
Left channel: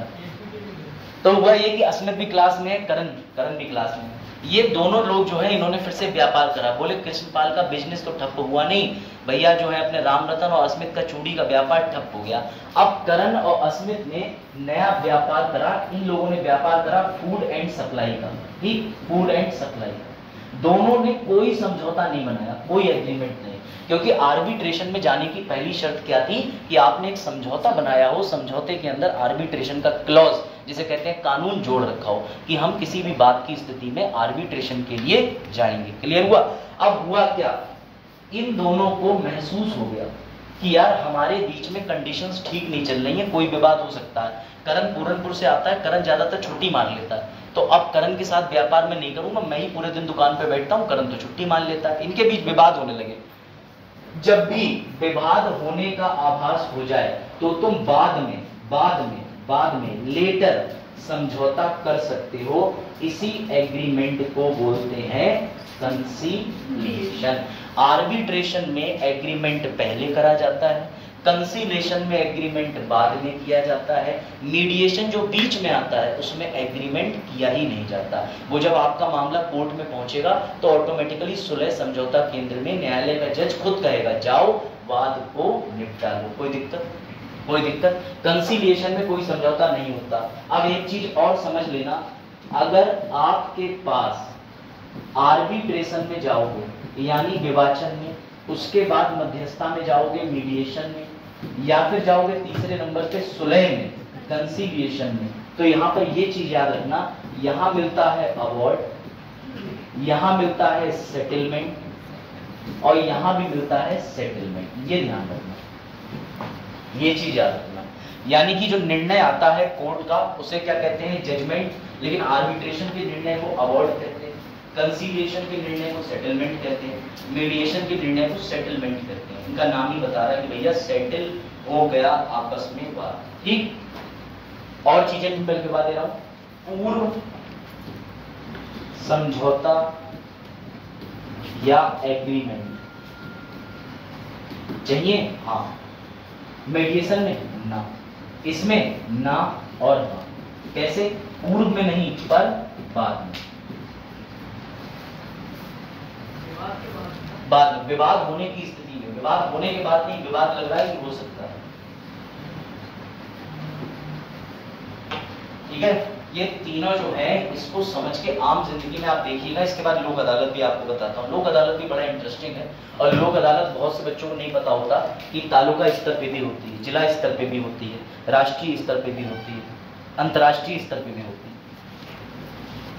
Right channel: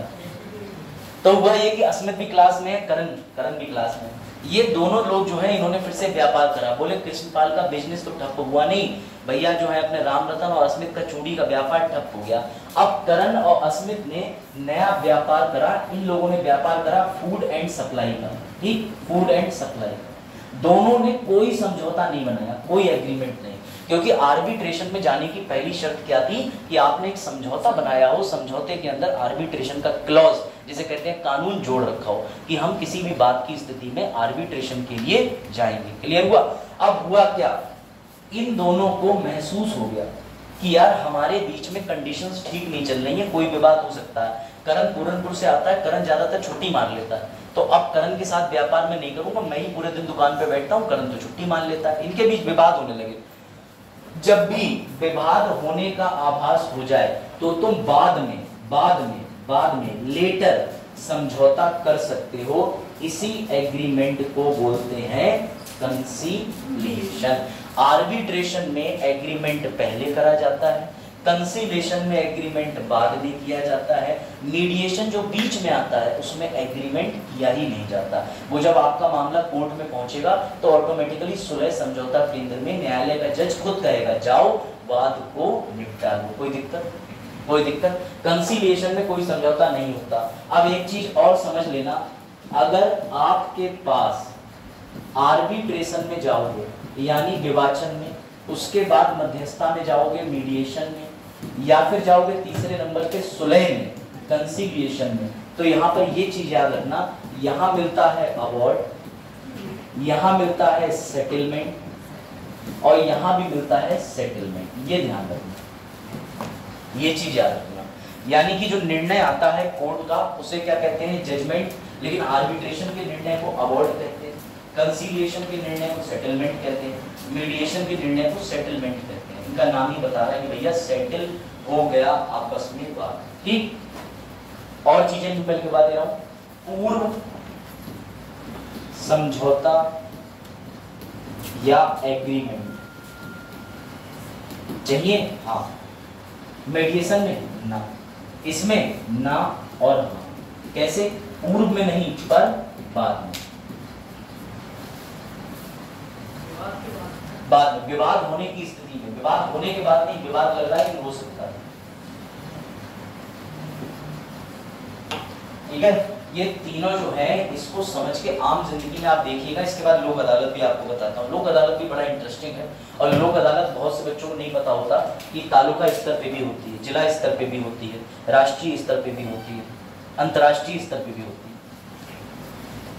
तो हुआ ये कि अस्मित भी क्लास में है, करण भी क्लास में है। ये दोनों लोग जो है इन्होंने फिर से व्यापार करा। बोले कृष्णपाल का बिजनेस तो ठप हुआ नहीं भैया, जो है अपने राम रतन और अस्मित का चूड़ी का व्यापार ठप हो गया। अब करण और अस्मित ने नया व्यापार करा। इन लोगों ने व्यापार करा फूड एंड सप्लाई का, ठीक, फूड एंड सप्लाई का। दोनों ने कोई समझौता नहीं बनाया, कोई एग्रीमेंट नहीं, क्योंकि आर्बिट्रेशन में जाने की पहली शर्त क्या थी कि आपने एक समझौता बनाया हो, समझौते के अंदर आर्बिट्रेशन का क्लॉज, जिसे कहते हैं कानून, जोड़ रखा हो कि हम किसी भी बात की स्थिति में आर्बिट्रेशन के लिए जाएंगे। क्लियर हुआ? अब हुआ क्या, इन दोनों को महसूस हो गया कि यार हमारे बीच में कंडीशंस ठीक नहीं चल रही है, कोई विवाद हो सकता है। करण पूरनपुर से आता है, करण ज्यादातर छुट्टी मान लेता है, तो अब करण के साथ व्यापार में नहीं करूंगा, मैं ही पूरे दिन दुकान पे बैठता हूँ, करण तो छुट्टी मान लेता है। इनके बीच विवाद होने लगे। जब भी विवाद होने का आभास हो जाए तो तुम बाद में लेटर समझौता कर सकते हो। इसी एग्रीमेंट को बोलते हैं कंसीलिएशन। आर्बिट्रेशन में एग्रीमेंट पहले करा जाता है, कंसीलिएशन में एग्रीमेंट बाद में किया जाता है, मीडिएशन जो बीच में आता है उसमें एग्रीमेंट किया ही नहीं जाता। वो जब आपका मामला कोर्ट में पहुंचेगा तो ऑटोमेटिकली सुलह समझौता केंद्र में न्यायालय का जज खुद कहेगा जाओ वाद को निपटा लो। कोई दिक्कत कंसीलिएशन में कोई समझौता नहीं होता। अब एक चीज और समझ लेना, अगर आपके पास आर्बिट्रेशन में जाओगे यानी विवाचन में, उसके बाद मध्यस्थता में जाओगे मीडिएशन में, या फिर जाओगे तीसरे नंबर पे सुलह में, कंसीलिएशन में, तो यहाँ पर ये चीज याद रखना, यहाँ मिलता है अवॉर्ड, यहाँ मिलता है सेटलमेंट और यहाँ भी मिलता है सेटलमेंट। ये ध्यान रखना, ये चीज याद रखना। यानी कि जो निर्णय आता है कोर्ट का उसे क्या कहते हैं, जजमेंट, लेकिन आर्बिट्रेशन के निर्णय को अवॉर्ड कहते हैं, कंसीलिएशन के निर्णय को सेटलमेंट कहते हैं, मीडिएशन के निर्णय को सेटलमेंट कहते हैं। इनका नाम ही बता रहा है कि भैया सेटल हो गया आपस में बात, ठीक। और चीजें भी पहले बता दे रहा हूं, पूर्व समझौता या एग्रीमेंट चाहिए, हाँ। मीडिएशन में ना, इसमें ना और हाँ। कैसे? पूर्व में नहीं पर बाद में। बाद विवाद होने की स्थिति में, विवाद होने के बाद नहीं, विवाद लग रहा है कि हो सकता है, ठीक है। ये तीनों जो है इसको समझ के आम जिंदगी में आप देखिएगा। इसके बाद लोक अदालत भी आपको बताता हूँ। लोक अदालत भी बड़ा इंटरेस्टिंग है और लोक अदालत बहुत से बच्चों को नहीं पता होता कि तालुका स्तर पे भी होती है, जिला स्तर पे भी होती है, राष्ट्रीय स्तर पे भी होती है, अंतर्राष्ट्रीय स्तर पे भी होती है,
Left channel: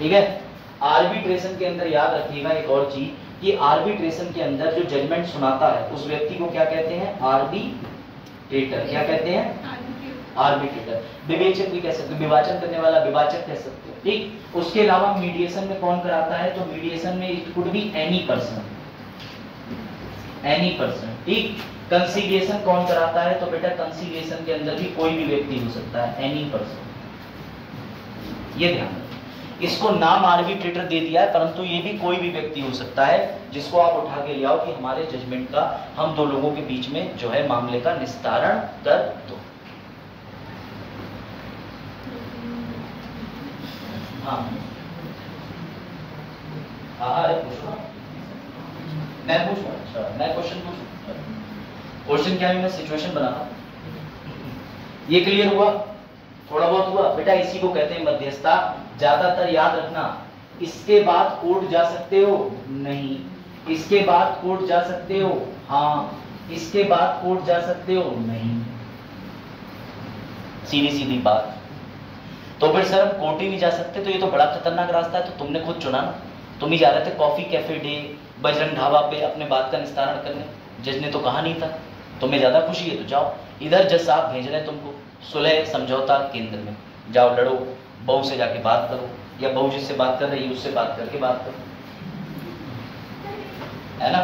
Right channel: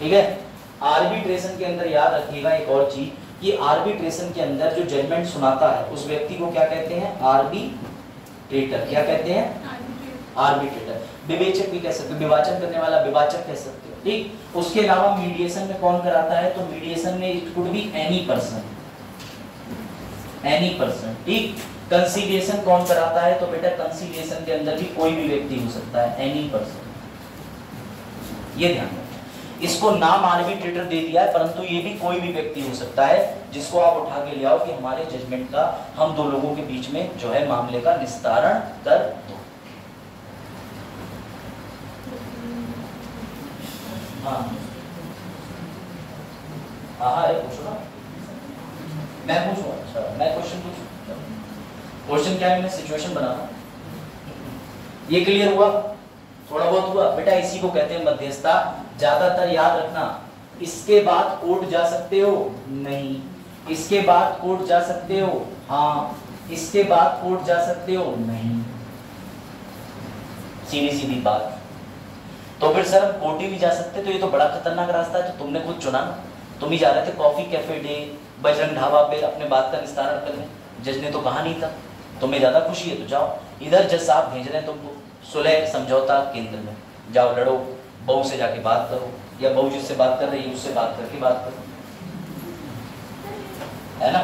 ठीक है। आर्बिट्रेशन के अंदर याद रखिएगा एक और चीज, कि आर्बिट्रेशन के अंदर जो जजमेंट सुनाता है उस व्यक्ति को क्या कहते हैं, आर्बिट्रेटर। क्या कहते हैं? आर्बिट्रेटर। विवेचक भी कह सकते हो, विवाचन करने वाला विवाचक कह सकते हो, ठीक। उसके अलावा मीडिएशन में कौन कराता है, तो मीडिएशन में it could be any person, ठीक। कंसीलिएशन कौन कराता है, तो बेटा कंसीलिएशन के अंदर भी कोई भी व्यक्ति हो सकता है, एनी पर्सन। ये ध्यान रखना। इसको नाम आर्बिट्रेटर दे दिया है, परंतु ये भी कोई भी व्यक्ति हो सकता है जिसको आप उठा के ले आओ कि हमारे जजमेंट का हम दो लोगों के बीच में जो है मामले का निस्तारण कर दो। हाँ अरे पूछो ना, मैं पूछूं? अच्छा मैं क्वेश्चन पूछूं? क्वेश्चन क्या है, मैं सिचुएशन बनाना। ये क्लियर हुआ? थोड़ा बहुत हुआ बेटा। इसी को कहते हैं मध्यस्थता। ज्यादातर याद रखना, इसके बाद कोर्ट जा सकते हो नहीं, इसके बाद कोर्ट जा सकते हो हाँ, इसके बाद कोर्ट जा सकते हो नहीं, सीधी सीधी बात। तो फिर सर कोर्ट ही नहीं जा सकते, तो ये तो बड़ा खतरनाक रास्ता है। तो तुमने खुद चुना, तुम ही जा रहे थे coffee cafe day, Bajrang dhaba पे अपने बात का निस्तारण करने। जज ने तो कहा नहीं था, तुम्हें ज्यादा खुशी है तो जाओ। इधर जज साहब भेज रहे हैं तुमको सुलह समझौता केंद्र में, जाओ लड़ो, बहू से जाके बात करो, या बहू जिससे बात कर रही है उससे बात करके बात करो, है ना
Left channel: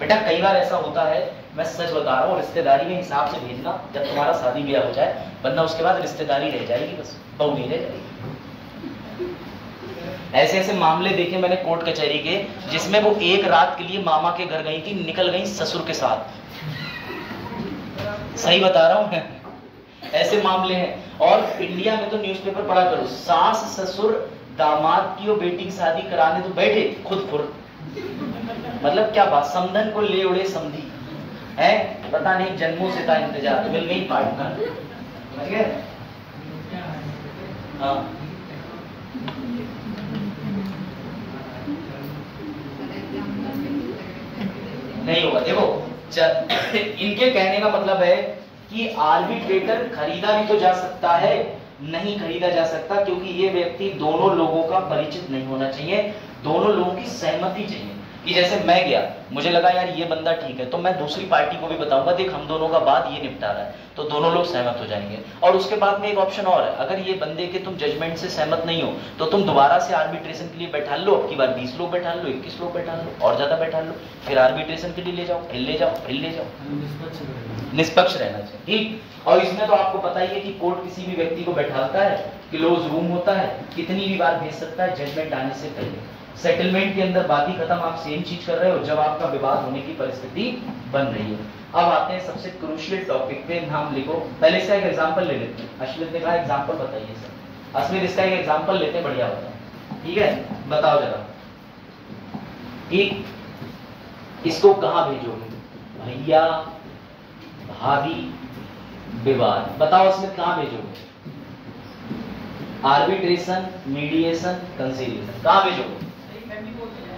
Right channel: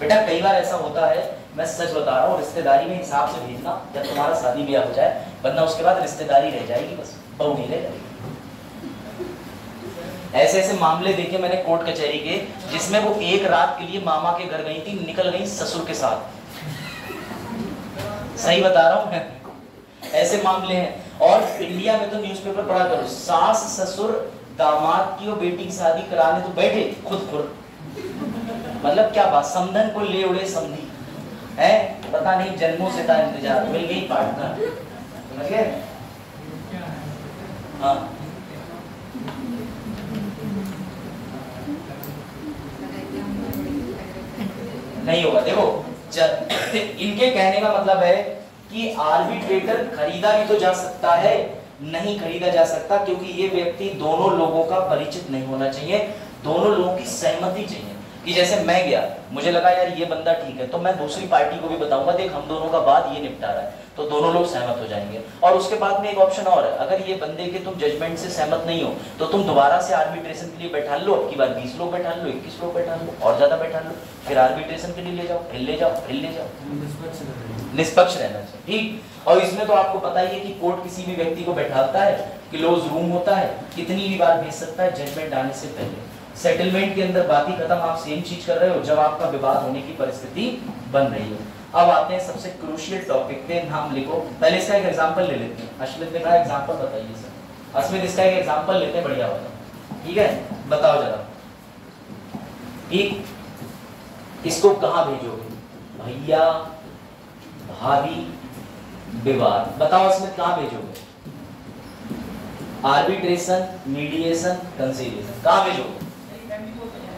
बेटा। कई बार ऐसा होता है, मैं सच बता रहा हूँ, रिश्तेदारी में हिसाब से भेजना जब तुम्हारा शादी ब्याह हो जाए, वरना उसके बाद रिश्तेदारी रह जाएगी, बस बहू नहीं रह जाएगी। ऐसे ऐसे मामले देखे मैंने कोर्ट कचहरी के, जिसमें वो एक रात के लिए मामा के घर गई थी, निकल गई ससुर के साथ। सही बता रहा हूँ मैं, ऐसे मामले हैं। और इंडिया में तो न्यूज़पेपर पढ़ा करो, सास ससुर दामाद की और बेटी की शादी कराने तो बैठे खुद खुद, मतलब क्या बात, समधन को ले उड़े समधी है, पता नहीं जन्मों से था इंतजार, मिल नहीं पार्टनर, समझ गए? हाँ नहीं होगा। देखो इनके कहने का मतलब है कि आर्बिट्रेटर खरीदा भी तो जा सकता है, नहीं खरीदा जा सकता, क्योंकि ये व्यक्ति दोनों लोगों का परिचित नहीं होना चाहिए, दोनों लोगों की सहमति चाहिए। कि जैसे मैं गया, मुझे लगा यार ये बंदा ठीक है, तो मैं दूसरी पार्टी को भी बताऊंगा देख हम दोनों का बात ये निपटा रहा है, तो दोनों लोग सहमत हो जाएंगे। और उसके बाद में एक ऑप्शन और है, अगर ये बंदे के तुम जजमेंट से सहमत नहीं हो तो तुम दोबारा से आर्बिट्रेशन के लिए बैठा लो, अब की बार 20 लोग बैठा लो, 21 लोग बैठा लो, और ज्यादा बैठा लो, फिर आर्बिट्रेशन के लिए ले जाओ, फिर ले जाओ, फिर ले जाओ, निष्पक्ष रहना चाहिए। ठीक, और इसमें तो आपको पता ही है कि कोर्ट किसी भी व्यक्ति को बैठाता है, क्लोज रूम होता है, कितनी भी बार भेज सकता है जजमेंट आने से पहले। सेटलमेंट के अंदर बात ही खत्म, आप सेम चीज कर रहे हो जब आपका विवाद होने की परिस्थिति बन रही हो। अब आते हैं सबसे क्रूशियल टॉपिक पे, नाम लिखो। पहले इसका एक एग्जांपल ले लेते हैं। अश्वित ने कहा एग्जांपल बताइए सर। अश्वित इसका एक एग्जांपल लेते हैं, बढ़िया बताओ, ठीक है? बताओ जरा, ठीक, इसको कहाँ भेजोगे? भैया भाभी विवाद, बताओ अश्वित कहाँ भेजोगे? आर्बिट्रेशन, मीडिएशन, कंसीलिएशन, कहाँ भेजोगे?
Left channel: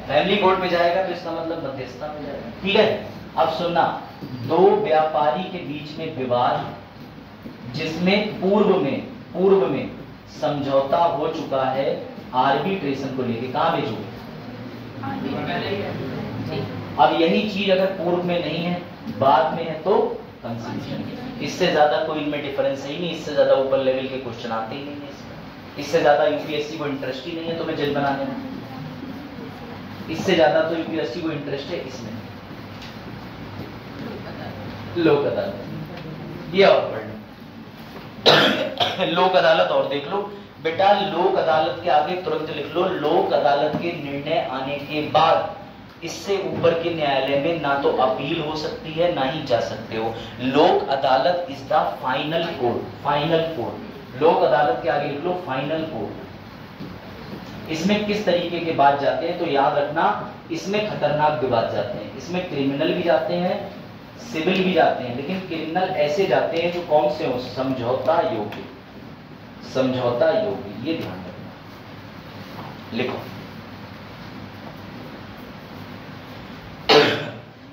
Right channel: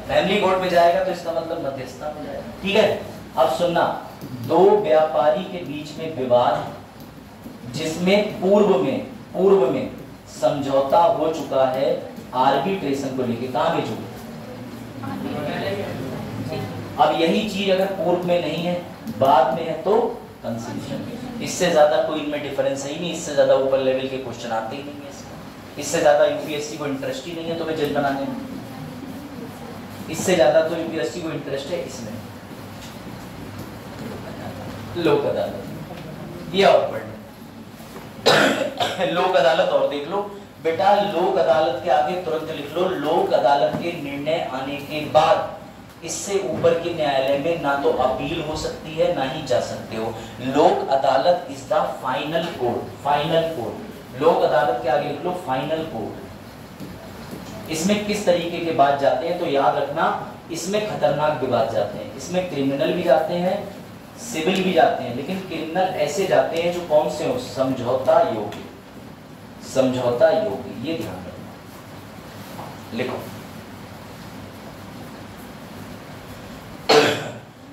फैमिली कोर्ट में जाएगा, तो इसका मतलब मध्यस्थता में जाएगा, ठीक है? अब सुनना, दो व्यापारी के बीच में विवाद जिसमें पूर्व में समझौता हो चुका है, आर्बिट्रेशन को लेके कहाँ भेजोगे? अब यही चीज अगर पूर्व में नहीं है, बाद में है, तो कंसीलिएशन। इससे ज्यादा कोई इनमें डिफरेंस ही नहीं, इससे ज्यादा ऊपर लेवल के क्वेश्चन आते ही नहीं है इसमें, इससे ज्यादा यूपीएससी को इंटरेस्ट ही नहीं है तुम्हें जज बनाने में, इससे ज्यादा तो यूपीएससी को इंटरेस्ट है इसमें, लोक अदालत। ये और पढ़ लो, लोक अदालत और देख लो बेटा, लोक अदालत के आगे तुरंत लिख लो, लोक अदालत के निर्णय आने के बाद इससे ऊपर के न्यायालय में ना तो अपील हो सकती है, ना ही जा सकते हो। लोक अदालत is the final court, final court. लोक अदालत के आगे लिख लो फाइनल कोर्ट। इसमें किस तरीके के बात जाते हैं तो याद रखना, इसमें खतरनाक विवाद जाते हैं, इसमें क्रिमिनल भी जाते हैं, सिविल भी जाते हैं, लेकिन क्रिमिनल ऐसे जाते हैं जो कौन से हो? समझौता योग्य, समझौता योग्य, ये ध्यान रखना, लिखो।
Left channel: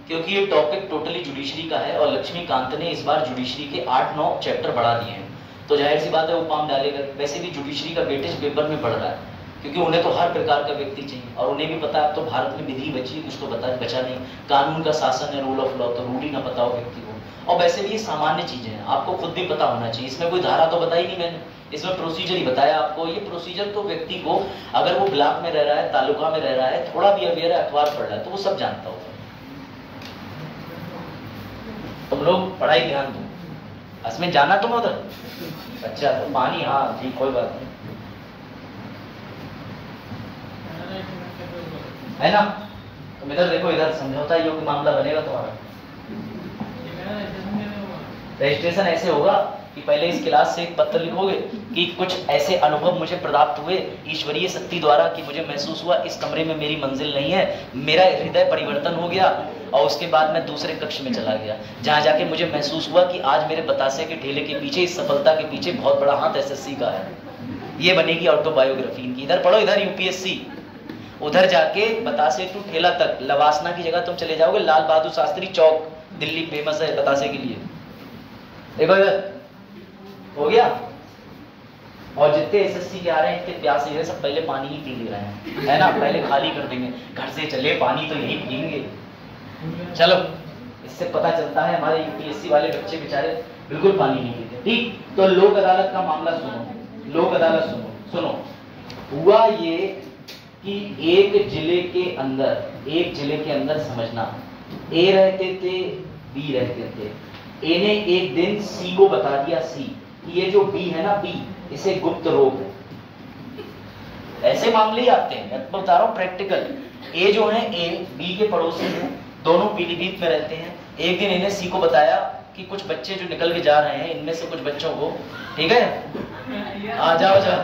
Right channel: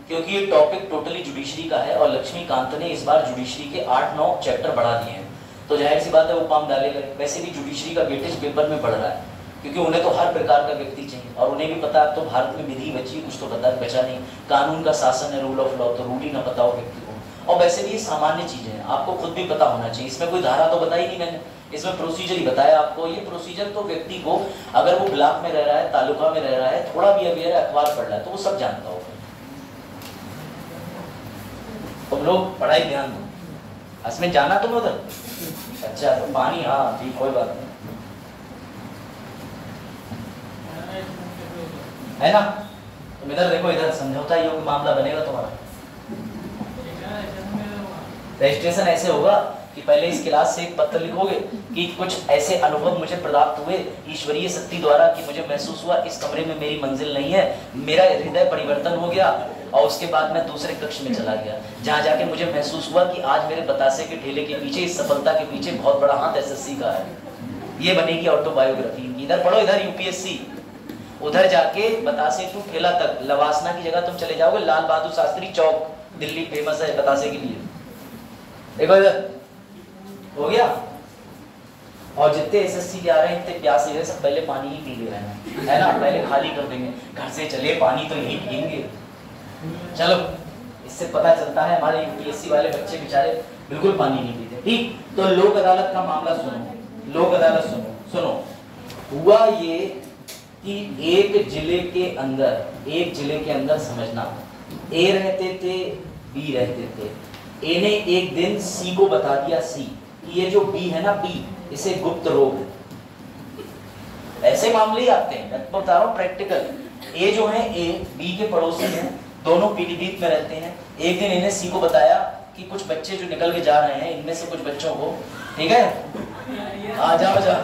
क्योंकि ये टॉपिक टोटली जुडिशरी का है और लक्ष्मीकांत ने इस बार जुडिशरी के 8-9 चैप्टर बढ़ा दिए हैं, तो जाहिर सी बात है वो काम डालेगा। वैसे भी जुडिशरी का वेटेज पेपर में बढ़ रहा है, क्योंकि उन्हें तो हर प्रकार का व्यक्ति चाहिए, और उन्हें भी पता है तो भारत में विधि बची, कुछ तो बचा नहीं, कानून का शासन है, रूल ऑफ लॉ, तो रूल ही ना पता हो व्यक्ति को। और वैसे भी ये सामान्य चीजें हैं, आपको खुद भी पता होना चाहिए। इसमें कोई धारा तो बताई नहीं मैंने, इसमें प्रोसीजर ही बताया आपको। ये प्रोसीजर को व्यक्ति को, अगर वो ब्लॉक में रह रहा है, तालुका में रह रहा है, थोड़ा भी अवेयर है, अखबार पढ़ रहा है, तो वो सब जानता होगा। तुम लोग पढ़ाई ध्यान दो, इसमें जाना तुम उधर, अच्छा तो पानी, हाँ ठीक, कोई बात नहीं, है ना? तुम इधर देखो, इधर समझौता योग्य मामला बनेगा तुम्हारा। रजिस्ट्रेशन ऐसे होगा कि पहले इस क्लास से एक पत्र लिखोगे कि कुछ ऐसे अनुभव मुझे प्राप्त हुए ईश्वरीय शक्ति द्वारा कि मुझे महसूस हुआ इस कमरे में मेरी मंजिल नहीं है, मेरा हृदय परिवर्तन हो गया, और उसके बाद मैं दूसरे कक्ष में चला गया, जहाँ जाके मुझे महसूस हुआ कि आज मेरे बतासे के ठेले के पीछे, इस सफलता के पीछे बहुत बड़ा हाथ एसएससी का है। ये बनेगी ऑटोबायोग्राफी इनकी। इधर पढ़ो, इधर यूपीएससी, उधर जाके बतासे टू ठेला तक, लवासना की जगह तुम चले जाओगे, लाल बहादुर शास्त्री चौक दिल्ली फेमस है बतासे के लिए। देखो इधर हो गया, और जितने एसएससी के आ रहे हैं इतने प्यासे हैं, सब पहले पानी ही पी ले रहे हैं, है ना? पहले खाली कर देंगे, घर से चले पानी तो यही पियेंगे। चलो, इससे पता चलता है हमारे यूपीएससी वाले बच्चे बेचारे बिल्कुल पानी नहीं पीते। ठीक, तो लोक अदालत का मामला सुनो, लोक अदालत सुनो। हुआ ये कि एक जिले के अंदर समझना, ए रहते थे, बी रहते थे। ए ने एक दिन सी को बता दिया, सी ये जो बी है ना, बी इसे गुप्त रोग है। ऐसे मामले ही आते हैं, मैं बता रहा हूँ प्रैक्टिकल। ए जो है, ए बी के पड़ोसी हैं, दोनों पीलीभीत में रहते हैं। एक दिन इन्हें सी को बताया कि कुछ बच्चे जो निकल के जा रहे हैं, इनमें से कुछ बच्चों को, ठीक है, आ जाओ जाओ।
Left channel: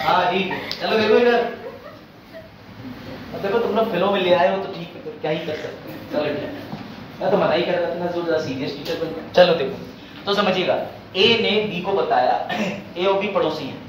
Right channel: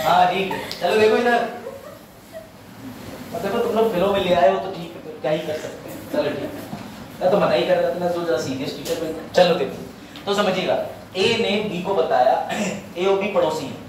हाँ ठीक है, चलो देखो इधर, देखो तुम लोग फिल्मों में ले आए हो तो ठीक है, फिर क्या ही कर सकते हैं। चलो ठीक है, मैं तो मना ही कर रहा था ना, जो ज़रा सीरियस टीचर बन। चलो देखो, तो समझिएगा, ए ने बी को बताया, ए और बी पड़ोसी है,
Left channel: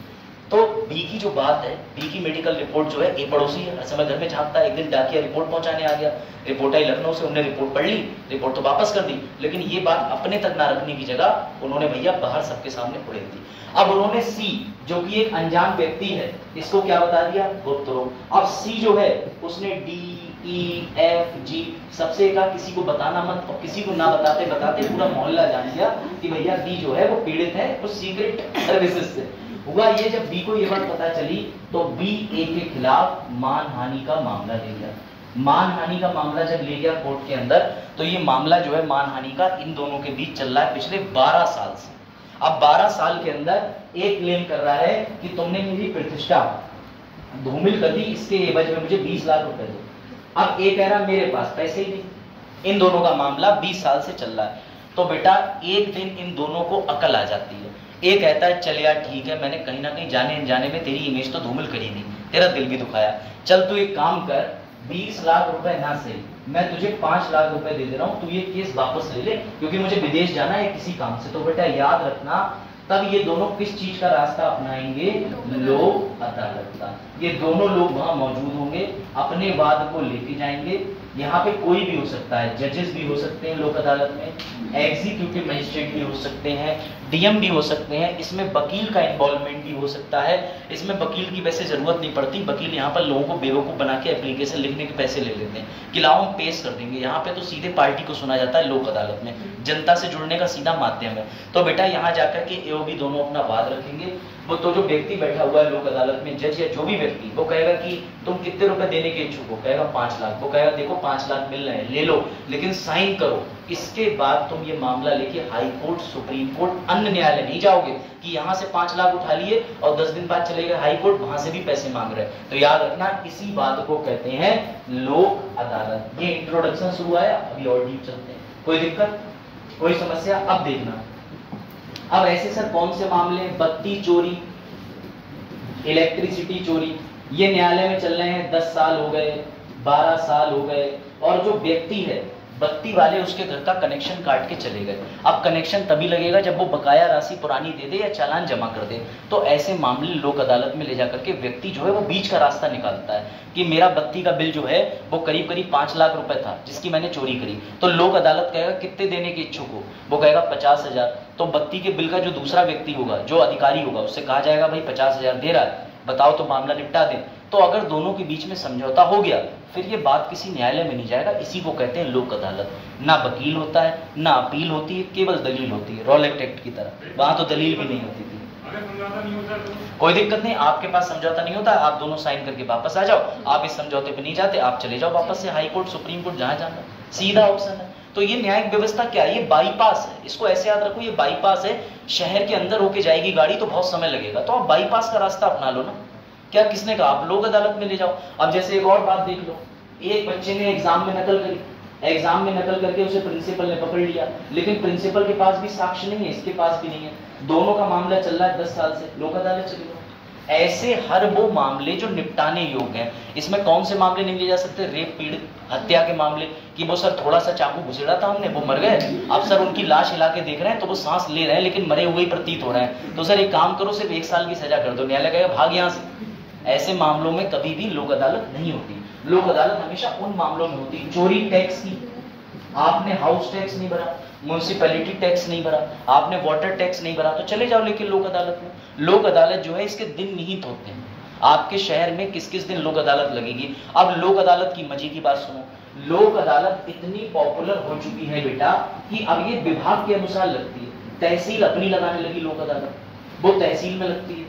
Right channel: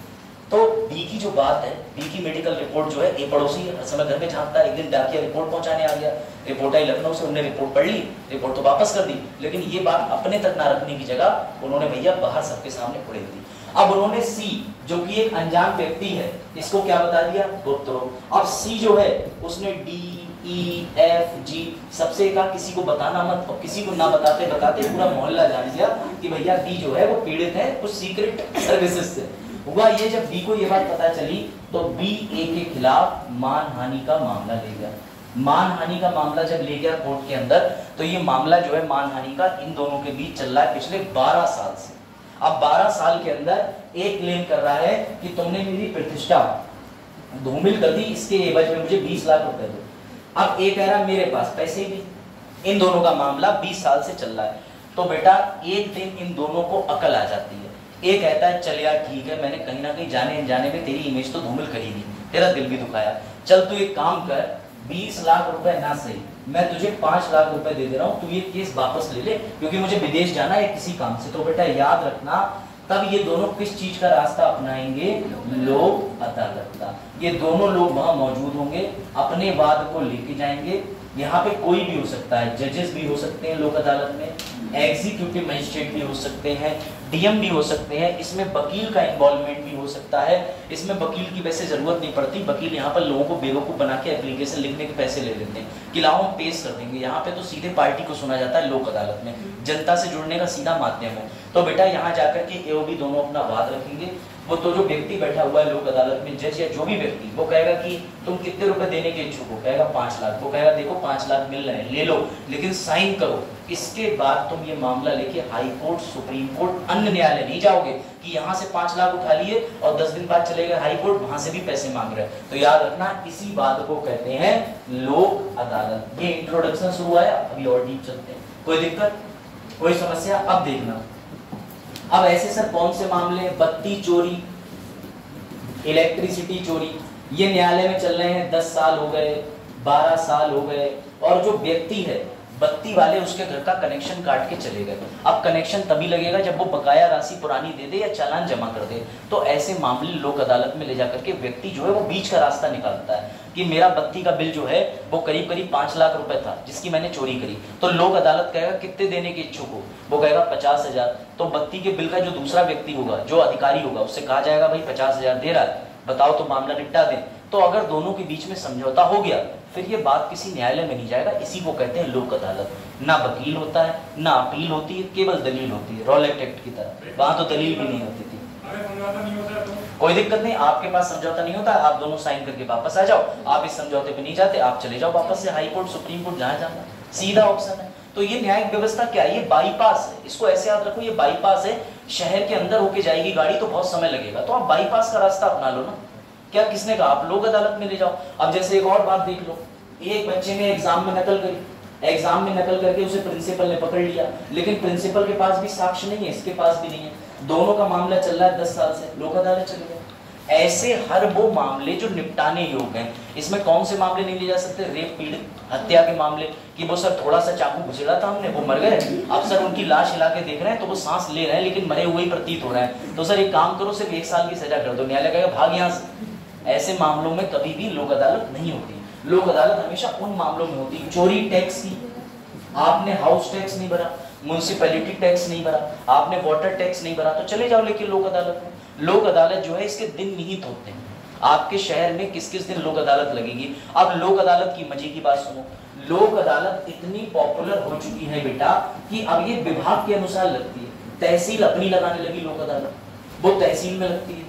तो बी की जो बात है, बी की मेडिकल रिपोर्ट जो है, ए पड़ोसी है, हर समय घर में झांकता है, एक दिन डाकिया रिपोर्ट पहुंचाने आ गया, रिपोर्ट आई लखनऊ से, उन्होंने रिपोर्ट पढ़ ली, रिपोर्ट तो वापस कर दी, लेकिन ये बात अपने तक ना रखने की जगह उन्होंने भैया बाहर सबके सामने उड़ेल दी। अब उन्होंने सी, जो कि एक अनजान व्यक्ति है, इसको क्या बता दिया, गोत्रो। अब सी जो है उसने डी ई एफ जी सबसे कहा किसी को बताना मत, और किसी को ना बताते बताते पूरा मोहल्ला जान गया कि भैया बी जो है वो पीड़ित है कुछ सीक्रेट सर्विसेज से। हुआ ये, जब बी को ये बात पता चली तो बी ए के खिलाफ मानहानि का मामला ले गया। मानहानि का मामला जब ले गया कोर्ट के अंदर, तो ये मामला जो है मानहानि का इन दोनों के बीच चल रहा है पिछले 12 साल से। अब 12 साल के अंदर एक क्लेम कर रहा है कि तुमने मेरी प्रतिष्ठा धूमिल कर दी, इसके एवज में मुझे 20 लाख रुपए दो। अब एक कह रहा मेरे पास पैसे ही नहीं। इन दोनों का मामला 20 साल से चल रहा है। तो बेटा एक दिन इन दोनों को अकल आ जाती है। एक कहता है चल यार ठीक है, मैंने कहीं ना कहीं जाने अनजाने में तेरी इमेज तो धूमिल करी नहीं, तेरा दिल भी दुखाया, चल तू एक काम कर, 20 लाख रुपए ना सही, मैं तुझे 5 लाख रुपए दे रहा हूं, तू ये केस वापस ले ले, क्योंकि मुझे विदेश जाना है किसी काम से। तो बेटा याद रखना, तब ये दोनों किस चीज का रास्ता अपनाएंगे, लोक अदालत का। ये दोनों लोग वहां मौजूद होंगे, अपने वाद को लेके जाएंगे। यहाँ पे कोई भी हो सकता है, जजेस भी हो सकते हैं लोक अदालत में, एग्जीक्यूटिव मजिस्ट्रेट भी हो सकते हैं, डीएम भी हो सकते हैं, इसमें वकील का इन्वॉल्वमेंट भी हो सकता है। इसमें वकील की वैसे जरूरत नहीं पड़ती, वकील यहाँ पर लोगों को बेवकूफ बना के एप्लीकेशन लिखने के पैसे ले लेते हैं कि लाओ हम पेश कर देंगे। यहाँ पे तो सीधे पार्टी को सुना जाता है लोक अदालत में, जनता से जुड़ने का सीधा माध्यम है। तो बेटा यहाँ जाकर के एओबी दोनों अपना वाद रखेंगे। वो तो जो व्यक्ति बैठा हुआ है लोक अदालत में, जज या जो भी व्यक्ति, वो कहेगा कि तुम कितने रुपए देने के इच्छुक हो, कहेगा 5 लाख। वो कहेगा देखो 5 लाख मिल रहे हैं, ले लो, लेकिन साइन करो। इसके बाद तुम ये मामला लेके हाई कोर्ट, सुप्रीम कोर्ट, अन्य न्यायालय नहीं जाओगे कि यहाँ से 5 लाख उठा लिए और 10 दिन बाद चले गए हाई कोर्ट, वहां से भी पैसे मांग रहे हैं। तो याद रखना, इसी बात को कहते हैं लोक अदालत। ये इंट्रोडक्शन शुरू आया, अभी और डीप चलते हैं। कोई दिक्कत, कोई समस्या? अब देखना, अब ऐसे सर कौन से मामले, बत्ती चोरी, इलेक्ट्रिसिटी चोरी, ये न्यायालय में चल रहे हैं। 10 साल हो गए, 12 साल हो गए, और जो व्यक्ति है बत्ती वाले, उसके घर का कनेक्शन काट के चले गए। अब कनेक्शन तभी लगेगा जब वो बकाया राशि पुरानी दे दे या चालान जमा कर दे। तो ऐसे मामले लोक अदालत में ले जाकर के व्यक्ति जो है वो बीच का रास्ता निकालता है कि मेरा बत्ती का बिल जो है वो करीब करीब 5 लाख रुपए था जिसकी मैंने चोरी करी। तो लोक अदालत कहेगा कितने देने के इच्छुक हो, वो कहेगा 50,000। तो बत्ती के बिल का जो दूसरा व्यक्ति होगा, जो अधिकारी होगा, उससे कहा जाएगा भाई 50,000 दे रहा है, बताओ तो मामला निपटा दें। तो अगर दोनों के बीच में समझौता हो गया, फिर ये बात किसी न्यायालय में नहीं जाएगा। इसी को कहते हैं लोक अदालत। ना वकील होता है, ना अपील होती है, केवल दलील होती है, रॉलेट एक्ट की तरह। वहां तो दलील भी नहीं होती थी। कोई दिक्कत नहीं, आपके पास समझौता नहीं होता, आप दोनों साइन करके वापस आ जाओ। आप इस समझौते पे नहीं जाते, आप चले जाओ वापस से हाई कोर्ट, सुप्रीम कोर्ट, जहां जाना, सीधा ऑप्शन है। तो ये न्यायिक व्यवस्था क्या है, ये बाईपास है। इसको ऐसे याद रखो, ये बाईपास है। शहर के अंदर होके जाएगी गाड़ी तो बहुत समय लगेगा, तो आप बाईपास का रास्ता अपना लो ना। क्या किसने कहा आप लोक अदालत में ले जाओ। अब जैसे एक और बात देख लो, एक बच्चे ने एग्जाम में नकल करी, एग्जाम में नकल करके उसे प्रिंसिपल ने पकड़ लिया, लेकिन प्रिंसिपल के पास भी साक्ष्य नहीं है, इसके पास भी नहीं है, दोनों का मामला चल रहा है 10 साल से, लोक अदालत चले जाओ। ऐसे हर वो मामले जो निपटाने योग्य हैं। इसमें कौन से मामले नहीं ले जा सकते, रेप पीड़ित, हत्या के मामले कि वो सर थोड़ा सा चाकू घुसेड़ा था हमने, वो मर गए, अब सर उनकी लाश हिला के देख रहे हैं तो वो सांस ले रहे हैं लेकिन मरे हुए ही प्रतीत हो रहे हैं, तो सर एक काम करो, सिर्फ 1 साल की सजा कर दो। न्यायालय कहेगा भाग यहाँ से। ऐसे मामलों में कभी भी लोक अदालत नहीं होती। लोक अदालत हमेशा उन मामलों में होती है, चोरी टैक्स की, आपने हाउस टैक्स नहीं भरा, म्युनिसिपैलिटी टैक्स नहीं भरा, आपने वाटर टैक्स नहीं भरा, तो चले जाओ लेकिन लोक अदालत में। लोक अदालत जो है इसके दिन निहित होते हैं। आपके शहर में किस किस दिन लोक अदालत लगेगी। अब लोक अदालत की मजे की बात सुनो, लोक अदालत इतनी पॉपुलर हो चुकी है बेटा कि अब ये विभाग के अनुसार लगती है। तहसील अपनी लगाने लगी लोक अदालत, वो तहसील में लगती है,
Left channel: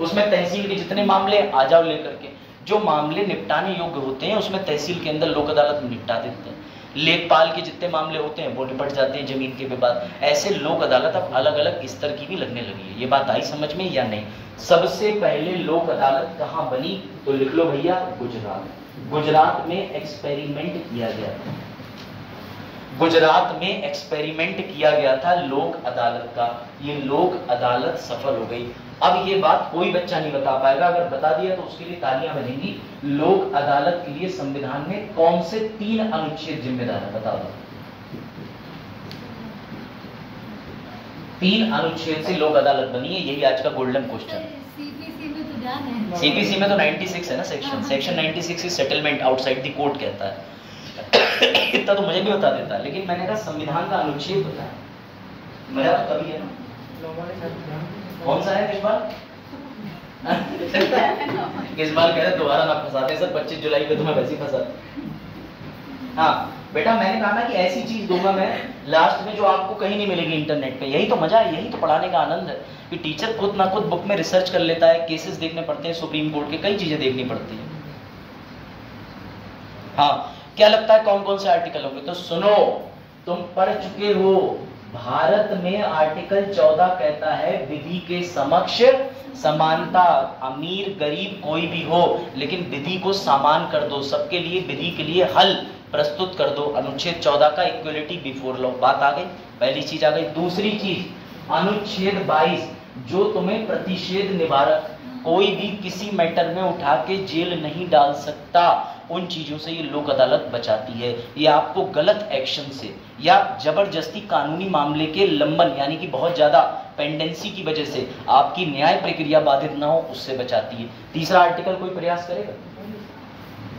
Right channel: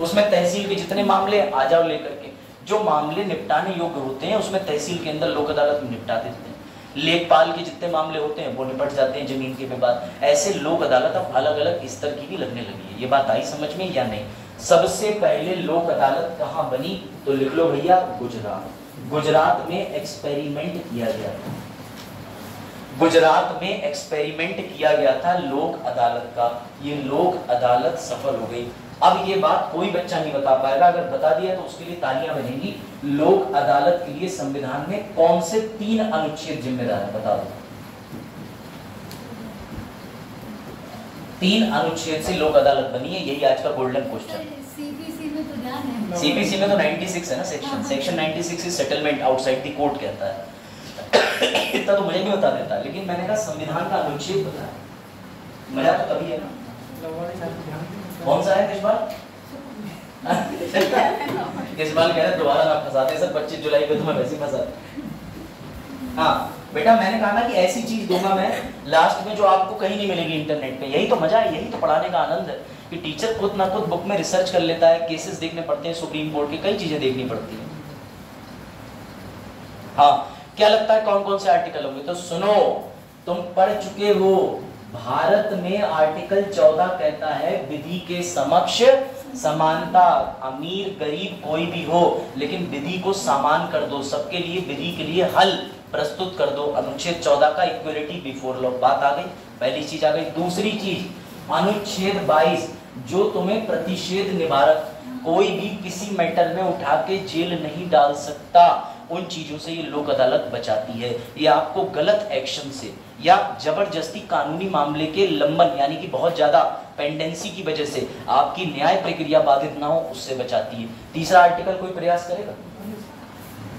उसमें तहसील के जितने मामले आ जाओ लेकर के, जो मामले निपटाने योग्य होते हैं उसमें तहसील के अंदर लोक अदालत में निपटा देते हैं। लेखपाल के जितने मामले होते हैं वो निपट जाते हैं, जमीन के विवाद। ऐसे लोक अदालत अब अलग अलग स्तर की भी लगने लगी है। ये बात आई समझ में या नहीं? सबसे पहले लोक अदालत कहाँ बनी तो लिख लो भैया, गुजरात। गुजरात में एक्सपेरिमेंट किया गया था, गुजरात में एक्सपेरिमेंट किया गया था लोक अदालत का। ये लोक अदालत सफल हो गई। अब ये बात कोई बच्चा नहीं बता पाएगा, अगर बता दिया तो उसके लिए तालियां बजेंगी। लोक अदालत के लिए संविधान में कौन से 3 अनुच्छेद जिम्मेदार है, बता दो। 3 अनुच्छेद से लोक अदालत बनी है, यही आज का गोल्डन क्वेश्चन। सीपीसी में तो 96 है ना section, section 96 is settlement outside the court कहता है। इतना तो मुझे भी बता देता, लेकिन मैंने कहा संविधान का अनुच्छेद बताया, मजा तो कभी है ना। कौन सा है इस बार? इस बार कह रहे दोबारा ना फंसाते सर, 25 जुलाई पे तो मैं वैसे ही फंसा। हाँ बेटा, मैंने कहा ना कि ऐसी चीज दूंगा मैं लास्ट में जो आपको कहीं नहीं मिलेगी इंटरनेट पे। यही तो मजा है, यही तो पढ़ाने का आनंद है कि टीचर खुद ना खुद बुक में रिसर्च कर लेता है, केसेस देखने पड़ते हैं सुप्रीम कोर्ट के, कई चीजें देखनी पड़ती है। हाँ, क्या लगता है कौन कौन से आर्टिकल होंगे? तो सुनो, तुम पढ़ चुके हो, भारत में आर्टिकल 14 कहता है विधि के समक्ष समानता। अमीर गरीब कोई भी हो, लेकिन विधि को समान कर दो, सबके लिए विधि के लिए हल प्रस्तुत कर दो। अनुच्छेद 14 का इक्वलिटी बिफोर लॉ, बात आ गई, पहली चीज आ गई। दूसरी चीज अनुच्छेद 22 जो तुम्हें प्रतिषेध निवारक, कोई भी किसी मैटर में उठा के जेल नहीं डाल सकता, उन चीजों से ये लोक अदालत बचाती है। ये आपको गलत एक्शन से या जबरदस्ती कानूनी मामले के लंबन यानी कि बहुत ज्यादा पेंडेंसी की वजह से आपकी न्याय प्रक्रिया बाधित ना हो, उससे बचाती है। तीसरा आर्टिकल कोई प्रयास करेगा?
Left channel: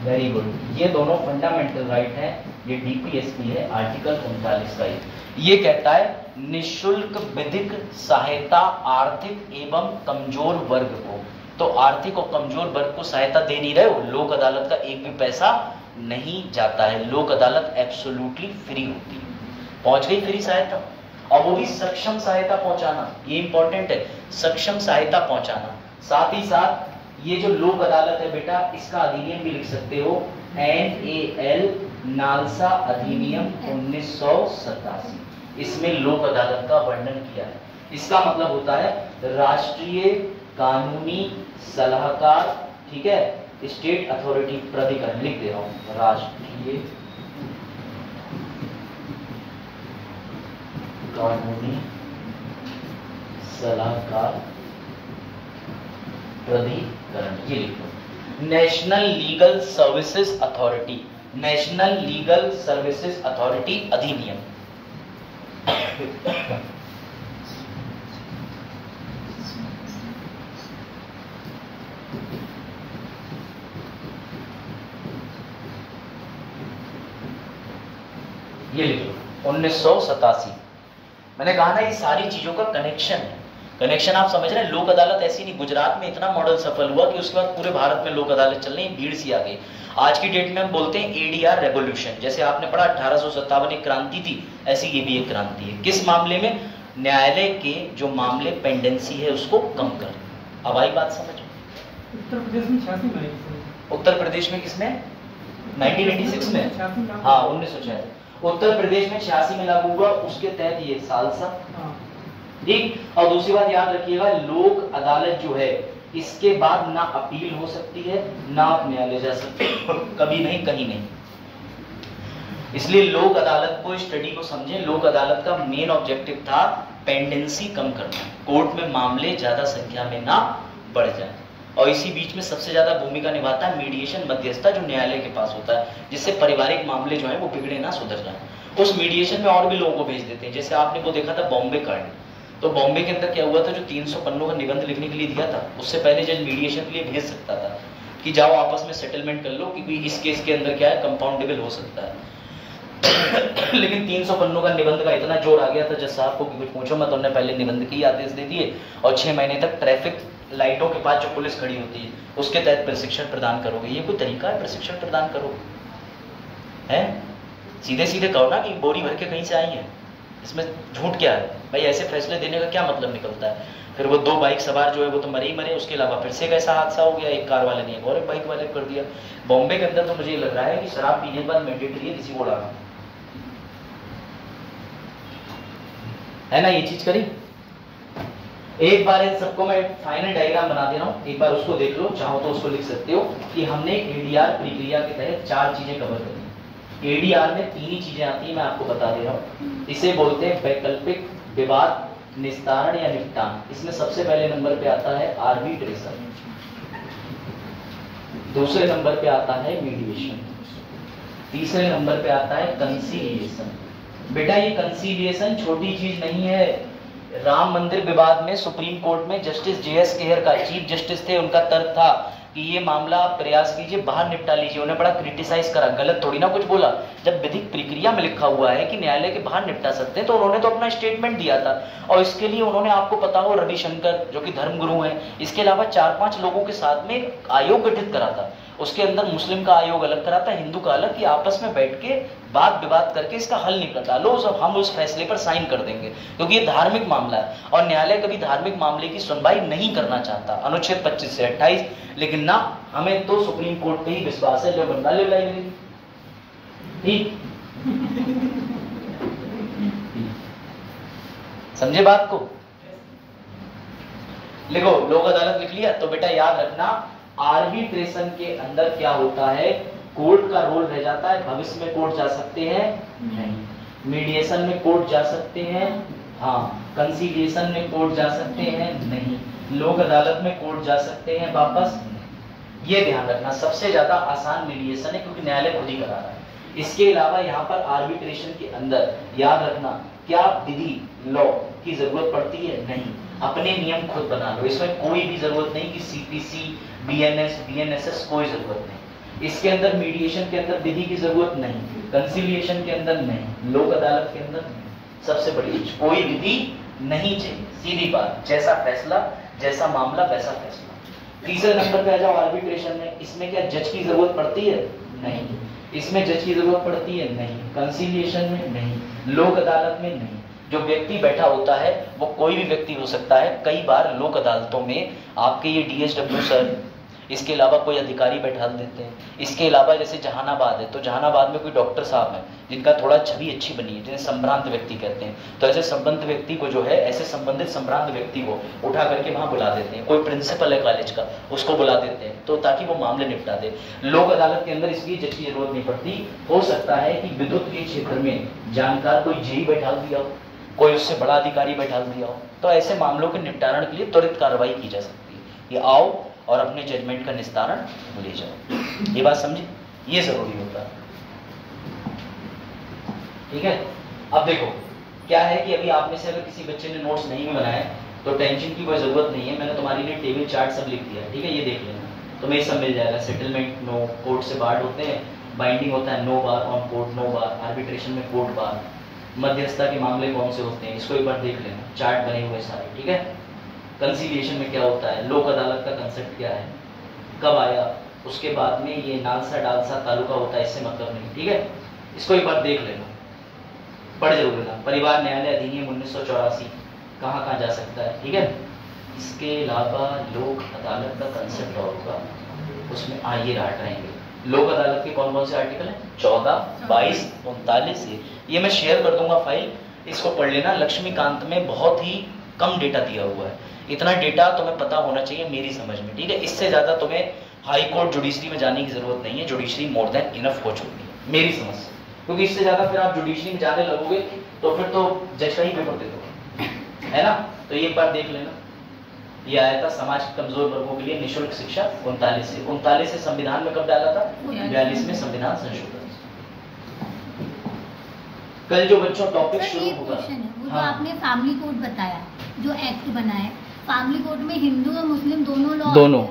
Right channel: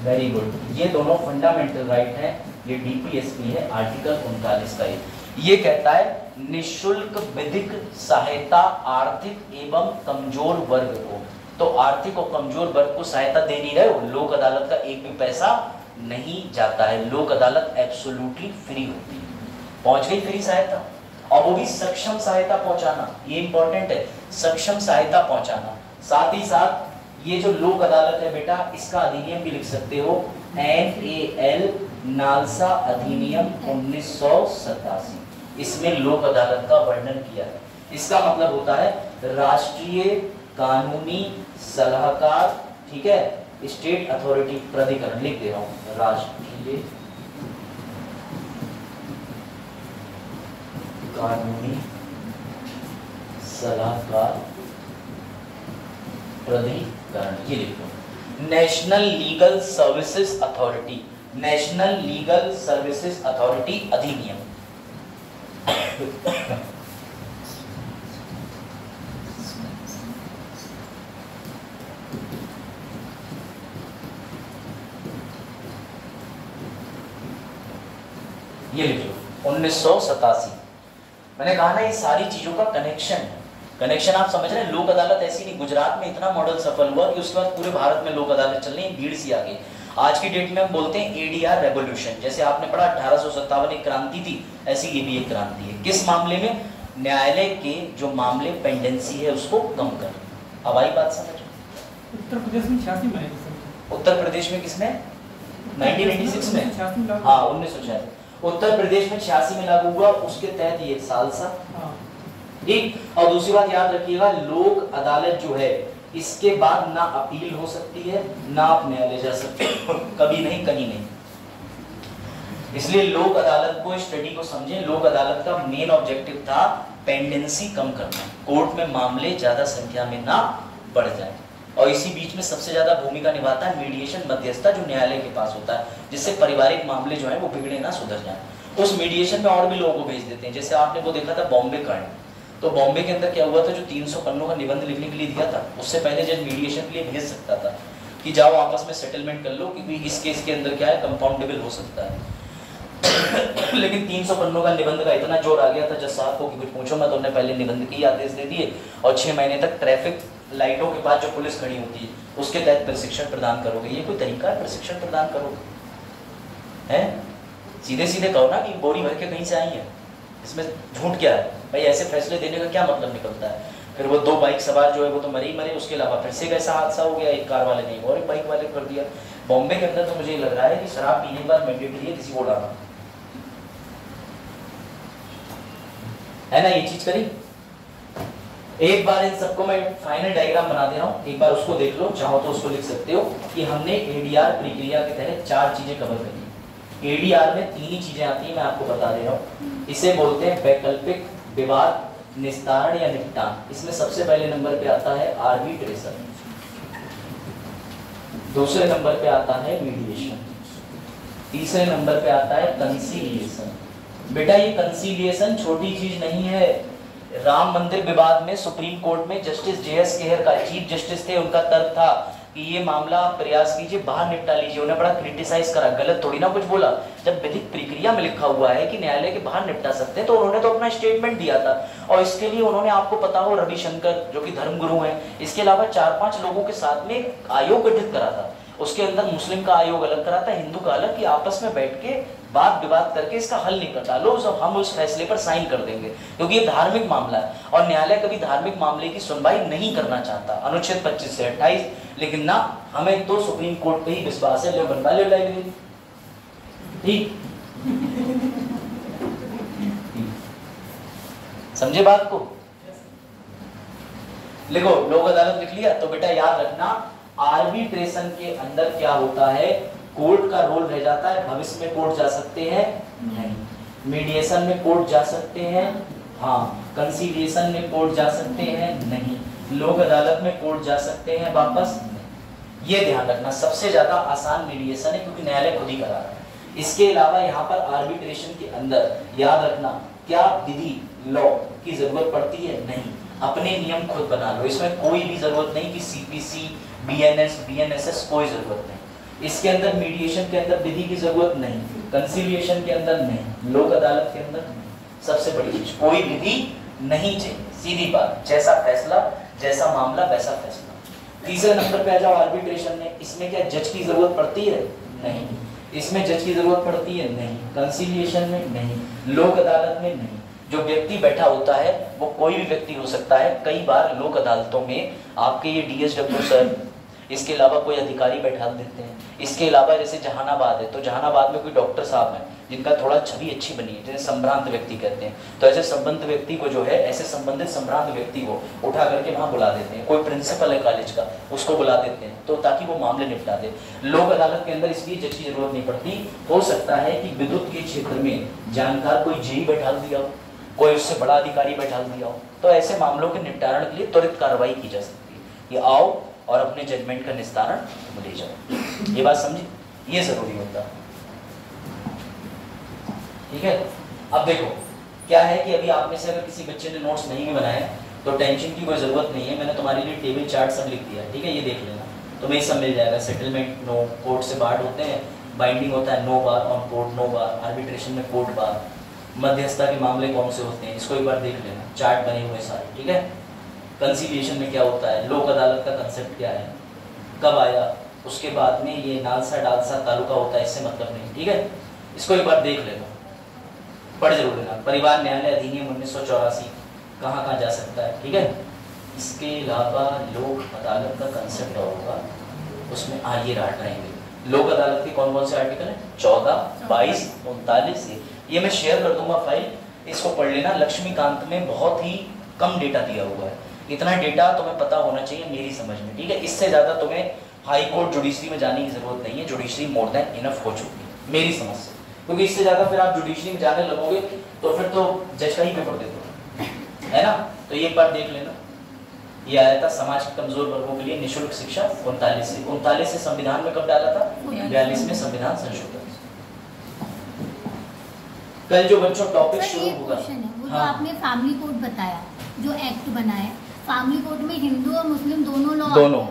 वेरी गुड, ये दोनों फंडामेंटल राइट है। ये डीपीएसपी है आर्टिकल 39 का। ये कहता है निःशुल्क विधिक सहायता आर्थिक एवं कमजोर वर्ग को। तो आर्थिक और कमजोर वर्ग को सहायता दे नहीं रहे हो, लोक अदालत का एक भी पैसा नहीं जाता है। लोक अदालत एब्सोल्युटली फ्री होती है। पहुंच गई फ्री सहायता, और वो भी सक्षम सहायता पहुंचाना, ये इंपॉर्टेंट है, सक्षम सहायता पहुंचाना। साथ ही साथ ये जो लोक अदालत है बेटा, इसका अधिनियम भी लिख सकते हो, NAL नालसा अधिनियम 1987। इसमें लोक अदालत का वर्णन किया है। इसका मतलब होता है राष्ट्रीय कानूनी सलाहकार, ठीक है, स्टेट अथॉरिटी प्राधिकरण, लिख दे रहा हूं, राष्ट्रीय कानूनी सलाहकार प्राधिकरण, ये लिख दो। National legal services authority, national legal services authority अधिनियम। ये लिख लो 1987। मैंने कहा ना ये सारी चीजों का कनेक्शन है। कनेक्शन आप समझ रहे हैं? लोक अदालत ऐसी नहीं, गुजरात में इतना मॉडल सफल हुआ कि उसके बाद पूरे भारत में लोक अदालत चल रही है, भीड़ सी आ गई। आज की डेट में हम बोलते हैं ADR रेवोल्यूशन। जैसे आपने पढ़ा 1857 एक क्रांति थी, ऐसी ये भी एक क्रांति है। किस मामले में? न्यायालय के जो मामले पेंडेंसी है उसको कम कर। अब आई बात समझ? उत्तर प्रदेश में 86 में, उत्तर प्रदेश में किसमें? 1996 में, हाँ 1986 उत्तर प्रदेश में 86 में लागू हुआ, उसके तहत ये सालसा, ठीक। और दूसरी बात याद रखिएगा, लोक अदालत जो है इसके बाद ना अपील हो सकती है, ना आप न्यायालय जा सकते कभी नहीं, कहीं नहीं। इसलिए लोक अदालत को, स्टडी को समझें। लोक अदालत का मेन ऑब्जेक्टिव था पेंडेंसी कम करना, कोर्ट में मामले ज्यादा संख्या में ना बढ़ जाए। और इसी बीच में सबसे ज्यादा भूमिका निभाता है मीडिएशन, मध्यस्थता, जो न्यायालय के पास होता है, जिससे पारिवारिक मामले जो है वो बिगड़े ना, सुधर जाए। उस मीडिएशन में और भी लोगों को भेज देते हैं। जैसे आपने वो देखा था बॉम्बे कांड, तो बॉम्बे के अंदर क्या हुआ था, जो 300 पन्नों का निबंध लिखने के लिए दिया था, उससे पहले जज मीडिएशन के लिए भेज सकता था कि जाओ आपस में सेटलमेंट कर लो, क्योंकि इस केस के अंदर क्या है, कंपाउंडेबल हो सकता है। लेकिन 300 पन्नों का निबंध का इतना जोर आ गया था जज साहब को कि कुछ पूछो मत, उन्होंने पहले निबंध के आदेश दे दिए और 6 महीने तक ट्रैफिक लाइटों के पास जो पुलिस खड़ी होती है उसके तहत प्रशिक्षण प्रदान करोगे। ये कोई तरीका है प्रशिक्षण प्रदान करोगे? है सीधे सीधे कहो ना कि बोरी भर के कहीं से आई है, इसमें झूठ क्या है भाई? ऐसे फैसले देने का क्या मतलब निकलता है? फिर वो 2 बाइक सवार जो है वो तो मरे ही मरे, उसके अलावा फिर से कैसा हादसा हो गया, एक कार वाले ने और एक बाइक वाले कर दिया। बॉम्बे के अंदर तो मुझे लग रहा है कि शराब पीने के बाद मैंडेटरी है किसी को उड़ाना, है ना? ये चीज करी एक बार इन सबको मैं फाइनल डायग्राम बना दे रहा हूँ, एक बार उसको देख लो, चाहो तो उसको लिख सकते हो कि हमने एडीआर प्रक्रिया के तहत 4 चीजें कवर करी। एडीआर में 3 ही चीजें आती है, मैं आपको बता दे रहा हूँ। इसे बोलते हैं वैकल्पिक विवाद निस्तारण या निपटान। इसमें सबसे पहले नंबर पे आता है आर्बिट्रेशन, दूसरे नंबर पे आता है मीडिएशन, तीसरे नंबर पे आता है कंसीलिएशन। बेटा ये कंसीलिएशन छोटी चीज नहीं है। राम मंदिर विवाद में सुप्रीम कोर्ट में जस्टिस जेएस केहर का, चीफ जस्टिस थे, उनका तर्क था कि ये मामला आप प्रयास कीजिए बाहर निपटा लीजिए। उन्हें बड़ा क्रिटिसाइज करा, गलत थोड़ी ना कुछ बोला। जब विधिक प्रक्रिया में लिखा हुआ है कि न्यायालय के बाहर निपटा सकते हैं तो उन्होंने तो अपना स्टेटमेंट दिया था। और इसके लिए उन्होंने, आपको पता हो, रविशंकर जो कि धर्मगुरु हैं, इसके अलावा 4-5 लोगों के साथ में एक आयोग गठित करा था। उसके अंदर मुस्लिम का आयोग अलग करा था, हिंदू का अलग, कि आपस में बैठ के बात विवाद करके इसका हल निकाल लो, हम उस फैसले पर साइन कर देंगे, क्योंकि ये धार्मिक मामला है और न्यायालय कभी धार्मिक मामले की सुनवाई नहीं करना चाहता, अनुच्छेद 25 से 28। लेकिन ना, हमें तो सुप्रीम कोर्ट पे ही विश्वास है। लो बनवा लो लाइब्रेरी, ठीक समझे बात को? लिखो, लोक अदालत लिख लिया तो बेटा याद रखना, आर्बिट्रेशन के अंदर क्या होता है, कोर्ट का रोल रह जाता है। भविष्य में कोर्ट जा सकते हैं? नहीं। मीडिएशन में कोर्ट जा सकते हैं? हाँ। कंसीलिएशन में कोर्ट जा सकते हैं? नहीं। लोक अदालत में कोर्ट जा सकते हैं वापस? नहीं। ये ध्यान रखना, सबसे ज्यादा आसान मीडिएशन है क्योंकि न्यायालय खुद ही करा रहा है। इसके अलावा यहाँ पर आर्बिट्रेशन के अंदर याद रखना, क्या विधि लॉ की जरूरत पड़ती है? नहीं। अपने नियम खुद बना लो, इसमें कोई भी जरूरत नहीं कि सीपीसी, बीएनएस, बीएनएसएस, कोई जरूरत नहीं। इसके अंदर मीडिएशन के अंदर विधि की जरूरत नहीं, कंसीलिएशन के अंदर नहीं, लोक अदालत के अंदर नहीं। सबसे बड़ी चीज, कोई विधि नहीं चाहिए, सीधी बात, जैसा फैसला, जैसा मामला वैसा फैसला। तीसरे नंबर पे आ जाओ आर्बिट्रेशन में। इसमें क्या जज की जरूरत पड़ती है? नहीं। इसमें जज की जरूरत पड़ती है? नहीं। कंसीलिएशन में नहीं, लोक अदालत में नहीं। जो व्यक्ति बैठा होता है वो कोई भी व्यक्ति हो सकता है। कई बार लोक अदालतों में आपके ये डीएसडब्ल्यू सर, इसके अलावा कोई अधिकारी बैठा देते हैं। इसके अलावा जैसे जहानाबाद है, तो जहानाबाद में कोई डॉक्टर साहब हैं जिनका थोड़ा छवि अच्छी बनी है, जिन्हें संभ्रांत व्यक्ति कहते हैं। तो ऐसे संबंधित व्यक्ति को जो है, ऐसे संबंधित संभ्रांत व्यक्ति को उठा करके वहाँ बुला देते हैं। कोई प्रिंसिपल है कॉलेज का, उसको बुला देते हैं तो ताकि वो मामले निपटा दे। लोक अदालत के अंदर इसलिए जज की जरूरत नहीं पड़ती। हो सकता है कि विद्युत के क्षेत्र में जानकार कोई जेई बैठा दिया हो, कोई उससे बड़ा अधिकारी बैठा दिया हो, तो ऐसे मामलों के निपटारण के लिए त्वरित कार्रवाई की जा सकती है। ये आओ और अपने जजमेंट का निस्तारण ले जाओ। ये बात समझी? ये जरूरी होता है, ठीक है। अब देखो क्या है कि अभी आप में से अगर किसी बच्चे ने नोट्स नहीं बनाए तो टेंशन की कोई जरूरत नहीं है। मैंने तुम्हारे लिए टेबल चार्ट सब लिख दिया है, ठीक है, ये देख लेना, तुम्हें सब मिल जाएगा। सेटलमेंट नो, कोर्ट से बार्ड होते हैं, बाइंडिंग होता है no bar on court, no bar, arbitration में कोर्ट बार, मध्यस्थता के मामले कौन से होते हैं, इसको एक बार देख लेना, चार्ट बने हुए सारे, ठीक है। कंसीलिएशन में क्या होता है, लोक अदालत का कंसेप्ट क्या है, कब आया, उसके बाद में ये नालसा डालसा तालुका होता है, इससे मतलब नहीं, ठीक है। इसको एक बार देख लेना, पढ़ जरूर लेना। परिवार न्यायालय अधिनियम 1984 कहाँ कहाँ जा सकता है, ठीक है। इसके अलावा लोक अदालत का कंसेप्ट और होगा, उसमें आइए राट रहेंगे। लोक अदालत के कौन कौन से आर्टिकल हैं? 14, 22, 39। ये मैं शेयर कर दूंगा फाइल, इसको पढ़ लेना। लक्ष्मीकांत में बहुत ही कम डेटा दिया हुआ है, इतना डेटा तुम्हें पता होना चाहिए मेरी समझ में, ठीक है। इससे ज़्यादा तुम्हें हाई कोर्ट जुडिशरी में जाने की जरूरत नहीं है, जुडिशरी मोर देन इनफ हो चुकी है मेरी समझ से, क्योंकि इससे ज़्यादा फिर आप जुडिशरी में जाने लगोगे तो फिर तो जज का ही पेपर दे दो, है ना। तो ये एक बार देख लेना। ये आया था समाज के कमजोर वर्गों के लिए निःशुल्क शिक्षा 39 से संविधान में कब डाला था? 42 में संविधान संशोधन। कल जो बच्चों टॉपिक शुरू होगा, वो जो आपने फैमिली कोड बताया, जो एक्ट बना है, फैमिली कोड में हिंदू और मुस्लिम दोनों